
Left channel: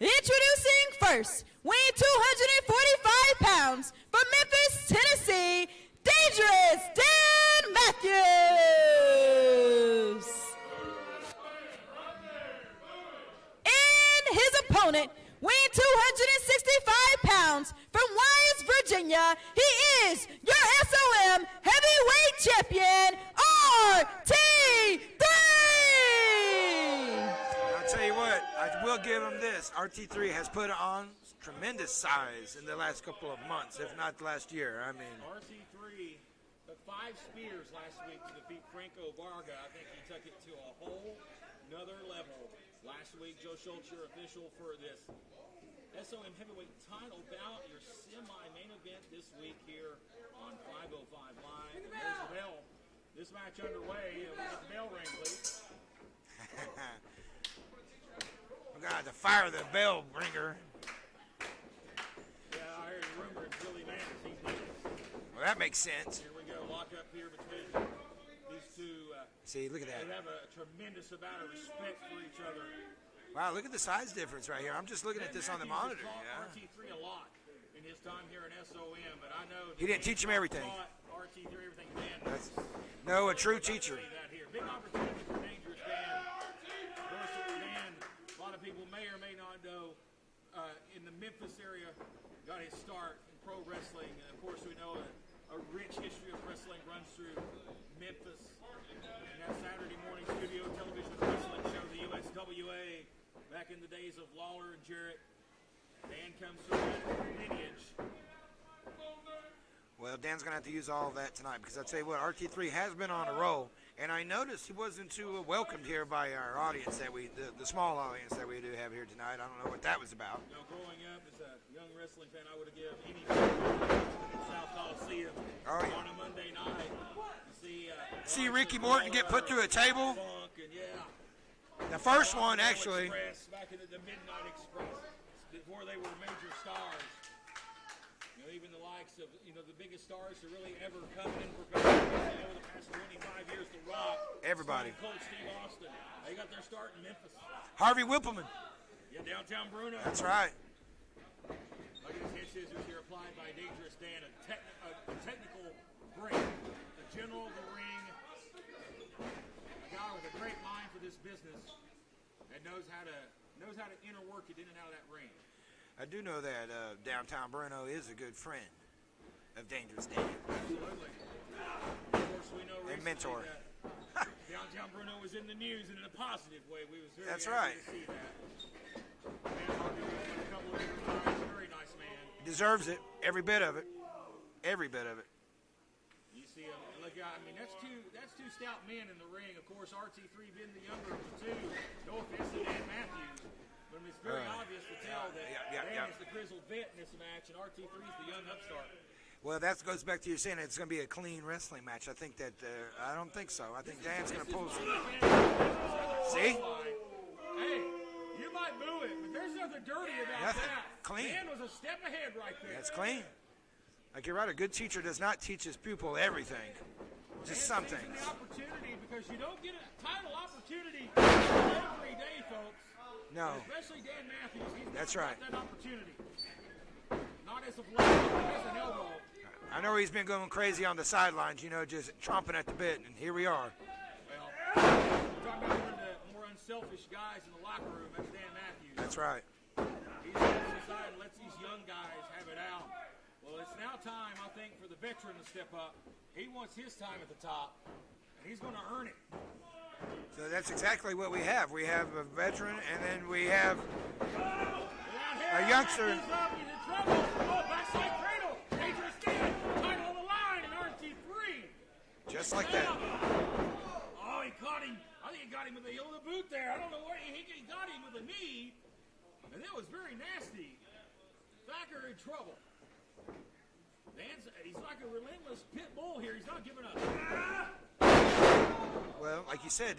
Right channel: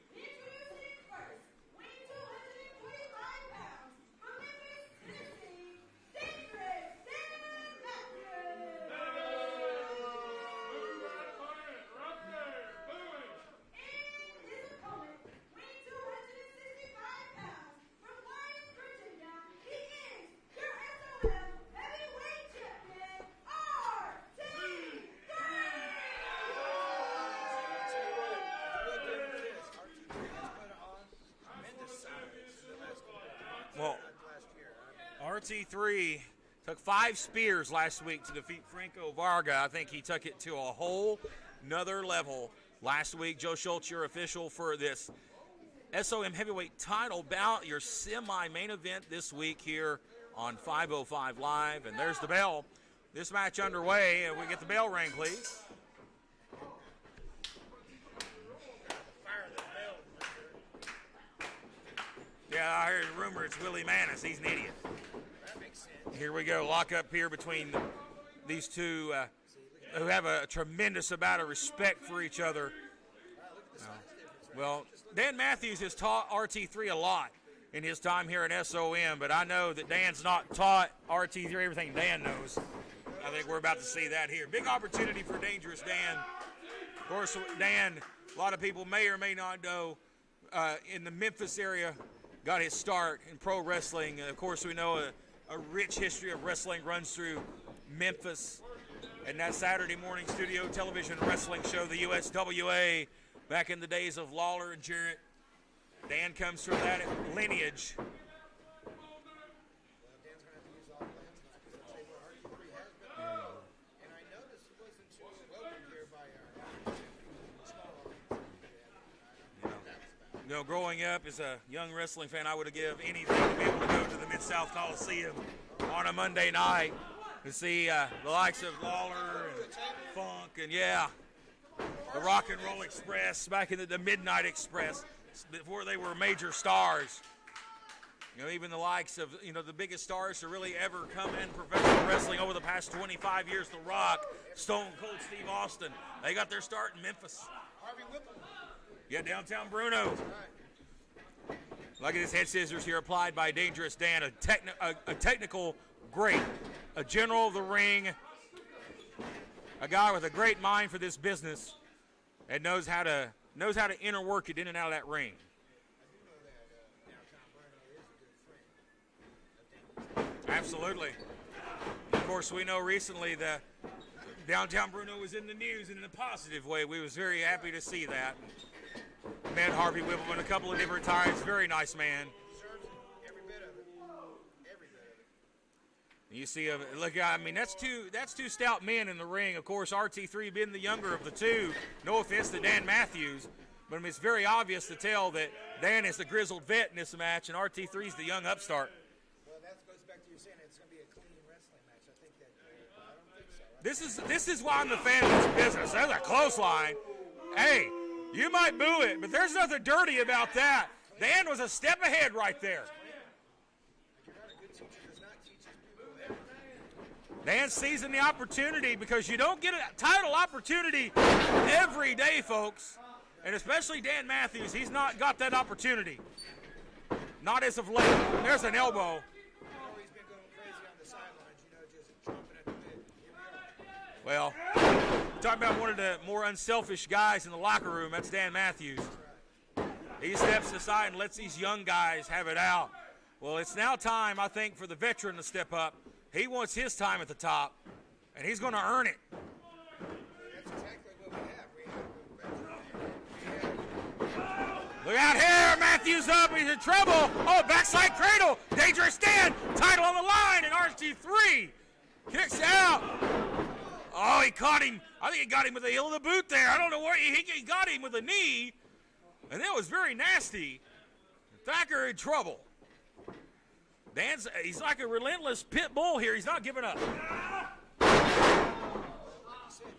Introducing first, weighing 245 pounds, from Memphis, Tennessee, Dangerous Dan Matthews. And his opponent, weighing 265 pounds, from Wyeth, Virginia, he is your SOM heavyweight champion, RT3! I'll tell you what, I will give him this. RT3 has put on tremendous size in the last couple of months, Well, if not last year. I mean, RT3 took 5 spears last week to defeat Franco Varga. I think he took it to a whole nother level last week. Joe Schultz, your official for this SOM heavyweight title bout, your semi-main event this week here on 505 Live. And there's the bell. This match underway, and we get the bell ring, please. we got to fire the bell ringer. Yeah, I heard a rumor it's Willie Manis. He's an idiot. Well, that makes sense. Here we go. Lock up here between these two See, look at who that. have a tremendous amount of respect for each other. Wow, look at the size difference right here. Well, I'm just looking Dan at this Matthews on the has monitor. taught RT3 a lot in his time here in SOM, but I know that He didn't Dan's teach him not everything. taught RT3 everything Dan knows. No, I a think true we're about teacher. to see that here. Big opportunity for Dangerous Dan. Of course, Dan, a lot of people may or may not know, in the Memphis area, got his start in pro wrestling. Of course, we know a rich history of wrestling runs through Memphis. And that Saturday morning studio television wrestling show, the USWA, back in the days of Lawler and Jarrett. Dan comes from that lineage. Well, Dan's going to have to use all of that tonight because I tell you what, RT3 has been on a roll, and I noticed he wasn't too welcomed here by our audience that the small audience that we do have here tonight. I don't know what that was about. You know, growing up as a young wrestling fan, I would have given anything to be able to go to the Mid-South Coliseum on a Monday night to see the likes Ricky of Morton get Lawler put through a table. Funk, and yeah. The first Rock one, and Roll actually. Express, back in the Midnight Express, before they were major stars. You know, even the likes of, the biggest stars to really ever come in professional wrestling over the past 25 years, The Rock, Everybody. Stone Cold Steve Austin, they got their start in Memphis. Harvey Whippleman. Yeah, downtown Bruno. That's right. Look at his head scissors here applied by Dangerous Dan, a technical great, a general of the ring, a guy with a great mind for this business and knows how to inner work it in and out of that ring. I do know that downtown Bruno is a good friend of Dangerous Dan. Absolutely. Of course, we know recently Mentor. that downtown Bruno was in the news in a positive way. We was very That's happy right. to see that. Met Harvey Whippleman a couple of different times. Very nice man. Deserves it. Every bit of it. Every bit of it. You see, look, I mean, that's two stout men in the ring. Of course, RT3 being the younger of the two. No offense to Dan Matthews, but I mean, it's very obvious to tell that Dan is the grizzled vet in this match, and RT3 is the young upstart. Well, that goes back to you saying it's going to be a clean wrestling match. I think that I don't think so. I This think is Dan's this gonna is pull why I'm the fan of this business. That's a clothesline. Hey, you might boo it, but there's nothing dirty about that. Clean. Dan was a step ahead right there. It's clean. Like you're right, a good teacher does not teach his pupil everything. Dan Something. seizing the opportunity because you don't get a title opportunity every day, folks. No. And especially Dan Matthews, he's not That's right. got that opportunity. Not as of late. There's an elbow. I know he's been going crazy on the sidelines, just chomping at the bit, and here we are. Well, talk about one of the more unselfish guys in the locker room. That's Dan Matthews. That's right. He steps aside and lets these young guys have it out. Well, it's now time, I think, for the veteran to step up. He wants his time at the top, and he's going to earn it. So that's exactly what we have. We have a veteran, and then we have Look out here, Matthews up, he's in trouble. Oh, backside cradle, Dangerous Dan, title on the line, and RT3 kicks out. Oh, he caught him. I think he got him with the heel of the boot there. I don't know where he got him with a knee, and that was very nasty. Thacker in trouble. He's like a relentless pit bull here. He's not giving up. well, like you said,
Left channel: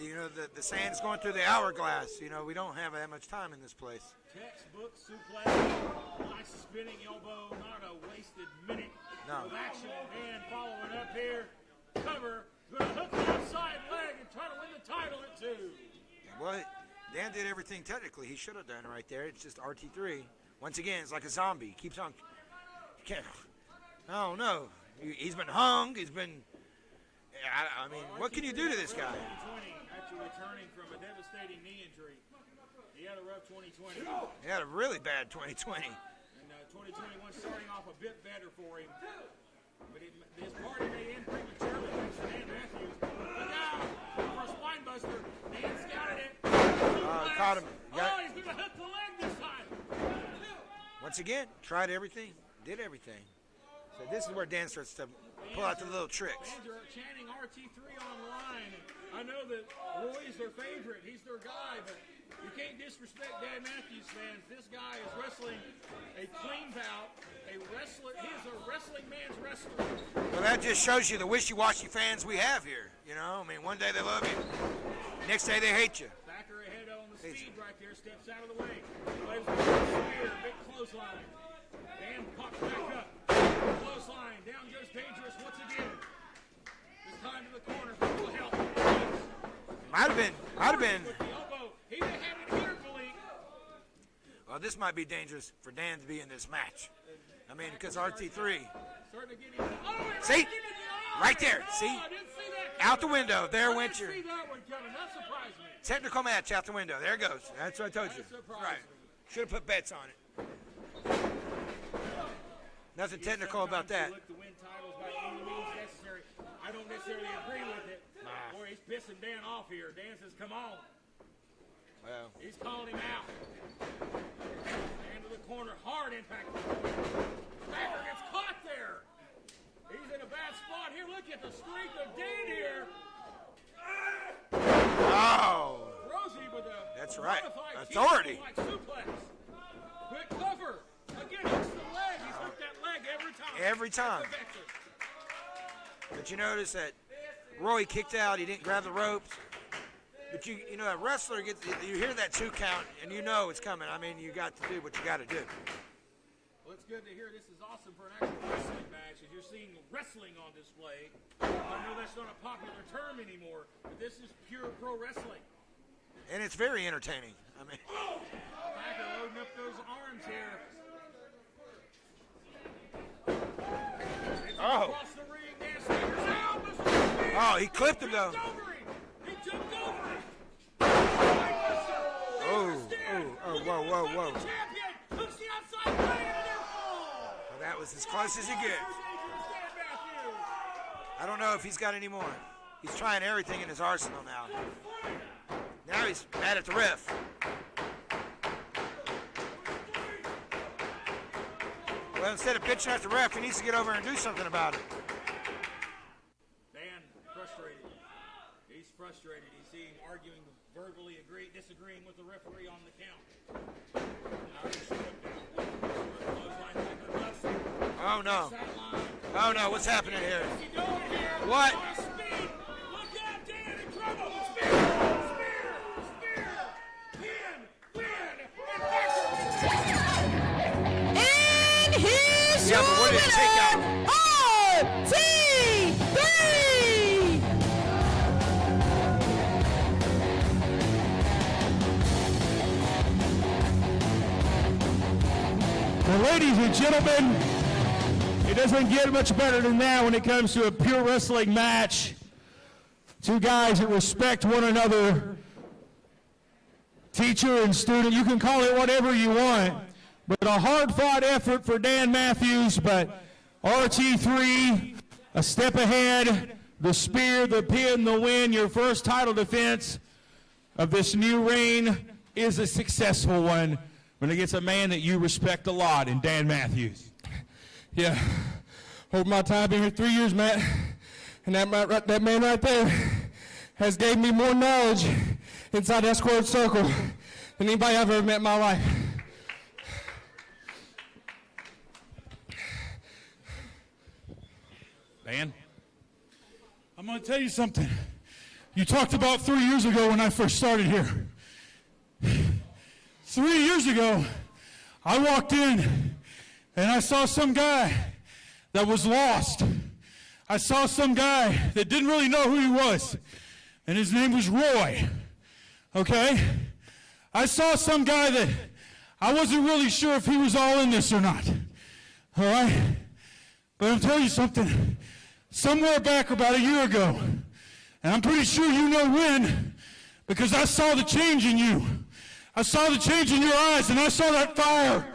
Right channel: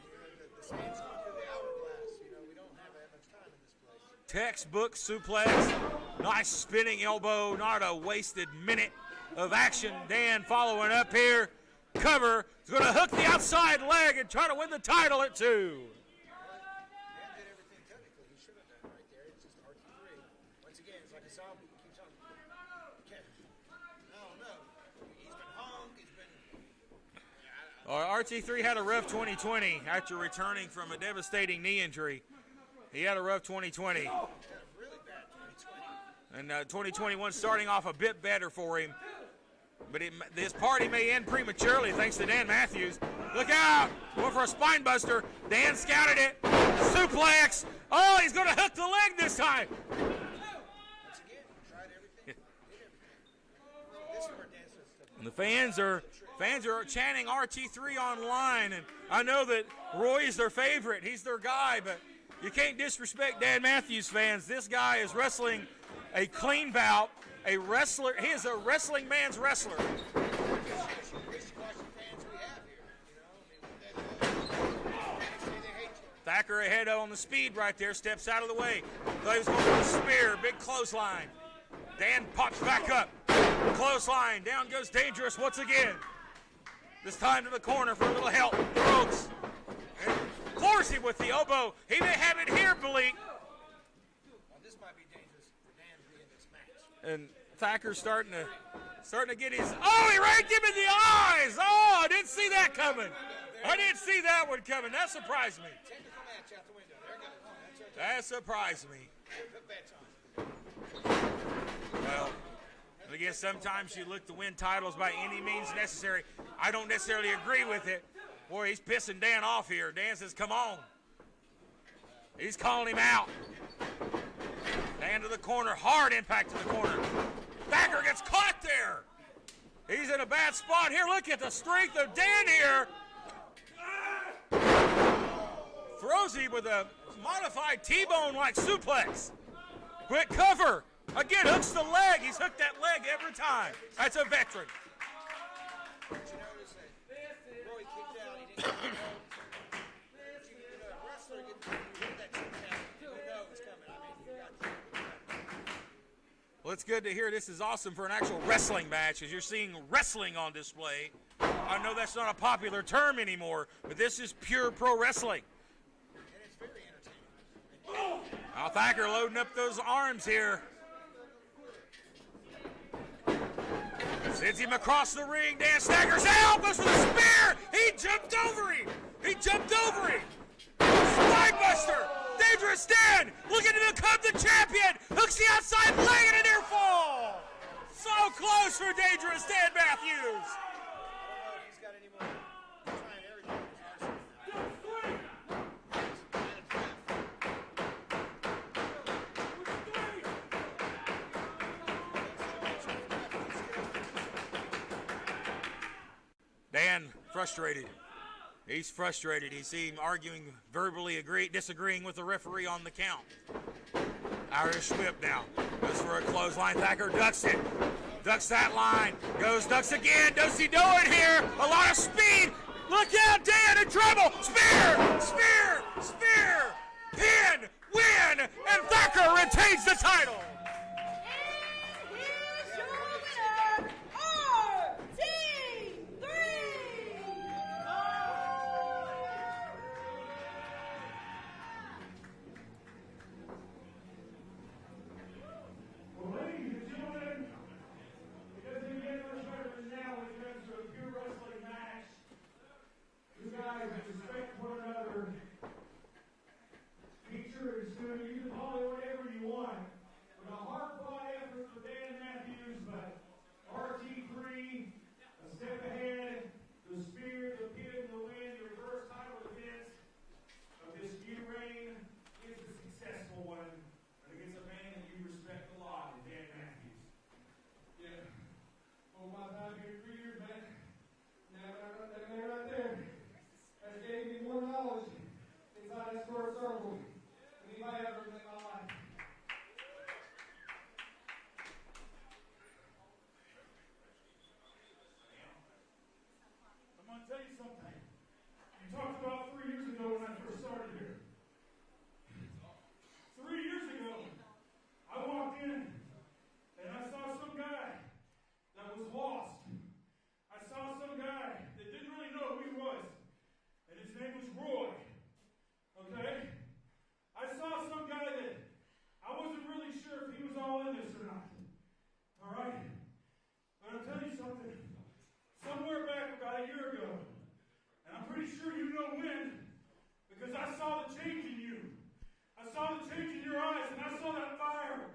the sand's going through the hourglass. We don't have that much time in this place. Textbook suplex, nice spinning elbow, not a wasted minute of action. Dan following up here, cover, He's going to hook the outside leg and try to win the title at 2. Well, Dan did everything technically he should have done right there. It's just RT3. Once again, it's like a zombie. Keeps on. Can't. Oh no. He's been hung. He's been. What can you do RT3 had to a this rough guy? 2020 after returning from a devastating knee injury. He had a rough 2020. He had a really bad 2020. And 2021 starting off a bit better for him. But this party may end prematurely thanks to Dan Matthews. Look out! Going for a spine buster. Dan scouted it. Suplex. Oh, he's going to hook the leg this time. Once again, tried everything, did everything. So this is where Dan starts to And the pull fans out the are little tricks. chanting RT3 online, and I know that Roy is their favorite. He's their guy, but you can't disrespect Dan Matthews fans. This guy is wrestling a clean bout, a wrestler. He is a wrestling man's wrestler. Well, that just shows you the wishy-washy fans we have here. You know, I mean, one day they love you, next day they hate you. Thacker ahead on the speed right there, steps out of the way. Thought he was going for a spear, big clothesline. Dan pops back up. Clothesline, down goes Dangerous once again. This time to the corner for a little help. Rhodes. Might have been. Forcing with the elbow. He may have it here, Malik. Well, this might be dangerous for Dan to be in this match. And I mean, Thacker's because starting to get his. Oh, he raked him in the eyes. Right there. Oh, See? I didn't see that coming. Out the window. There I went didn't your see that one coming. That surprised me. technical match out the window. There it goes. That's what I told That you. surprised me. Should have put bets on it. Well, Nothing I guess technical about sometimes that. you look to win titles by any means necessary. I don't necessarily agree with it. Boy, he's pissing Dan off here. Dan says, come on. Well, He's calling him out. Dan to the corner. Hard impact to the corner. Thacker gets caught there. He's in a bad spot here. Look at the strength of Dan here. oh, Throws him with a That's right. modified Authority. T-bone like suplex. Quick cover. Again, hooks the leg. He's hooked that leg every time. Every time. That's a veteran. Did you notice that Roy kicked out? He didn't grab the ropes. But you know, a wrestler gets, you hear that 2 count, and you know it's coming. I mean, you got to do what you got to do. Well, it's good to hear. This is awesome for an actual wrestling match, as you're seeing wrestling on display. I know that's not a popular term anymore, but this is pure pro wrestling. And it's very entertaining. I mean, Now Thacker loading up those arms here. Sends him across the ring. Dan staggers out. Goes for the spear. Oh, he clipped him, jumped though. over him. He jumped over him. Spinebuster. Dangerous Dan. Looking to become the champion. Hooks the outside leg and a near fall. that was as So close as he close gets. for Dangerous Dan Matthews. I don't know if he's got any more. He's trying everything in his arsenal now. Now he's mad at the ref. Well, instead of bitching at the ref, he needs to get over and do something about it. Dan frustrated. He's frustrated. You see him arguing, verbally disagreeing with the referee on the count. Irish whip now. Goes for a clothesline. Thacker ducks it. Oh, no. Ducks that line. Oh, Goes, no, what's ducks happening again. there? Does he know it here? What? A lot of speed. Look out, Dan in trouble. Spear! Spear! Spear! Pin! Win! And Thacker retains the title. And here's Yeah, your but what did it take out? RT3! Well, ladies and gentlemen, it doesn't get much better than that when it comes to a pure wrestling match. 2 guys that respect one another. Teacher and student, you can call it whatever you want. But a hard-fought effort for Dan Matthews, but RT3, a step ahead. The spear, the pin, the win, your first title defense of this new reign is a successful one when it gets a man that you respect a lot in Dan Matthews. Yeah. Hold my time. Been here 3 years, Matt. And that man right there has gave me more knowledge inside that squared circle than anybody I've ever met in my life. Dan? I'm going to tell you something. You talked about 3 years ago when I first started here. 3 years ago, I walked in and I saw some guy that was lost. I saw some guy that didn't really know who he was, and his name was Roy, okay? I saw some guy that I wasn't really sure if he was all in this or not, all right? But I'm telling you something, somewhere back about a year ago, and I'm pretty sure you know when, because I saw the change in you. I saw the change in your eyes, and I saw that fire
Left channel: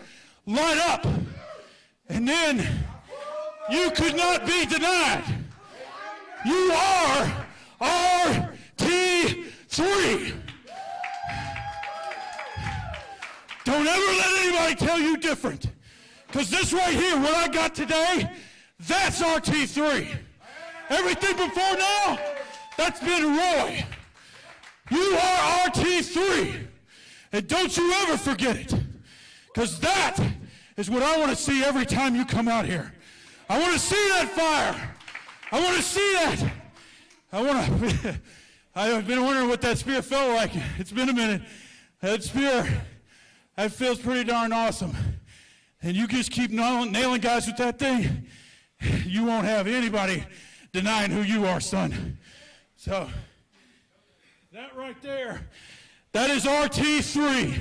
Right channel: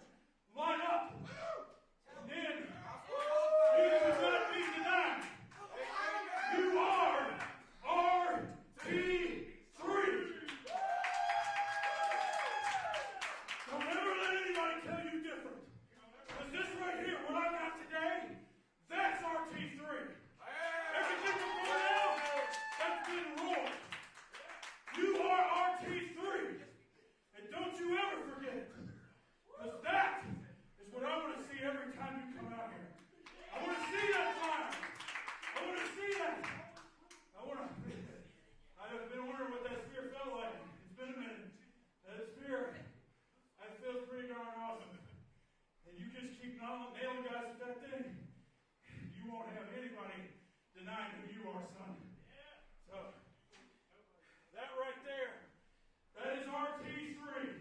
light up. And then you could not be denied. You are RT3. Don't ever let anybody tell you different. Because this right here, what I got today, that's RT3. Everything before now, that's been Roy. You are RT3. And don't you ever forget it. Because that is what I want to see every time you come out here. I want to see that fire. I want to see that. I've been wondering what that spear felt like. It's been a minute. That spear, that feels pretty darn awesome. And you just keep nailing guys with that thing, you won't have anybody denying who you are, son. So, that right there, that is RT3.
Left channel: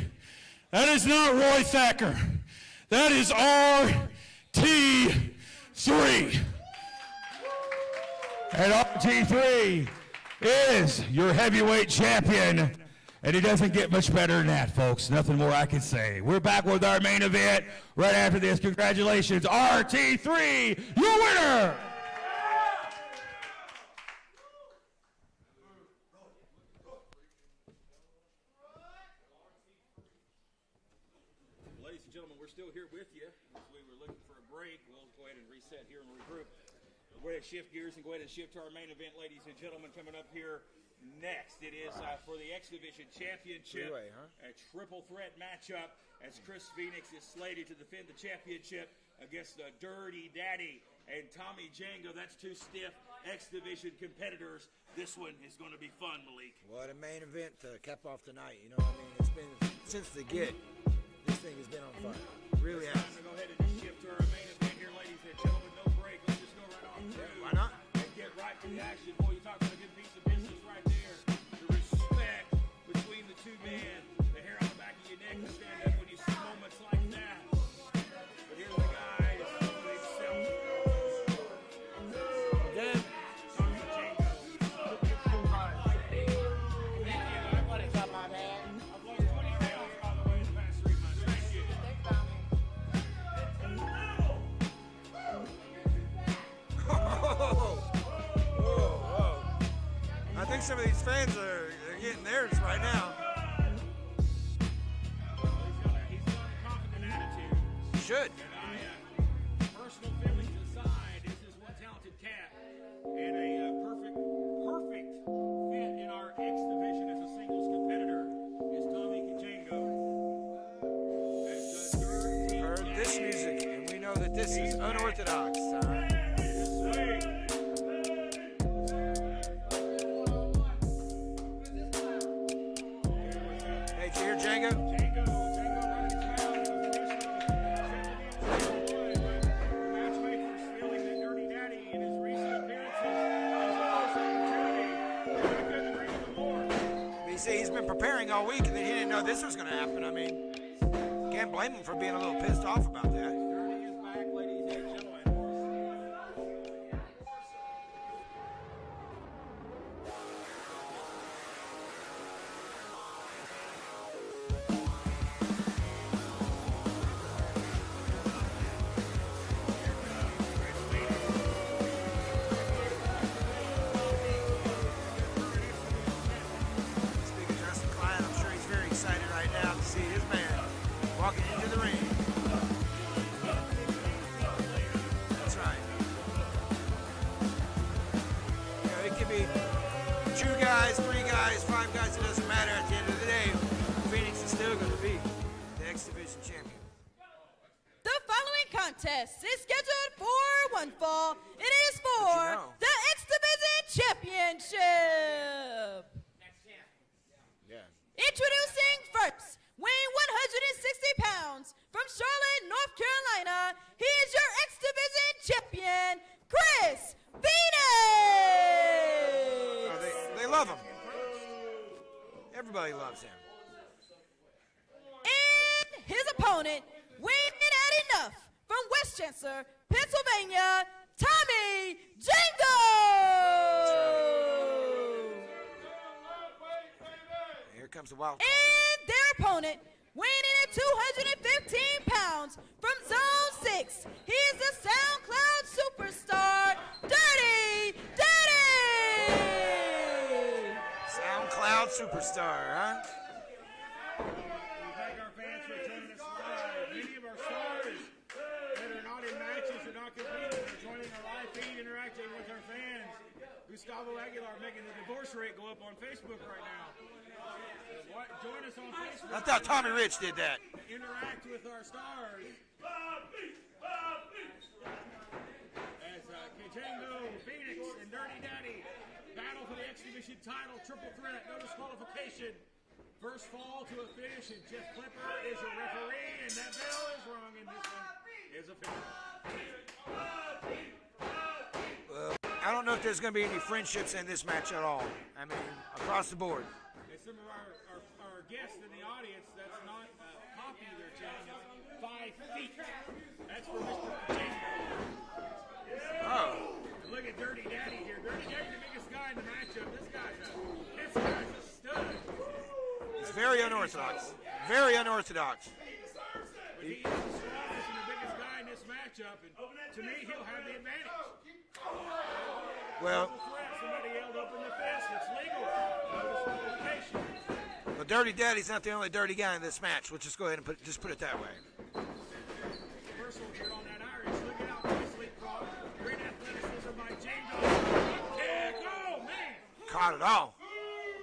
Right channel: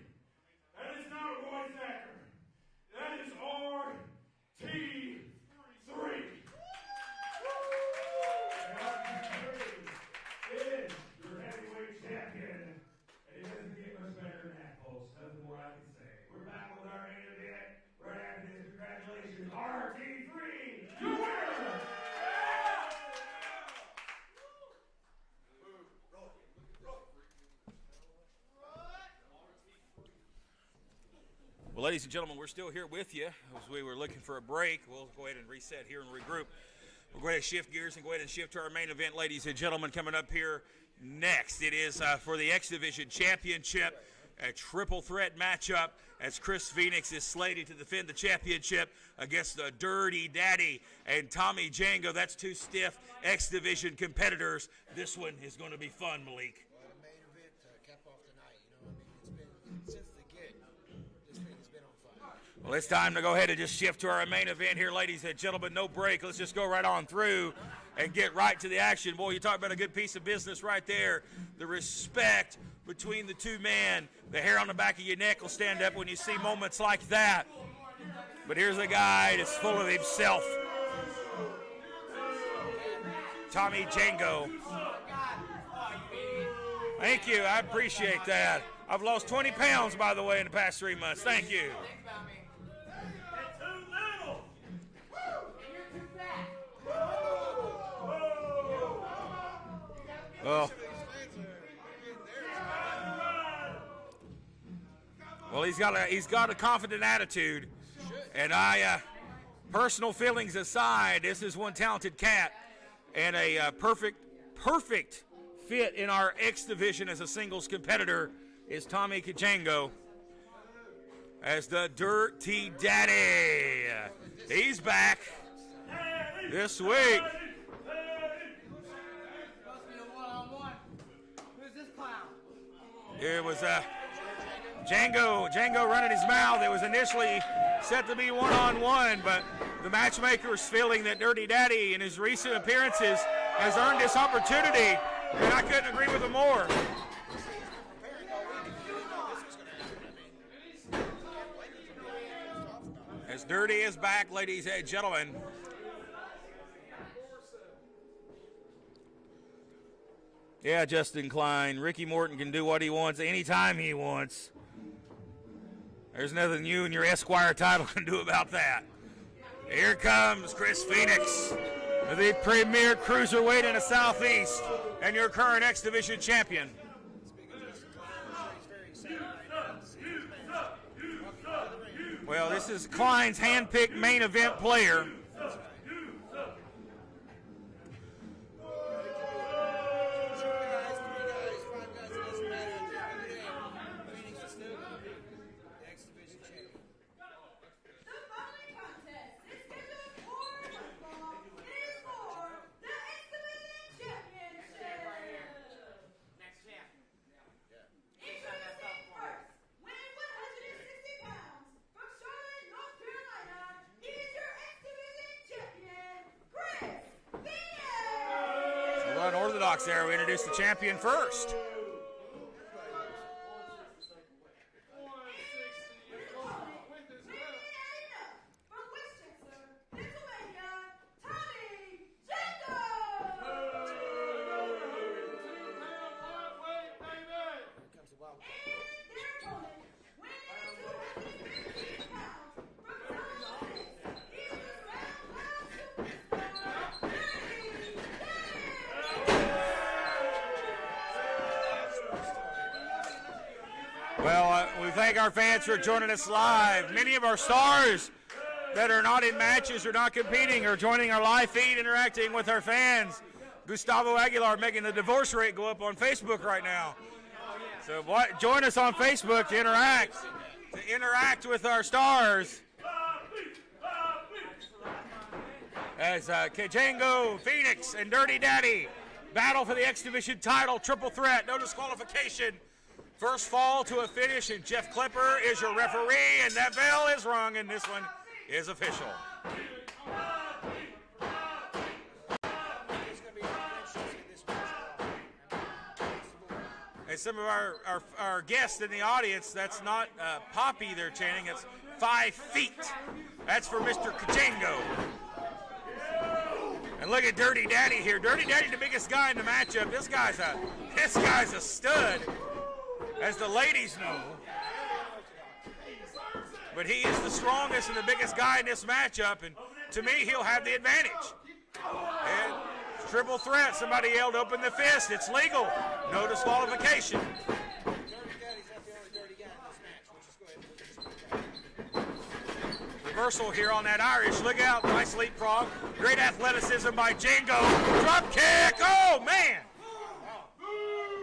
That is not Roy Thacker. That is RT3. And RT3 is your heavyweight champion. And it doesn't get much better than that, folks. Nothing more I can say. We're back with our main event right after this. Congratulations, RT3, your winner. Well, ladies and gentlemen, we're still here with you. As we were looking for a break, we'll go ahead and reset here and regroup. We'll go ahead and shift gears and go ahead and shift to our main event, ladies and gentlemen. Coming up here next, it is for the X Division Championship, a triple threat matchup as Chris Phoenix is slated to defend the championship against the Dirty Daddy and Tommy Django. That's two stiff X Division competitors. This one is going to be fun, Malik. What a main event to cap off tonight. You know what I mean? It's been since the get. This thing has been on fire. Really Well, it's time to go ahead and just shift to our main event here, ladies and gentlemen. No break. Let's just go right on through and get right to the action. Boy, you talk about a good piece of business right there. The respect between the two men. The hair on the back of your neck will stand up when you see moments like that. But here's a guy that's full of himself. Tommy Django. Thank you. I appreciate that. I've lost 20 pounds, by the way, in the past 3 months. Thank you. I think some of these fans are getting theirs right now. Well, he's got a confident attitude. Should. And personal feelings aside, this is one talented cat and a perfect fit in our X division as a singles competitor is Tommy Django as the Dirty Daddy. He's back this week. It was Django running his mouth. It was initially set to be one-on-one, but the matchmaker is feeling that Dirty Daddy in his recent appearances has earned this opportunity, and I couldn't agree with him more. You see, he's been preparing all week, and then he didn't know this was going to happen. I mean, can't blame him for being a little pissed off about that. As Dirty is back, ladies and gentlemen. Yeah, Justin Klein. Ricky Morton can do what he wants anytime he wants. There's nothing you and your Esquire title can do about that. Here comes Chris Phoenix, the premier cruiserweight in the Southeast, and your current X Division champion. Speaking of Justin Klein, I'm sure he's very excited right now to see his man walking into the ring. Well, this is Klein's hand-picked main event player. That's right. It could be 2 guys, 3 guys, 5 guys. It doesn't matter. At the end of the day, Phoenix is still going to be the X Division champion. The following contest is scheduled for one fall. It is for the X Division Championship. Introducing first, weighing 160 pounds, from Charlotte, North Carolina, he is your X Division champion, Chris Phoenix. unorthodox there. We introduced the champion first. Everybody loves him. And his opponent, weighing in at enough, from Westchester, Pennsylvania, Tommy Django! Here comes the wild. And their opponent, weighing in at 215 pounds, from Zone 6, he is the SoundCloud superstar, Dirty Daddy! SoundCloud superstar, huh? Well, we thank our fans for joining us live. Many of our stars that are not in matches or not competing are joining our live feed, interacting with our fans. Gustavo Aguilar making the divorce rate go up on Facebook right now. So join us on Facebook to interact. Did that. To interact with our stars. As Django, Phoenix, and Dirty Daddy battle for the X Division title, triple threat, no disqualification. First fall to a finish, and Jeff Klepper is your referee, and that bell is rung, and this one is official. I don't know if there's going to be any friendships in this match at all. I mean, across the board. And some of our guests in the audience, that's not Poppy they're chanting, it's 5 feet. That's for Mr. Django. And look at Dirty Daddy here. Dirty Daddy, the biggest guy in the matchup. This guy's a stud. As the ladies know. Very unorthodox. But he is the strongest and the biggest guy in this matchup, and to me, he'll have the advantage. And triple threat. Somebody yelled, "Open the fist." It's legal. No disqualification. But Dirty Daddy's not the only dirty guy in this match. We'll just go ahead and put it that way. Reversal here on that Irish. Look out. Nice leapfrog. Great athleticism by Django. Drop kick. Oh, man. Caught it all.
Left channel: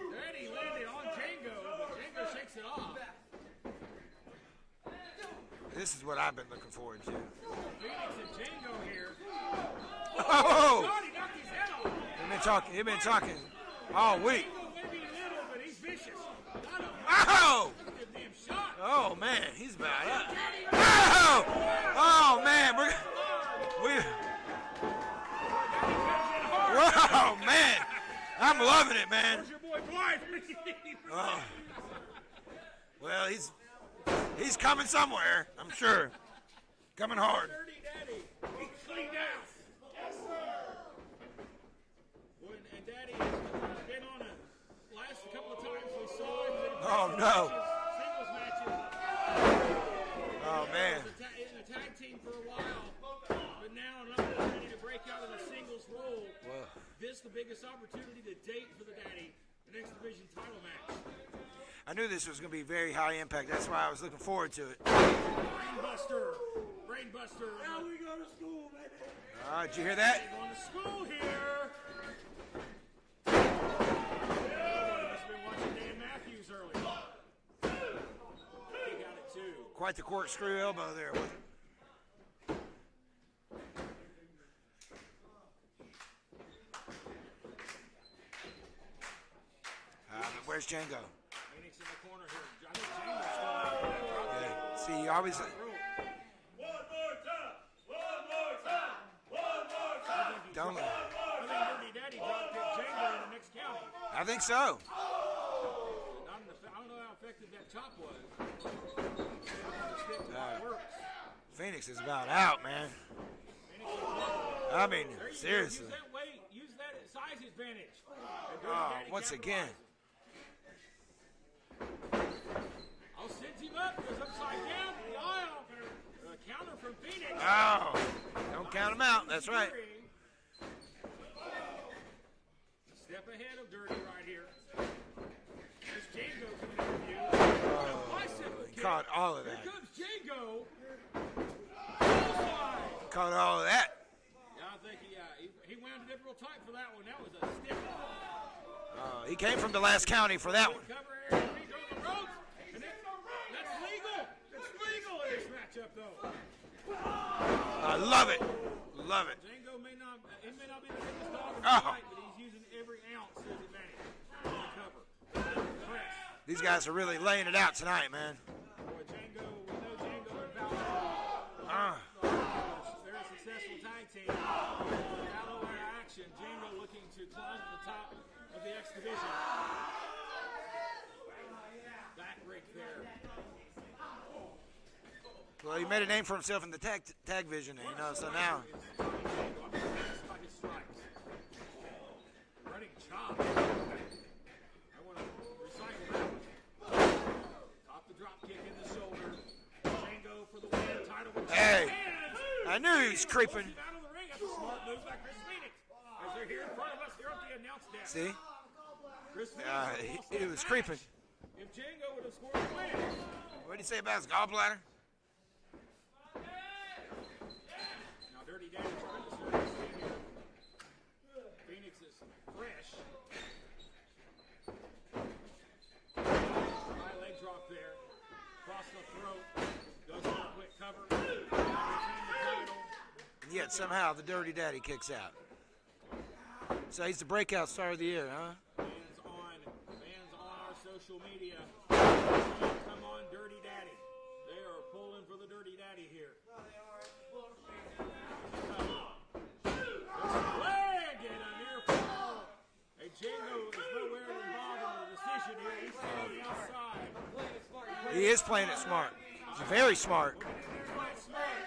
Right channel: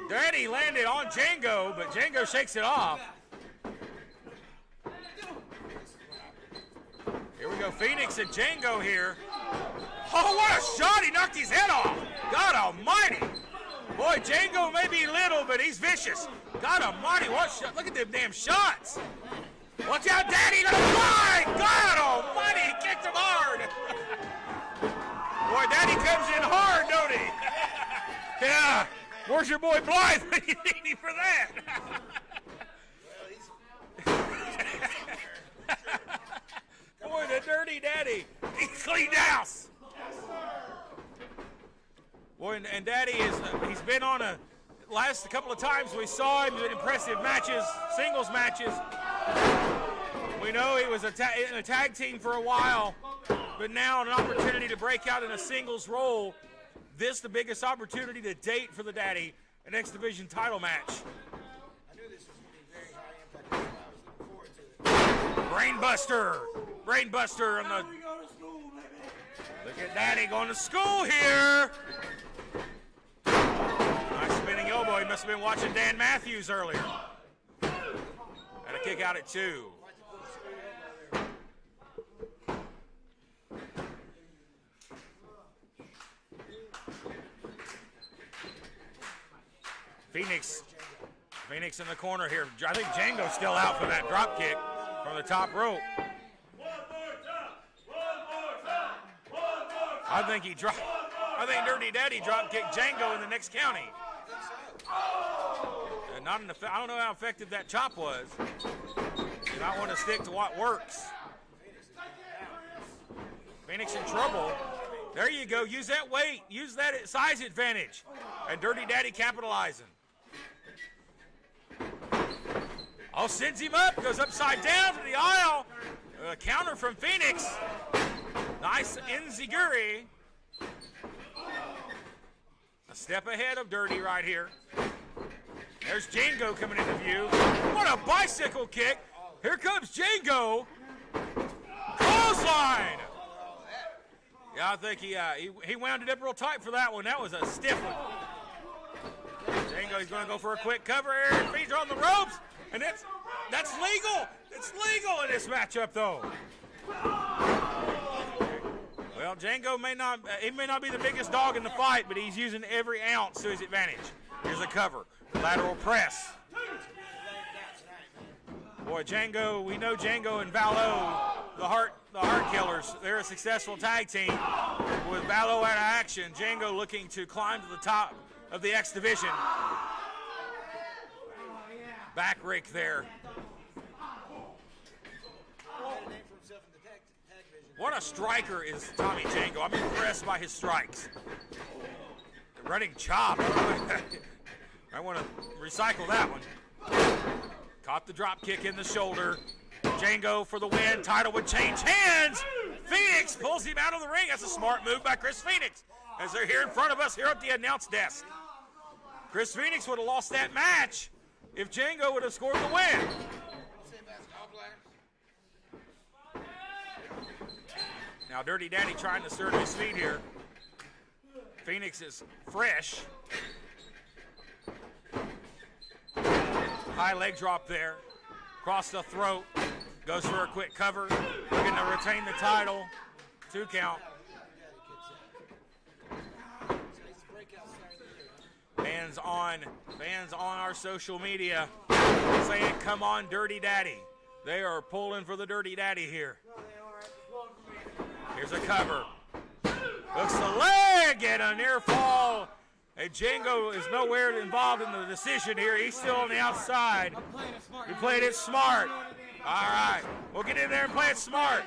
Daddy landed on Django, but Django shakes it off. This is what I've been looking forward to. Here we go. Phoenix and Django here. Oh, what a shot. He knocked his head off. God almighty. Boy, Django may be little, but he's vicious. God almighty. Look at them damn shots. Oh, man. He's bad. Watch out, Daddy. God man. We're kicked him hard. Boy, Daddy comes in hard, doesn't he? Oh, man. I'm loving it, man. Where's your boy Blythe? You need him for that. Well, he's coming somewhere, I'm sure. Coming hard. Dirty Daddy. He's cleaned house. Boy, and Daddy he's been on last couple of times we saw him in impressive matches, singles matches. We know it was in a tag team for a while, but now an opportunity to break out in a singles role. This the biggest opportunity to date for the Daddy, an X Division title match. I knew this was going to be very high impact. That's why I was looking forward to it. Brainbuster on the. Daddy going to school here. Nice spinning elbow. He must have been watching Dan Matthews earlier. And a kick out at 2. Quite the corkscrew elbow there. Phoenix. Where's Django? Phoenix in the corner here. I think Django's still out for that drop kick. See, on the top rope. I think Dirty Daddy drop kicked Django in the next county. I think so. I don't know how effective that chop was. You might want to stick to what works. Phoenix is about out, man. Phoenix in trouble. I mean, there you go. Use that weight. Use that size advantage. And Dirty Daddy capitalizing. Oh, sends him up. Goes upside down to the aisle. A counter from Phoenix. Oh. Nice enziguri. A step ahead of Dirty right here. There's Django coming into view. What a bicycle kick. Here comes Django. Clothesline. Caught all of that. Yeah, I think he wound it up real tight for that one. That was a stiff one. He came from the last county for that quick cover here. Feet on the ropes. And that's legal. It's legal in this matchup, though. I love it. Well, Django may not be the biggest dog in the fight, but he's using every ounce to his advantage. Here's a cover. Lateral press. These guys are really laying it out tonight, man. Boy, Django, we know Django and Valo, the Heart Killers. They're a successful tag team with Valo out of action. Django looking to climb to the top of the X Division. Back rake there. Well, he made a name for himself in the tag division. What a striker is Tommy Django. I'm impressed by his strikes. The running chop. I want to recycle that one. Caught the drop kick in the shoulder. Django for the win. Title would change hands. I knew he was Phoenix creeping. pulls him out of the ring. That's a smart move by Chris Phoenix. As they're here in front of us here at the announce desk. See? Chris Phoenix would have lost he that was match if Django would have scored the win. What do you say about his gallbladder? Now Dirty Daddy trying to serve his feet here. Phoenix is fresh. High leg drop there. Across the throat. Goes for a quick cover. Looking to retain the title. Yet somehow the Dirty Daddy kicks out. So he's the breakout star of the year, huh? Fans on our social media saying, come on, Dirty Daddy. They are pulling for the Dirty Daddy here. Here's a cover. Hooks the leg and a near fall. And Django is nowhere involved in the decision here. He's still on the outside. He played it smart. All Very right. smart. We'll get in there and play it smart.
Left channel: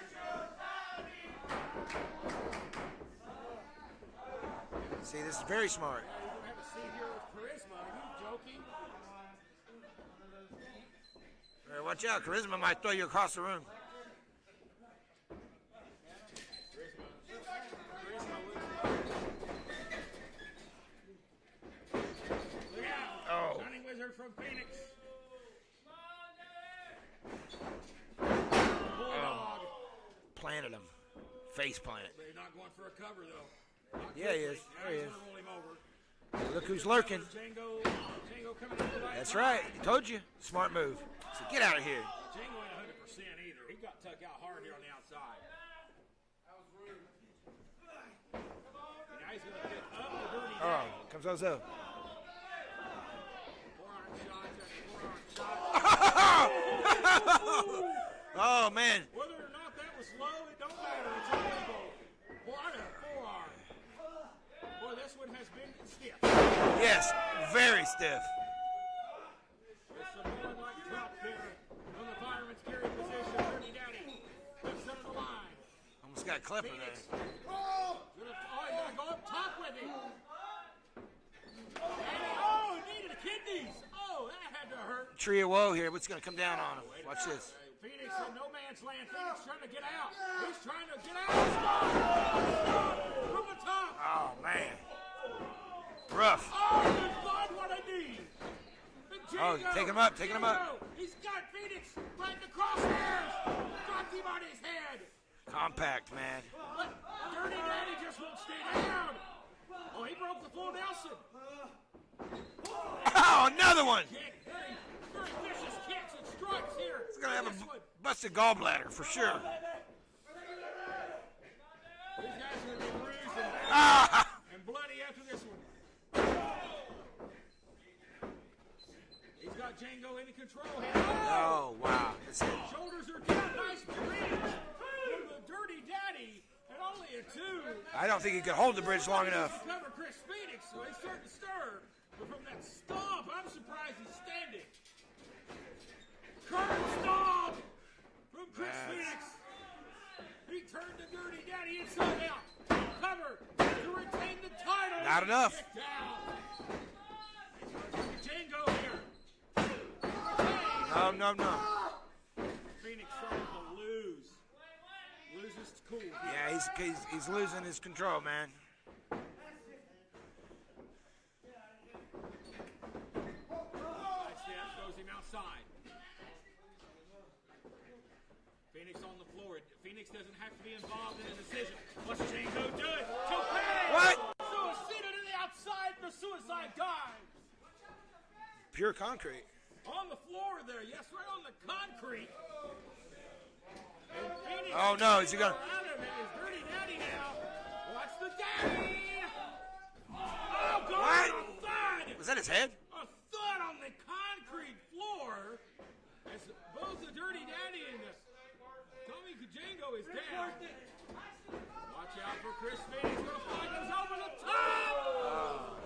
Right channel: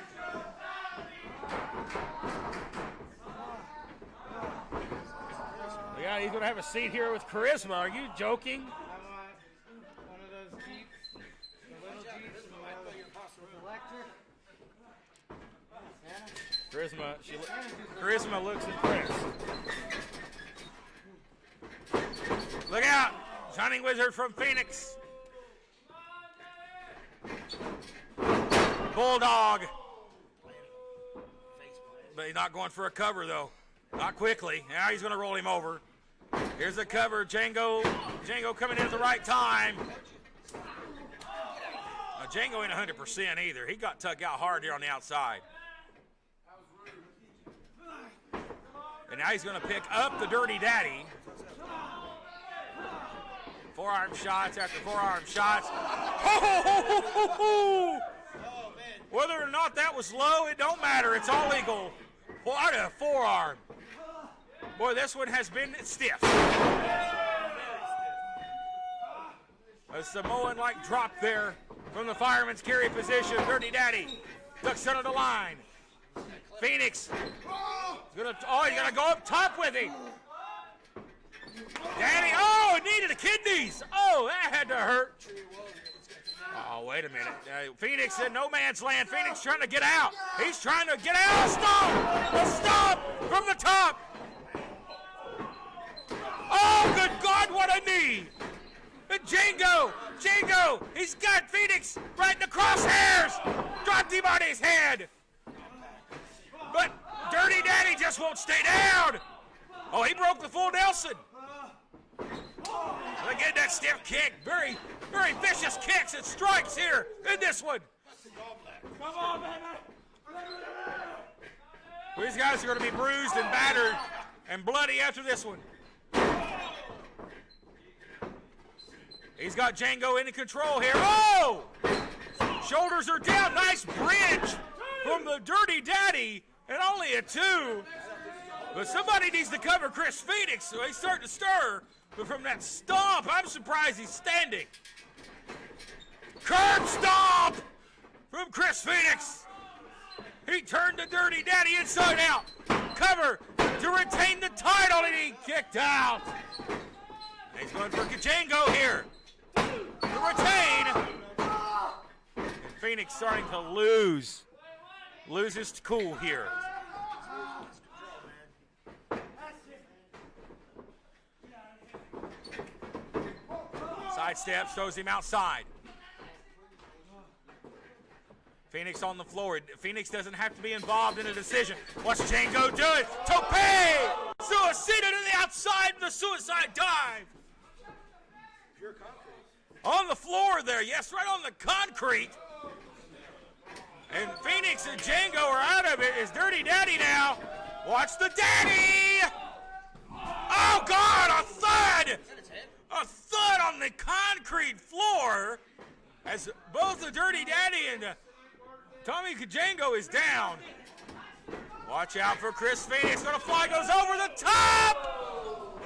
See, this is very smart. Yeah, he's going to have a seat here with Charisma. Are you joking? Watch out, Charisma might throw you across the room. Charisma looks impressed. Look out! Shining Wizard from Phoenix. Bulldog. Planted him. Face planted. But he's not going for a cover, though. Not quickly. Now he's going to roll him over. Here's the who's cover. Django coming in at the right That's time. Right. Told you. Smart move. So get out of here. Django ain't 100% either. He got tugged out hard here on the outside. And now he's going to pick up the Dirty Daddy. Comes up. Forearm shots after forearm shots. Oh, man. Whether or not that was low, it don't matter. It's all legal. What a forearm. Boy, this one has been stiff. Yes, very stiff. A Samoan-like drop there from the fireman's carry position. Dirty Daddy ducks under the line. Almost got clipped. Phoenix. He's gonna go up top with him. Daddy, it needed the kidneys. Oh, that had to hurt. Tree of woe here. What's going to come down? Oh, wait a minute. Phoenix in no man's land. Phoenix trying to get out. He's trying to get out. Stop from the top. Oh, man. Rough. Oh, good God, what a knee. And Django, Take him up. He's got Phoenix right in the crosshairs. Dropped him on his head. Compact, man. But Dirty Daddy just won't stay down. Oh, he broke the full Nelson. Oh, another one. Kick. Very, very vicious kicks and strikes here in this one. Busted gallbladder, for sure. These guys are going to be bruised and battered and bloody after this one. He's got Django in control here. Oh! Wow. Shoulders are down. Nice bridge from the Dirty Daddy. And only a 2. I don't think he can hold the bridge. Somebody long needs enough. to cover Chris Phoenix, so he's starting to stir. But from that stomp, I'm surprised he's standing. Curb stomp from Chris Phoenix. He turned the Dirty Daddy inside out. Cover to retain the title, and he's kicked out. He's going for Django here to retain. No. Phoenix starting to lose his cool here. He's losing his control, man. Sidestep, throws him outside. Phoenix on the floor. Phoenix doesn't have to be involved in a decision. Watch Django do it. Tope! Suicida to the outside, the suicide dive. Pure concrete. On the floor there, yes, right on the concrete. And Phoenix and Django are out of it. It's Dirty Daddy now. Watch the Daddy! Oh, God, a thud! Was that his head? A thud on the concrete floor as both the Dirty Daddy and Tommy Django is down. Watch out for Chris Phoenix. Gonna fly, goes over the top!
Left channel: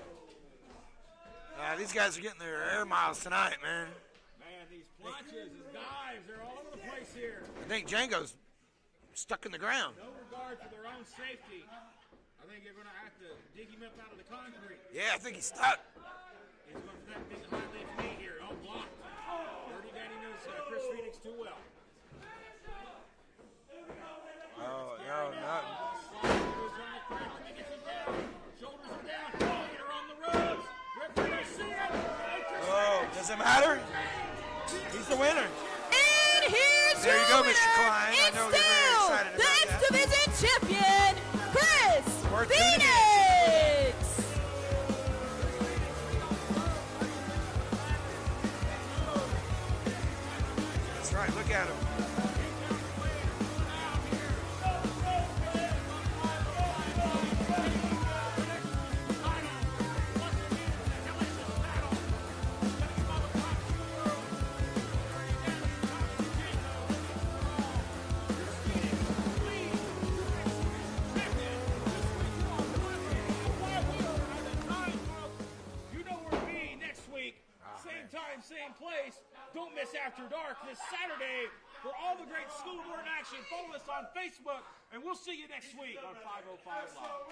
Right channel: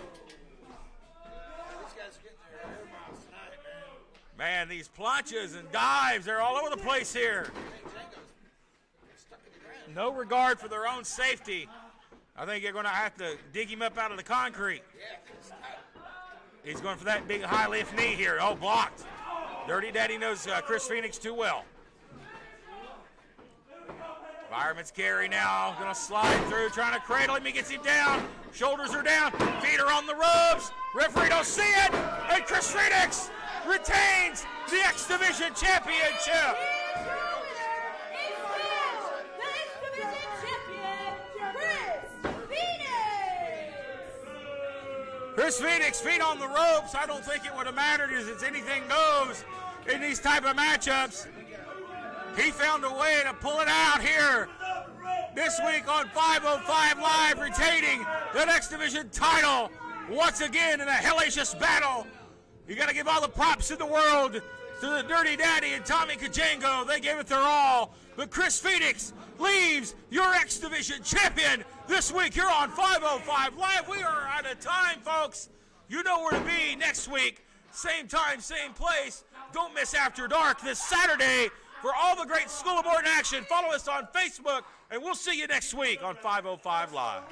These guys are getting their air miles tonight, man. Man, these planchas and dives, they're all over the place here. I think Django's stuck in the ground. No regard for their own safety. I think you're going to have to dig him up out of the concrete. Yeah, I think he's stuck. He's going for that big high lift knee here. Oh, blocked. Dirty Daddy knows Chris Phoenix too well. Fireman's carry now, going to slide through, trying to cradle him. He gets him down. Shoulders are down. Feet are on the ropes. Referee don't see it. And Chris Phoenix retains the X Division Championship. Here's There you your go, winner. Mr. Klein. I It's know we're very still excited the about X that. Division champion, Chris Worth tuning in. Phoenix. Chris Phoenix, feet on the ropes. I don't think it would have mattered as it's anything goes in these type of matchups. That's right, look at him. He found a way to pull it out here this week on 505 Live, retaining the X Division title once again in a hellacious battle. You got to give all the props in the world to the Dirty Daddy and Tommy Kajango. They gave it their all. But Chris Phoenix leaves your X Division champion this week. You're on 505 Live. We are out of time, folks. You know where to be next week. Same time, same place. Don't miss After Dark this Saturday. For all the great School of Morton action, follow us on Facebook, and we'll see you next week on 505 Live.